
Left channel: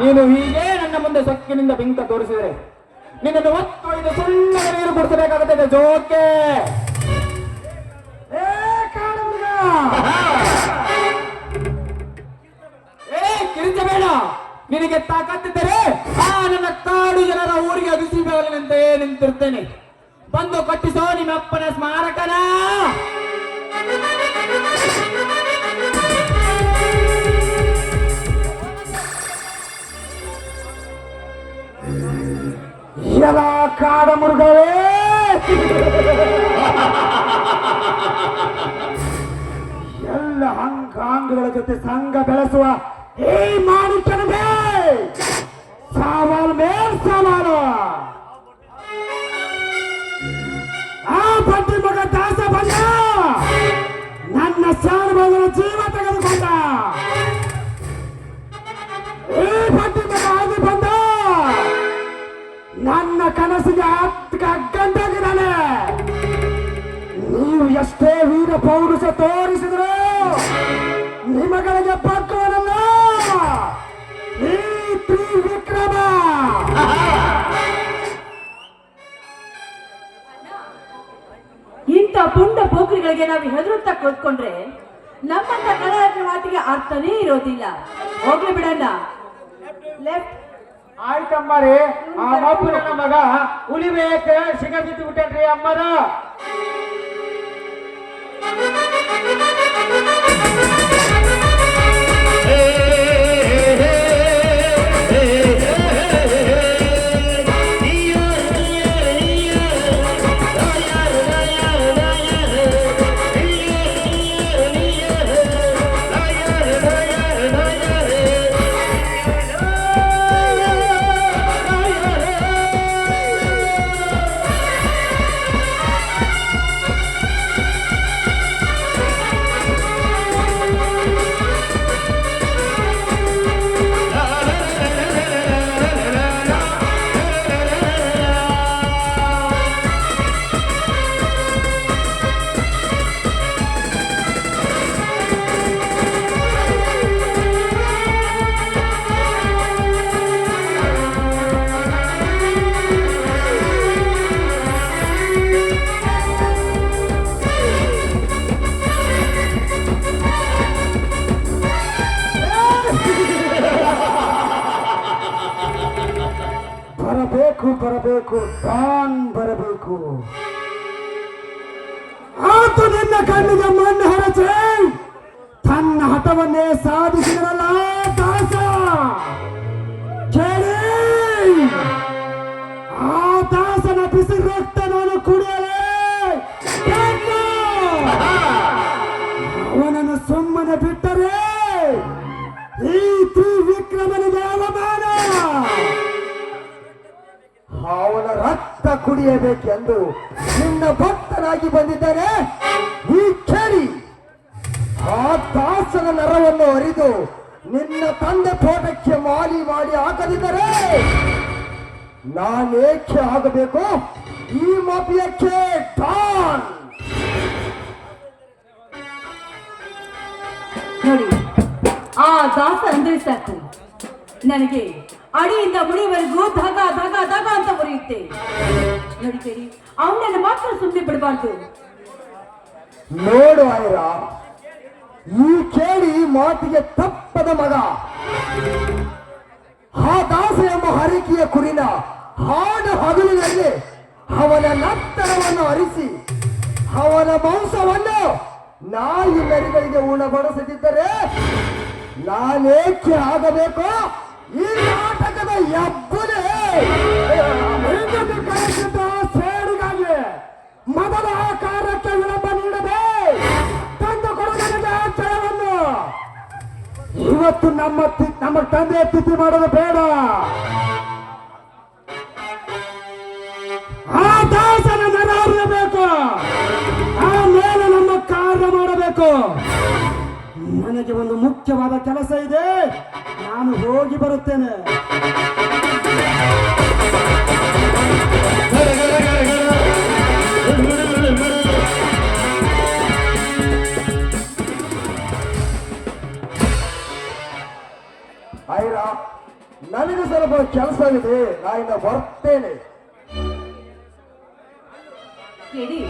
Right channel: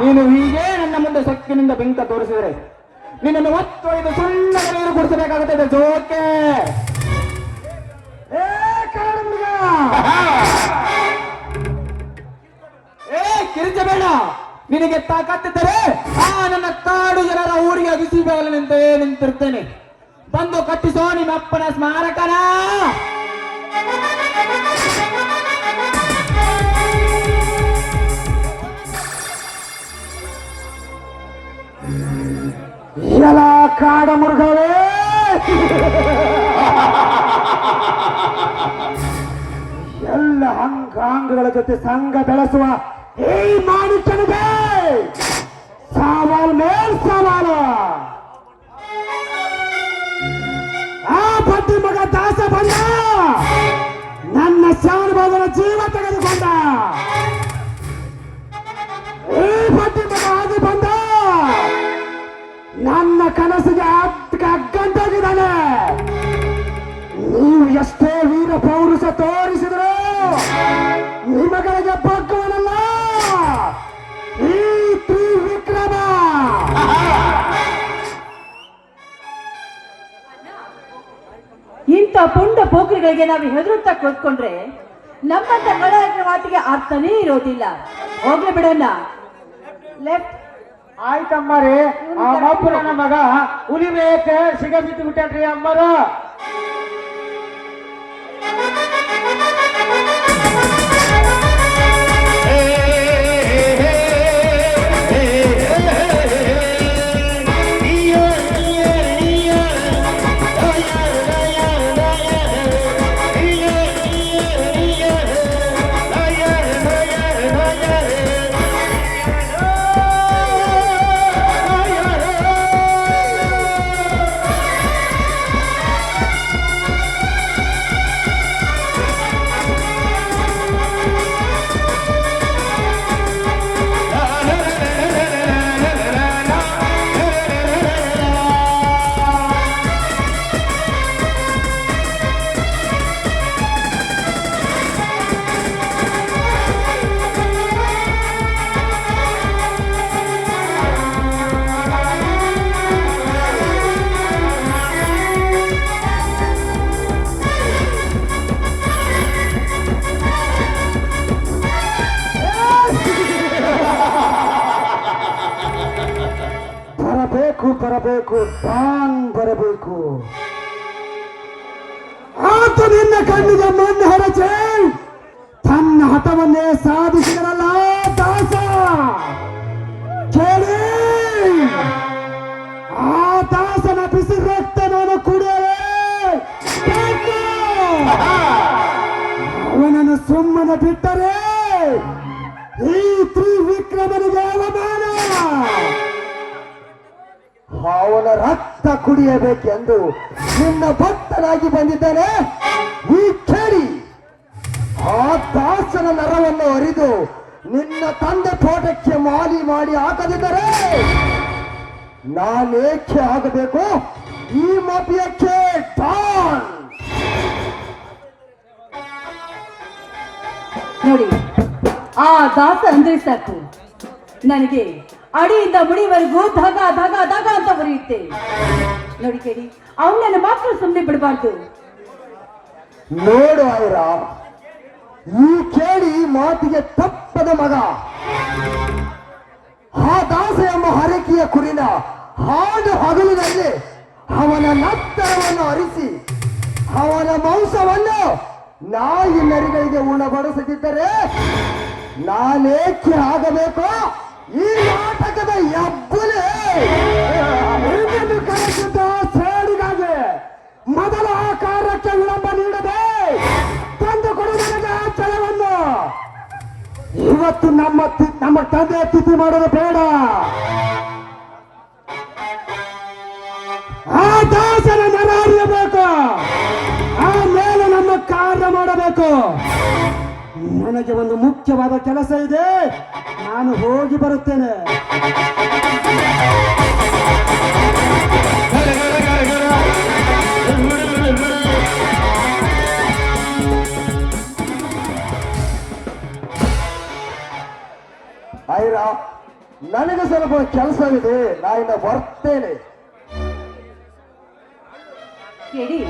ನೀನು ಹೀಗೆ ನನ್ನ ಮುಂದೆ ಸೊಕ್ಕಿನಿಂದ ಬಿಂಕ ತೋರಿಸಿದರೆ ನಿನ್ನನ್ನು ಒತ್ತೊಯ್ದು ಸುಳ್ಳ ನೀರು ಕುಡಿಸಬೇಕಾಗುತ್ತದೆ. ಜೋಕೆ ಕಿರಿಚಬೇಡ. ನಿನಗೆ ತಾಕತ್ತಿದ್ದರೆ ನನ್ನ ಕಾಡು ಜನರ ಊರಿಗೆ ಬಿಸಿ ಬೇವಲಂತೆ ನಿಂತಿರ್ತೇನೆ. ಬಂದು ಕಟ್ಟಿಸೋ ನಿಮ್ಮ ಅಪ್ಪನ ಸ್ಮಾರಕನ. ಎಲ್ಲ ಕಾಡ ಮೃಗವೇ, ಎಲ್ಲ ಅಂಗಾಂಗಗಳ ಜೊತೆ ಸಂಘ ಬೆಳೆಸುವ ಈ ಮಾನುಷನಿಗೆ ಸವಾಲ್ ಮೇಲ್ ಸವಾಲು. ಆ ಪ್ರತಿ ಮಗ ದಾಸ ಬಂದ ನನ್ನ ಶಾನುಭಾವನ ಜೀವ ತೆಗೆದುಕೊಂಡ. ಈ ಪ್ರತಿ ಮಗ ಆಗಿ ಬಂದ ನನ್ನ ಕನಸಿಗೆ ಅಗ್ಗಂಟಾಗಿದ್ದಾನೆ. ನೀವು ಎಷ್ಟೇ ವೀರ ಪೌರುಷ ತೋರಿಸಿದ್ರು ನಿಮಗಳಿಗೆ ಬಗ್ಗುವನಲ್ಲ ಈ ತ್ರಿವಿಕ್ರಮ. ಇಂಥ ಪುಂಡ ಪೋಖ್ರಿಗಳಿಗೆ ನಾವು ಹೆದರುತ್ತಾ ಕೂತ್ಕೊಂಡ್ರೆ ನಮ್ಮಂತ ಕಲಾವಿದರ ಮಾತಿಗೆ ಅರ್ಥನೇ ಇರೋದಿಲ್ಲ. ಹೋಗ್ಲಿ ಬಿಡೋಣ. ಲೆಫ್ಟ್. ಆಯ್ತಮ್ಮರೇ, ಆ ಮಬ್ಬು ನನ್ನ ಮಗ ಉಳಿಬೇಕ ಸಿಗಬಿದ್ದು ಬಿಟ್ಟನ್ರಿ ಅಮ್ಮರ. ಬರಬೇಕು ಬರಬೇಕು. ಆತ ನಿನ್ನ ಕಣ್ಣಿಗೆ ಮಣ್ಣು ಹೊರಚೆ ತನ್ನ ಹಠವನ್ನೇ ಸಾಧಿಸಿದರಲ್ಲ ದಾಸ. ಕೇಳಿ, ಆ ದಾಸನ ಬಿಸಿ ರಕ್ತ ನಾನು ಕುಡಿಯಲೇ ಅವನನ್ನು ಸುಮ್ಮನೆ ಬಿಟ್ಟರೆ ಈ ತ್ರಿವಿಕ್ರಮನಿಗೆ ಅವಮಾನ. ಅವನ ರಕ್ತ ಕುಡಿಯಬೇಕೆಂದು ನಿನ್ನ ಭಕ್ತನಾಗಿ ಬಂದಿದ್ದೇನೆ. ಈ ಕೇಳಿ, ಆ ದಾಸನ ನರವನ್ನು ಅರಿದು ನಿನ್ನ ತಂದೆ ತೋಟಕ್ಕೆ ಮಾಲಿ ಮಾಡಿ ಹಾಕದಿದ್ದರೆ ನಾನೇಕೆ ಆಗಬೇಕು ಈ ಮಬಿಯಕ್ಕೆ ಡಾನ್. ನೋಡಿ, ಆ ದಾಸ ಅಂದ್ರೆ ಸಾಕು ನನಗೆ ಅಡಿಯಿಂದ ಮುಡಿವರೆಗೂ ಧಗ ಧಗ ಧಗ ಅಂತ ಬರೆಯುತ್ತೆ. ನೋಡಿ ಕೇಳಿ, ಅವನನ್ನು ಮಾತ್ರ ಸುಮ್ಮನೆ ಬಿಡಬಾರ್ದು. ನೋಡು ಐರ, ಈ ಕೇಳಿ ಮಾತಿಗೆ ತಪ್ಪದ ಮಗ ಆ ದಾಸ ಎಂಬ ಹರಕೆಯ ಕುರಿನ ಹಾಡು ಹಗಲಿನಲ್ಲಿ ಅವನ ನತ್ತರವನ್ನು ಅರಿಸಿ ಅವನ ಮಾಂಸವನ್ನು ನಾಯಿ ನರಿಗಳಿಗೆ ಉಣಬಡಿಸದಿದ್ದರೆ ನಾನೇಕೆ ಆಗಬೇಕು ಈ ನಾಟಕದ ಎಬ್ಬುಲೆ. ಕಳಿಸಿದ್ದ ಸೇಡಿಗಾಗಿ ಮೊದಲ ಆಕಾರಕ್ಕೆ ವಿಳಂಬ ನೀಡದೆ ತಂದು ಕೊಡು ನನಗೆ ಆ ಜಯವನ್ನು. ಇವತ್ತು ನಮ್ಮ ತಂದೆ ತಿಥಿ ಮಾಡೋದು ಬೇಡ. ಆ ದಾಸನ ನರ ನಿಂತ್ಕೋ. ನನಗೆ ಒಂದು ಮುಖ್ಯವಾದ ಕೆಲಸ ಇದೆ, ನಾನು ಹೋಗಿ ಬರುತ್ತೇನೆ. ಐರಾ, ನನಗೆ ಸ್ವಲ್ಪ ಕೆಲಸವಿದೆ, ನಾನು ಬರ್ತೇನೆ. ಕೇಳಿ,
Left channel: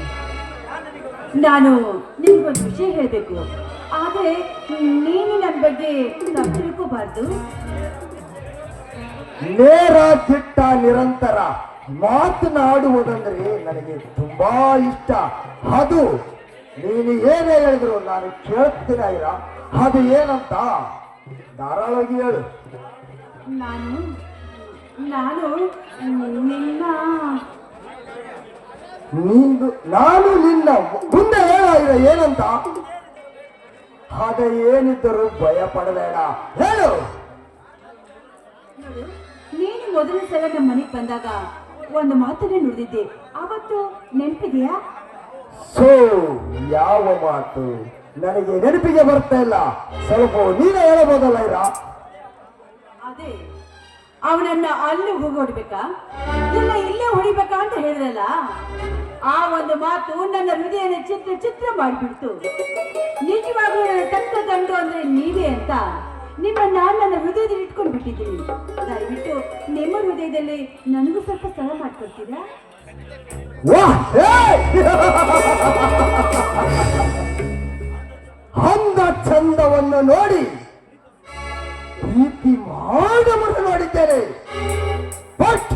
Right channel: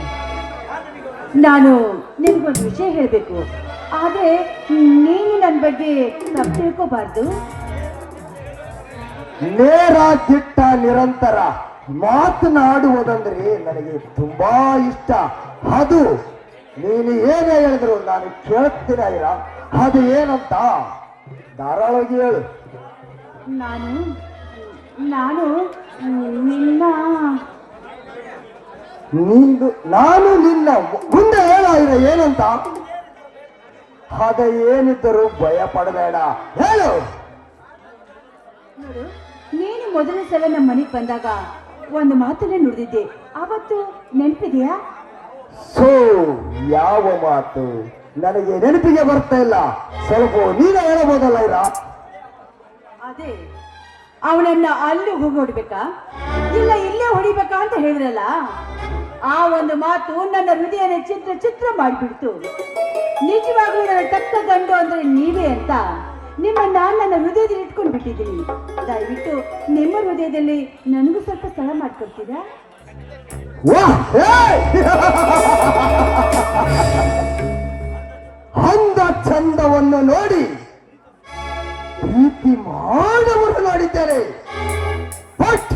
ನಾನು ನಿಮ್ಗೊಂದು ವಿಷಯ ಹೇಳಬೇಕು. ಆದ್ರೆ ನೀನು ನನ್ನ ಬಗ್ಗೆ ತಪ್ಪು ತಿಳ್ಕೋಬಾರ್ದು. ನೇರ ದಿಟ್ಟ ನಿರಂತರ ಮಾತನಾಡುವುದಂದ್ರೆ ನನಗೆ ತುಂಬಾ ಇಷ್ಟ. ಅದು ನೀನು ಏನೇ ಹೇಳಿದ್ರು ನಾನು ಕೇಳ್ತೀನಿ ಐರಾ. ಅದು ಏನಂತ ಧಾರಾಳವಾಗಿ ಹೇಳು. ನಾನು ನಿನ್ನ ನಾನು ನಿನ್ನ ಮುಂದೆ ಹೇಳ ಐರಾ ಏನಂತ. ಅದ ಏನಿದ್ದರೂ ಭಯ ಪಡಬೇಡ, ಹೇಳು. ನೋಡು, ನೀನು ಮೊದಲ ಸಲ ನಮ್ಮ ಮನೆಗೆ ಬಂದಾಗ ಒಂದು ಮಾತನ್ನೇ ನುಡಿದಿದ್ದೆ, ಅವತ್ತು ನೆನಪಿದೆಯಾ? ಸೋ ಯಾವ ಮಾತು ನನಗೆ ನೆನಪಿಗೆ ಬರ್ತಾ ಇಲ್ಲ. ಸ್ವಲ್ಪ ನೀನು ಹೇಳಬಹುದಲ್ಲ ಐರಾ? ಅದೇ, ಅವನನ್ನ ಅಲ್ಲಿ ಹೋಗಿ ಹೊಡಿಬೇಕಾ ಇಲ್ಲ ಇಲ್ಲೇ ಹೊಡಿಬೇಕಾ ಅಂತ ಹೇಳಿದ್ರಲ್ಲ, ಆ ಒಂದು ಮಾತು ನನ್ನ ಹೃದಯನ ಚಿತ್ರ ಚಿತ್ರ ಮಾಡಿಬಿಡ್ತು. ನಿಜವಾಗ್ಲೂ ನನ್ನ ತಕ್ಕ ಗಂಡು ಅಂದ್ರೆ ನೀವೇ ಅಂತ ನಿಮ್ಮನ್ನ ನನ್ನ ಹೃದಯದಲ್ಲಿ ಇಟ್ಕೊಂಡು ಬಿಟ್ಟಿದ್ದೀನಿ. ದಯವಿಟ್ಟು ನಿಮ್ಮ ಹೃದಯದಲ್ಲಿ ನನಗೂ ಸ್ವಲ್ಪ ಸ್ಥಳ ಮಾಡ್ಕೊಡ್ತೀರಾ? ಅಂದ ಚಂದವನ್ನು ನೋಡಿ ಪ್ರೀತಿ ಮಾಡವನ್ನು ನೋಡಿದ್ದೇನೆ, ಬಟ್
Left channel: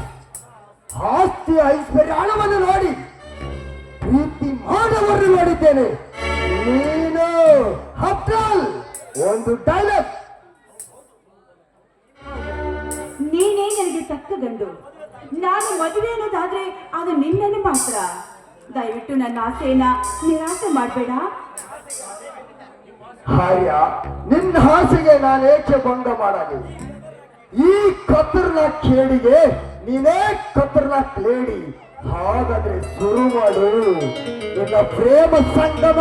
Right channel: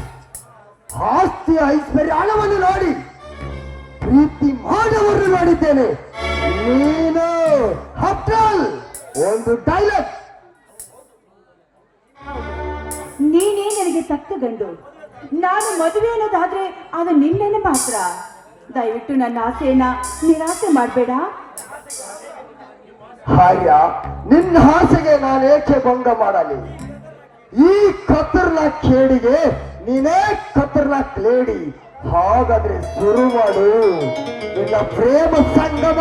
ಆಸ್ತಿ ಐಶ್ವರ್ಯ ಹಣವನ್ನು ನೋಡಿ ಪ್ರೀತಿ ಮಾಡವನ್ನು ನೋಡಿದ್ದೇನೆ. ನೀನು ಹಫ್ಟಲ್ ಒಂದು ಡೈಲಾಗ್. ನೀನೇ ನನಗೆ ತಕ್ಕ ಗಂಡು. ನಾನು ಮದುವೆ ಅನ್ನೋದಾದ್ರೆ ಅದು ನಿನ್ನೇನೆ ಮಾತ್ರ. ದಯವಿಟ್ಟು ನನ್ನ ಆಸೆಯನ್ನ ನಿರಾಸೆ ಮಾಡಬೇಡ. ಹಾರ್ಯ, ನಿನ್ನ ಆಸೆಗೆ ನಾನು ಏಕೆ ಭಂಗ ಮಾಡಲಿ? ಈ ಖತರ್ನಾಕ್ ಕೇಡಿಗೆ ನೀನೇ ಖತರ್ನಾಕ್ ಲೇಡಿ. ಹಾಗಾದ್ರೆ ಶುರು ಮಾಡು ನಿನ್ನ ಪ್ರೇಮ ಸಂಗಮ.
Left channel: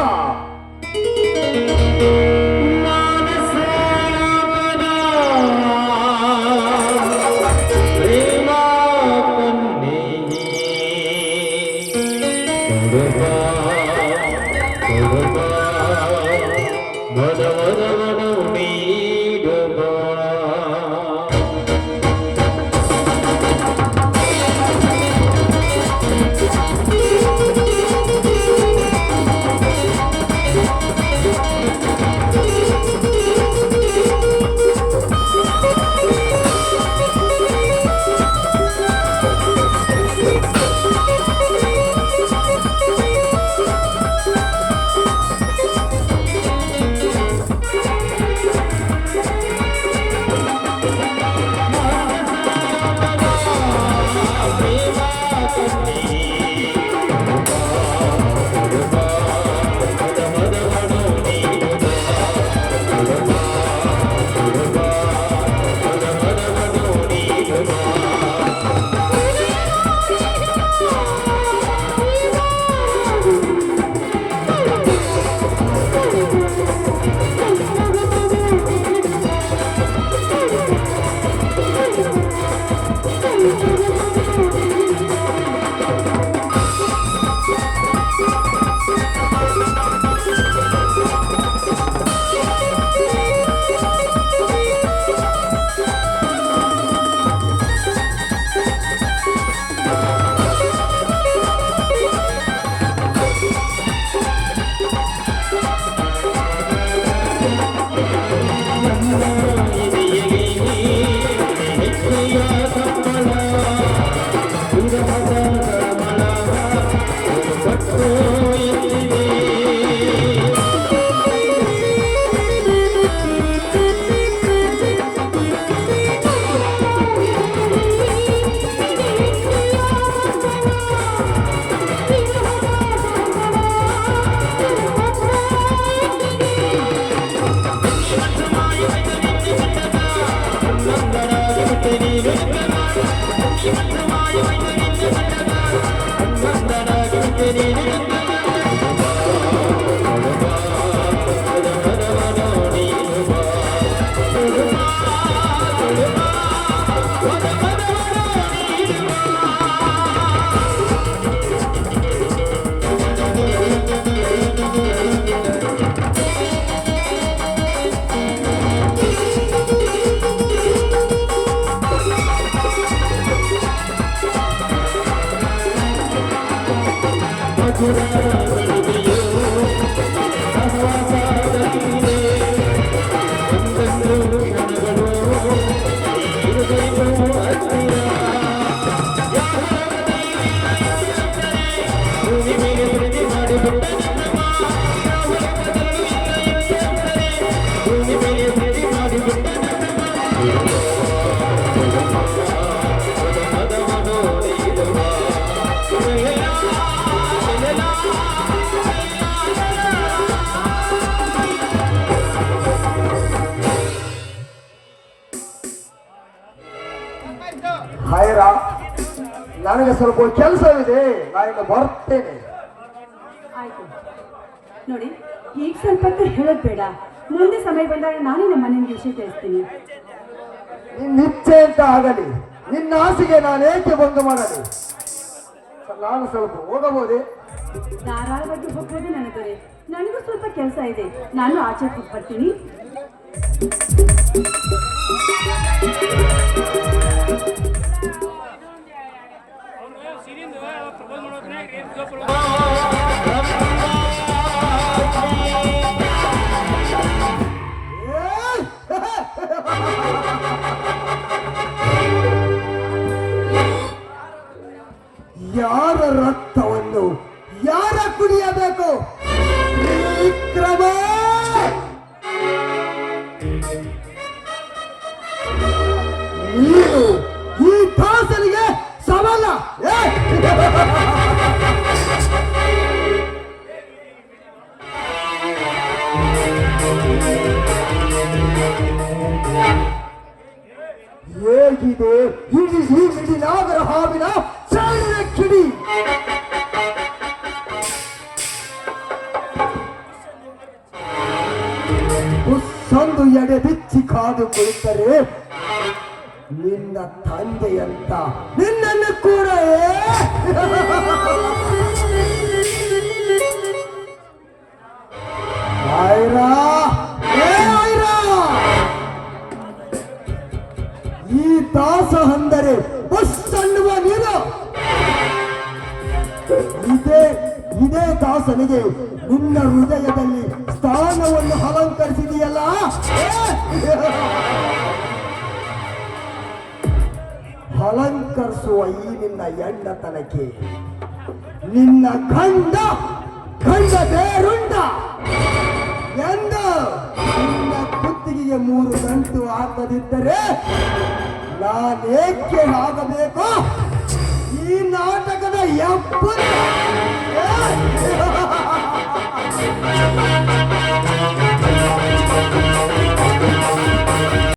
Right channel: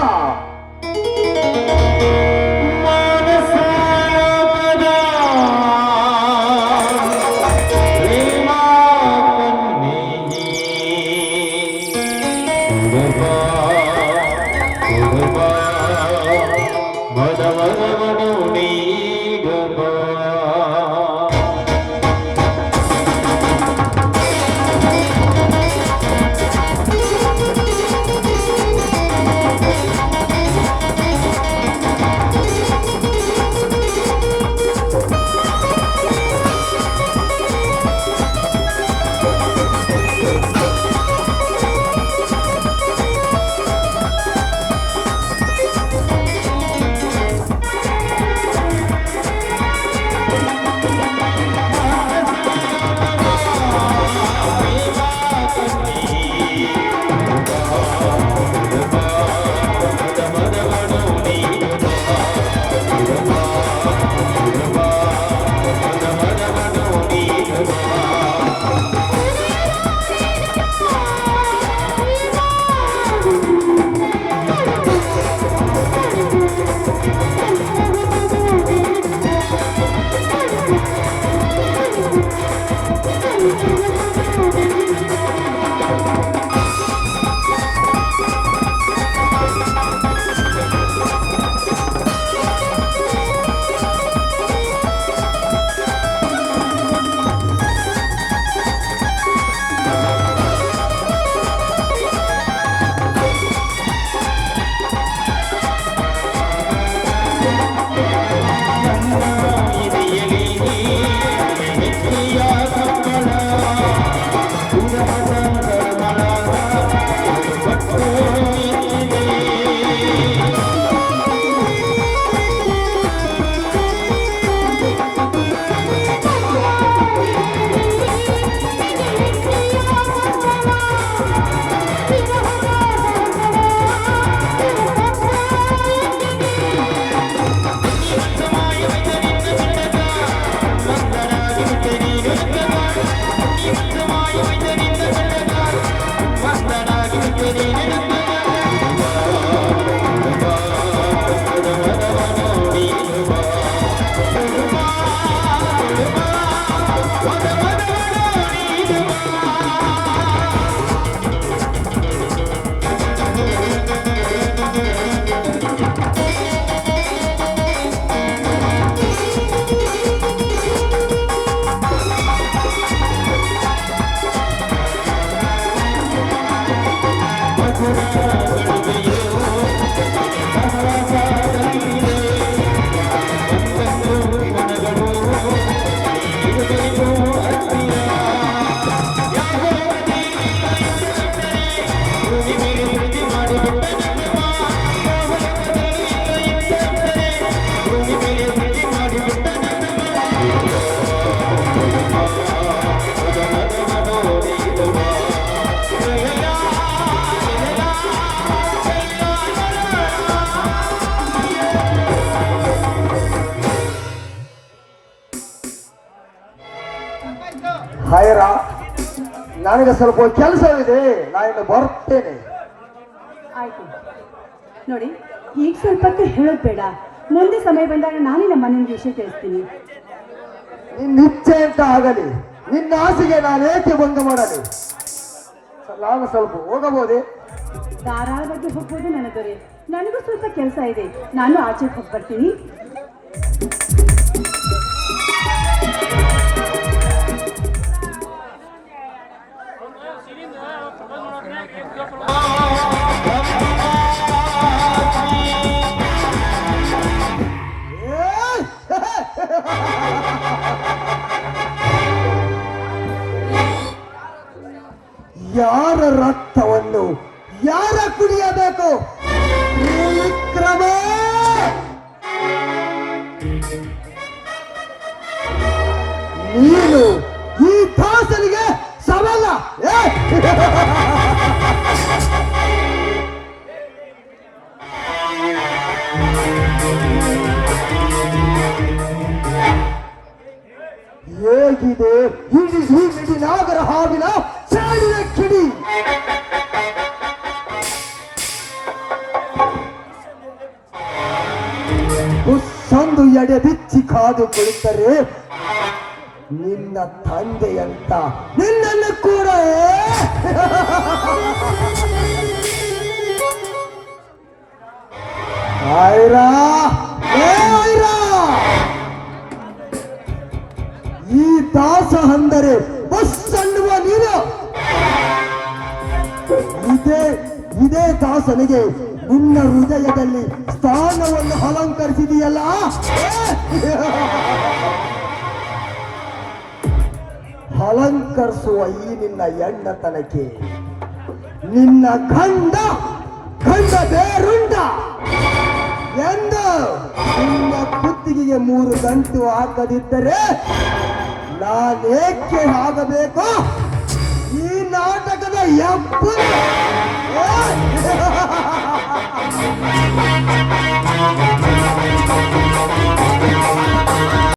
ಹಾಯರ, ನನಗೆ ಸ್ವಲ್ಪ ಕೆಲಸವಿದೆ, ನಾನು ಬರ್ತೇನೆ. ಆಯ್ತು ನೋಡಿ, ಈಗ ಸ್ವಲ್ಪಕ್ಕೆ ಹೇಳೋದು ಬೇಡ. ಮುಂದೆ ಸಮಯ ಬಂದಾಗ ನಾನೇ ನಮ್ಮ ಮನೆಯ ವಿಷಯ ತಿಳಿಸ್ತೀನಿ. ನಿನ್ನ ಇಚ್ಛೆ ಅಂತ ಆಗಲಿ, ನಿನ್ನ ಆಸೆಗೆ ನಾನು ಏಕೆ ಭಂಗ ಮಾಡಲಿ? ನಾನು ಸ್ವಲ್ಪ ಹೋಗಬಹುದೇ? ಧಾರಾಳವಾಗಿ ಹೋಗ್ಬೋದು ನನ್ನ ದೊರೆ. ನನಗೂ ಸ್ವಲ್ಪ ಕೆಲಸ ಇದೆ, ನಾನು ಆಚೆ ಹೋಗಿ ಬರ್ತೀನಿ. ಯಾರ ರಕ್ತವನ್ನು ಯಾರ ಕುಡಿಯಬೇಕು? ವಿಕ್ರಮ! ನೀನು ಈ ದಾಸನಿಗೆ ಸವಾಲ? ಹೇಗಿದೆ ಈ ಮಿಡಿನಾಗರ ಹಾವಿನ ಚಾಳಿನ ಕಿಡಿ? ಸಂದು ಎಡೆ ಬಿಚ್ಚಿ ಕಾದು ಕುಳಿತರೆ ನಿನ್ನ ತಂದೆಯಂತ ನಿನ್ನನ್ನು ಕೂಡ ಐರಾ, ಐರಾ! ಈ ದಾಸ ಅಂದರೆ ಬಸ್ ಅನ್ನುವ ನೀನು. ಇದೇ ದಾಸನಿಗೆ ನಿನ್ನ ಹೃದಯದಲ್ಲಿ ಸ್ಥಾನವನ್ನು ಅಲಂಕರಿಸಿದೆಯಲ್ಲ. ಅಲಂಕರಿಸುವ ಈ ನಿನ್ನ ಹೆಣ್ಣತನಕ್ಕೆ ನಿನ್ನ ಗಂಡ ಬೇರುಂಡ ಎಂದು ನಿನ್ನ ಕುತ್ತಿಗೆಗೆ 3 ಗಂಟು ಹಾಕದಿದ್ದರೆ ನಾನೇಕೆ ಆಗಬೇಕು ಈ ನಾಟಕದ ಎಪ್ಪು?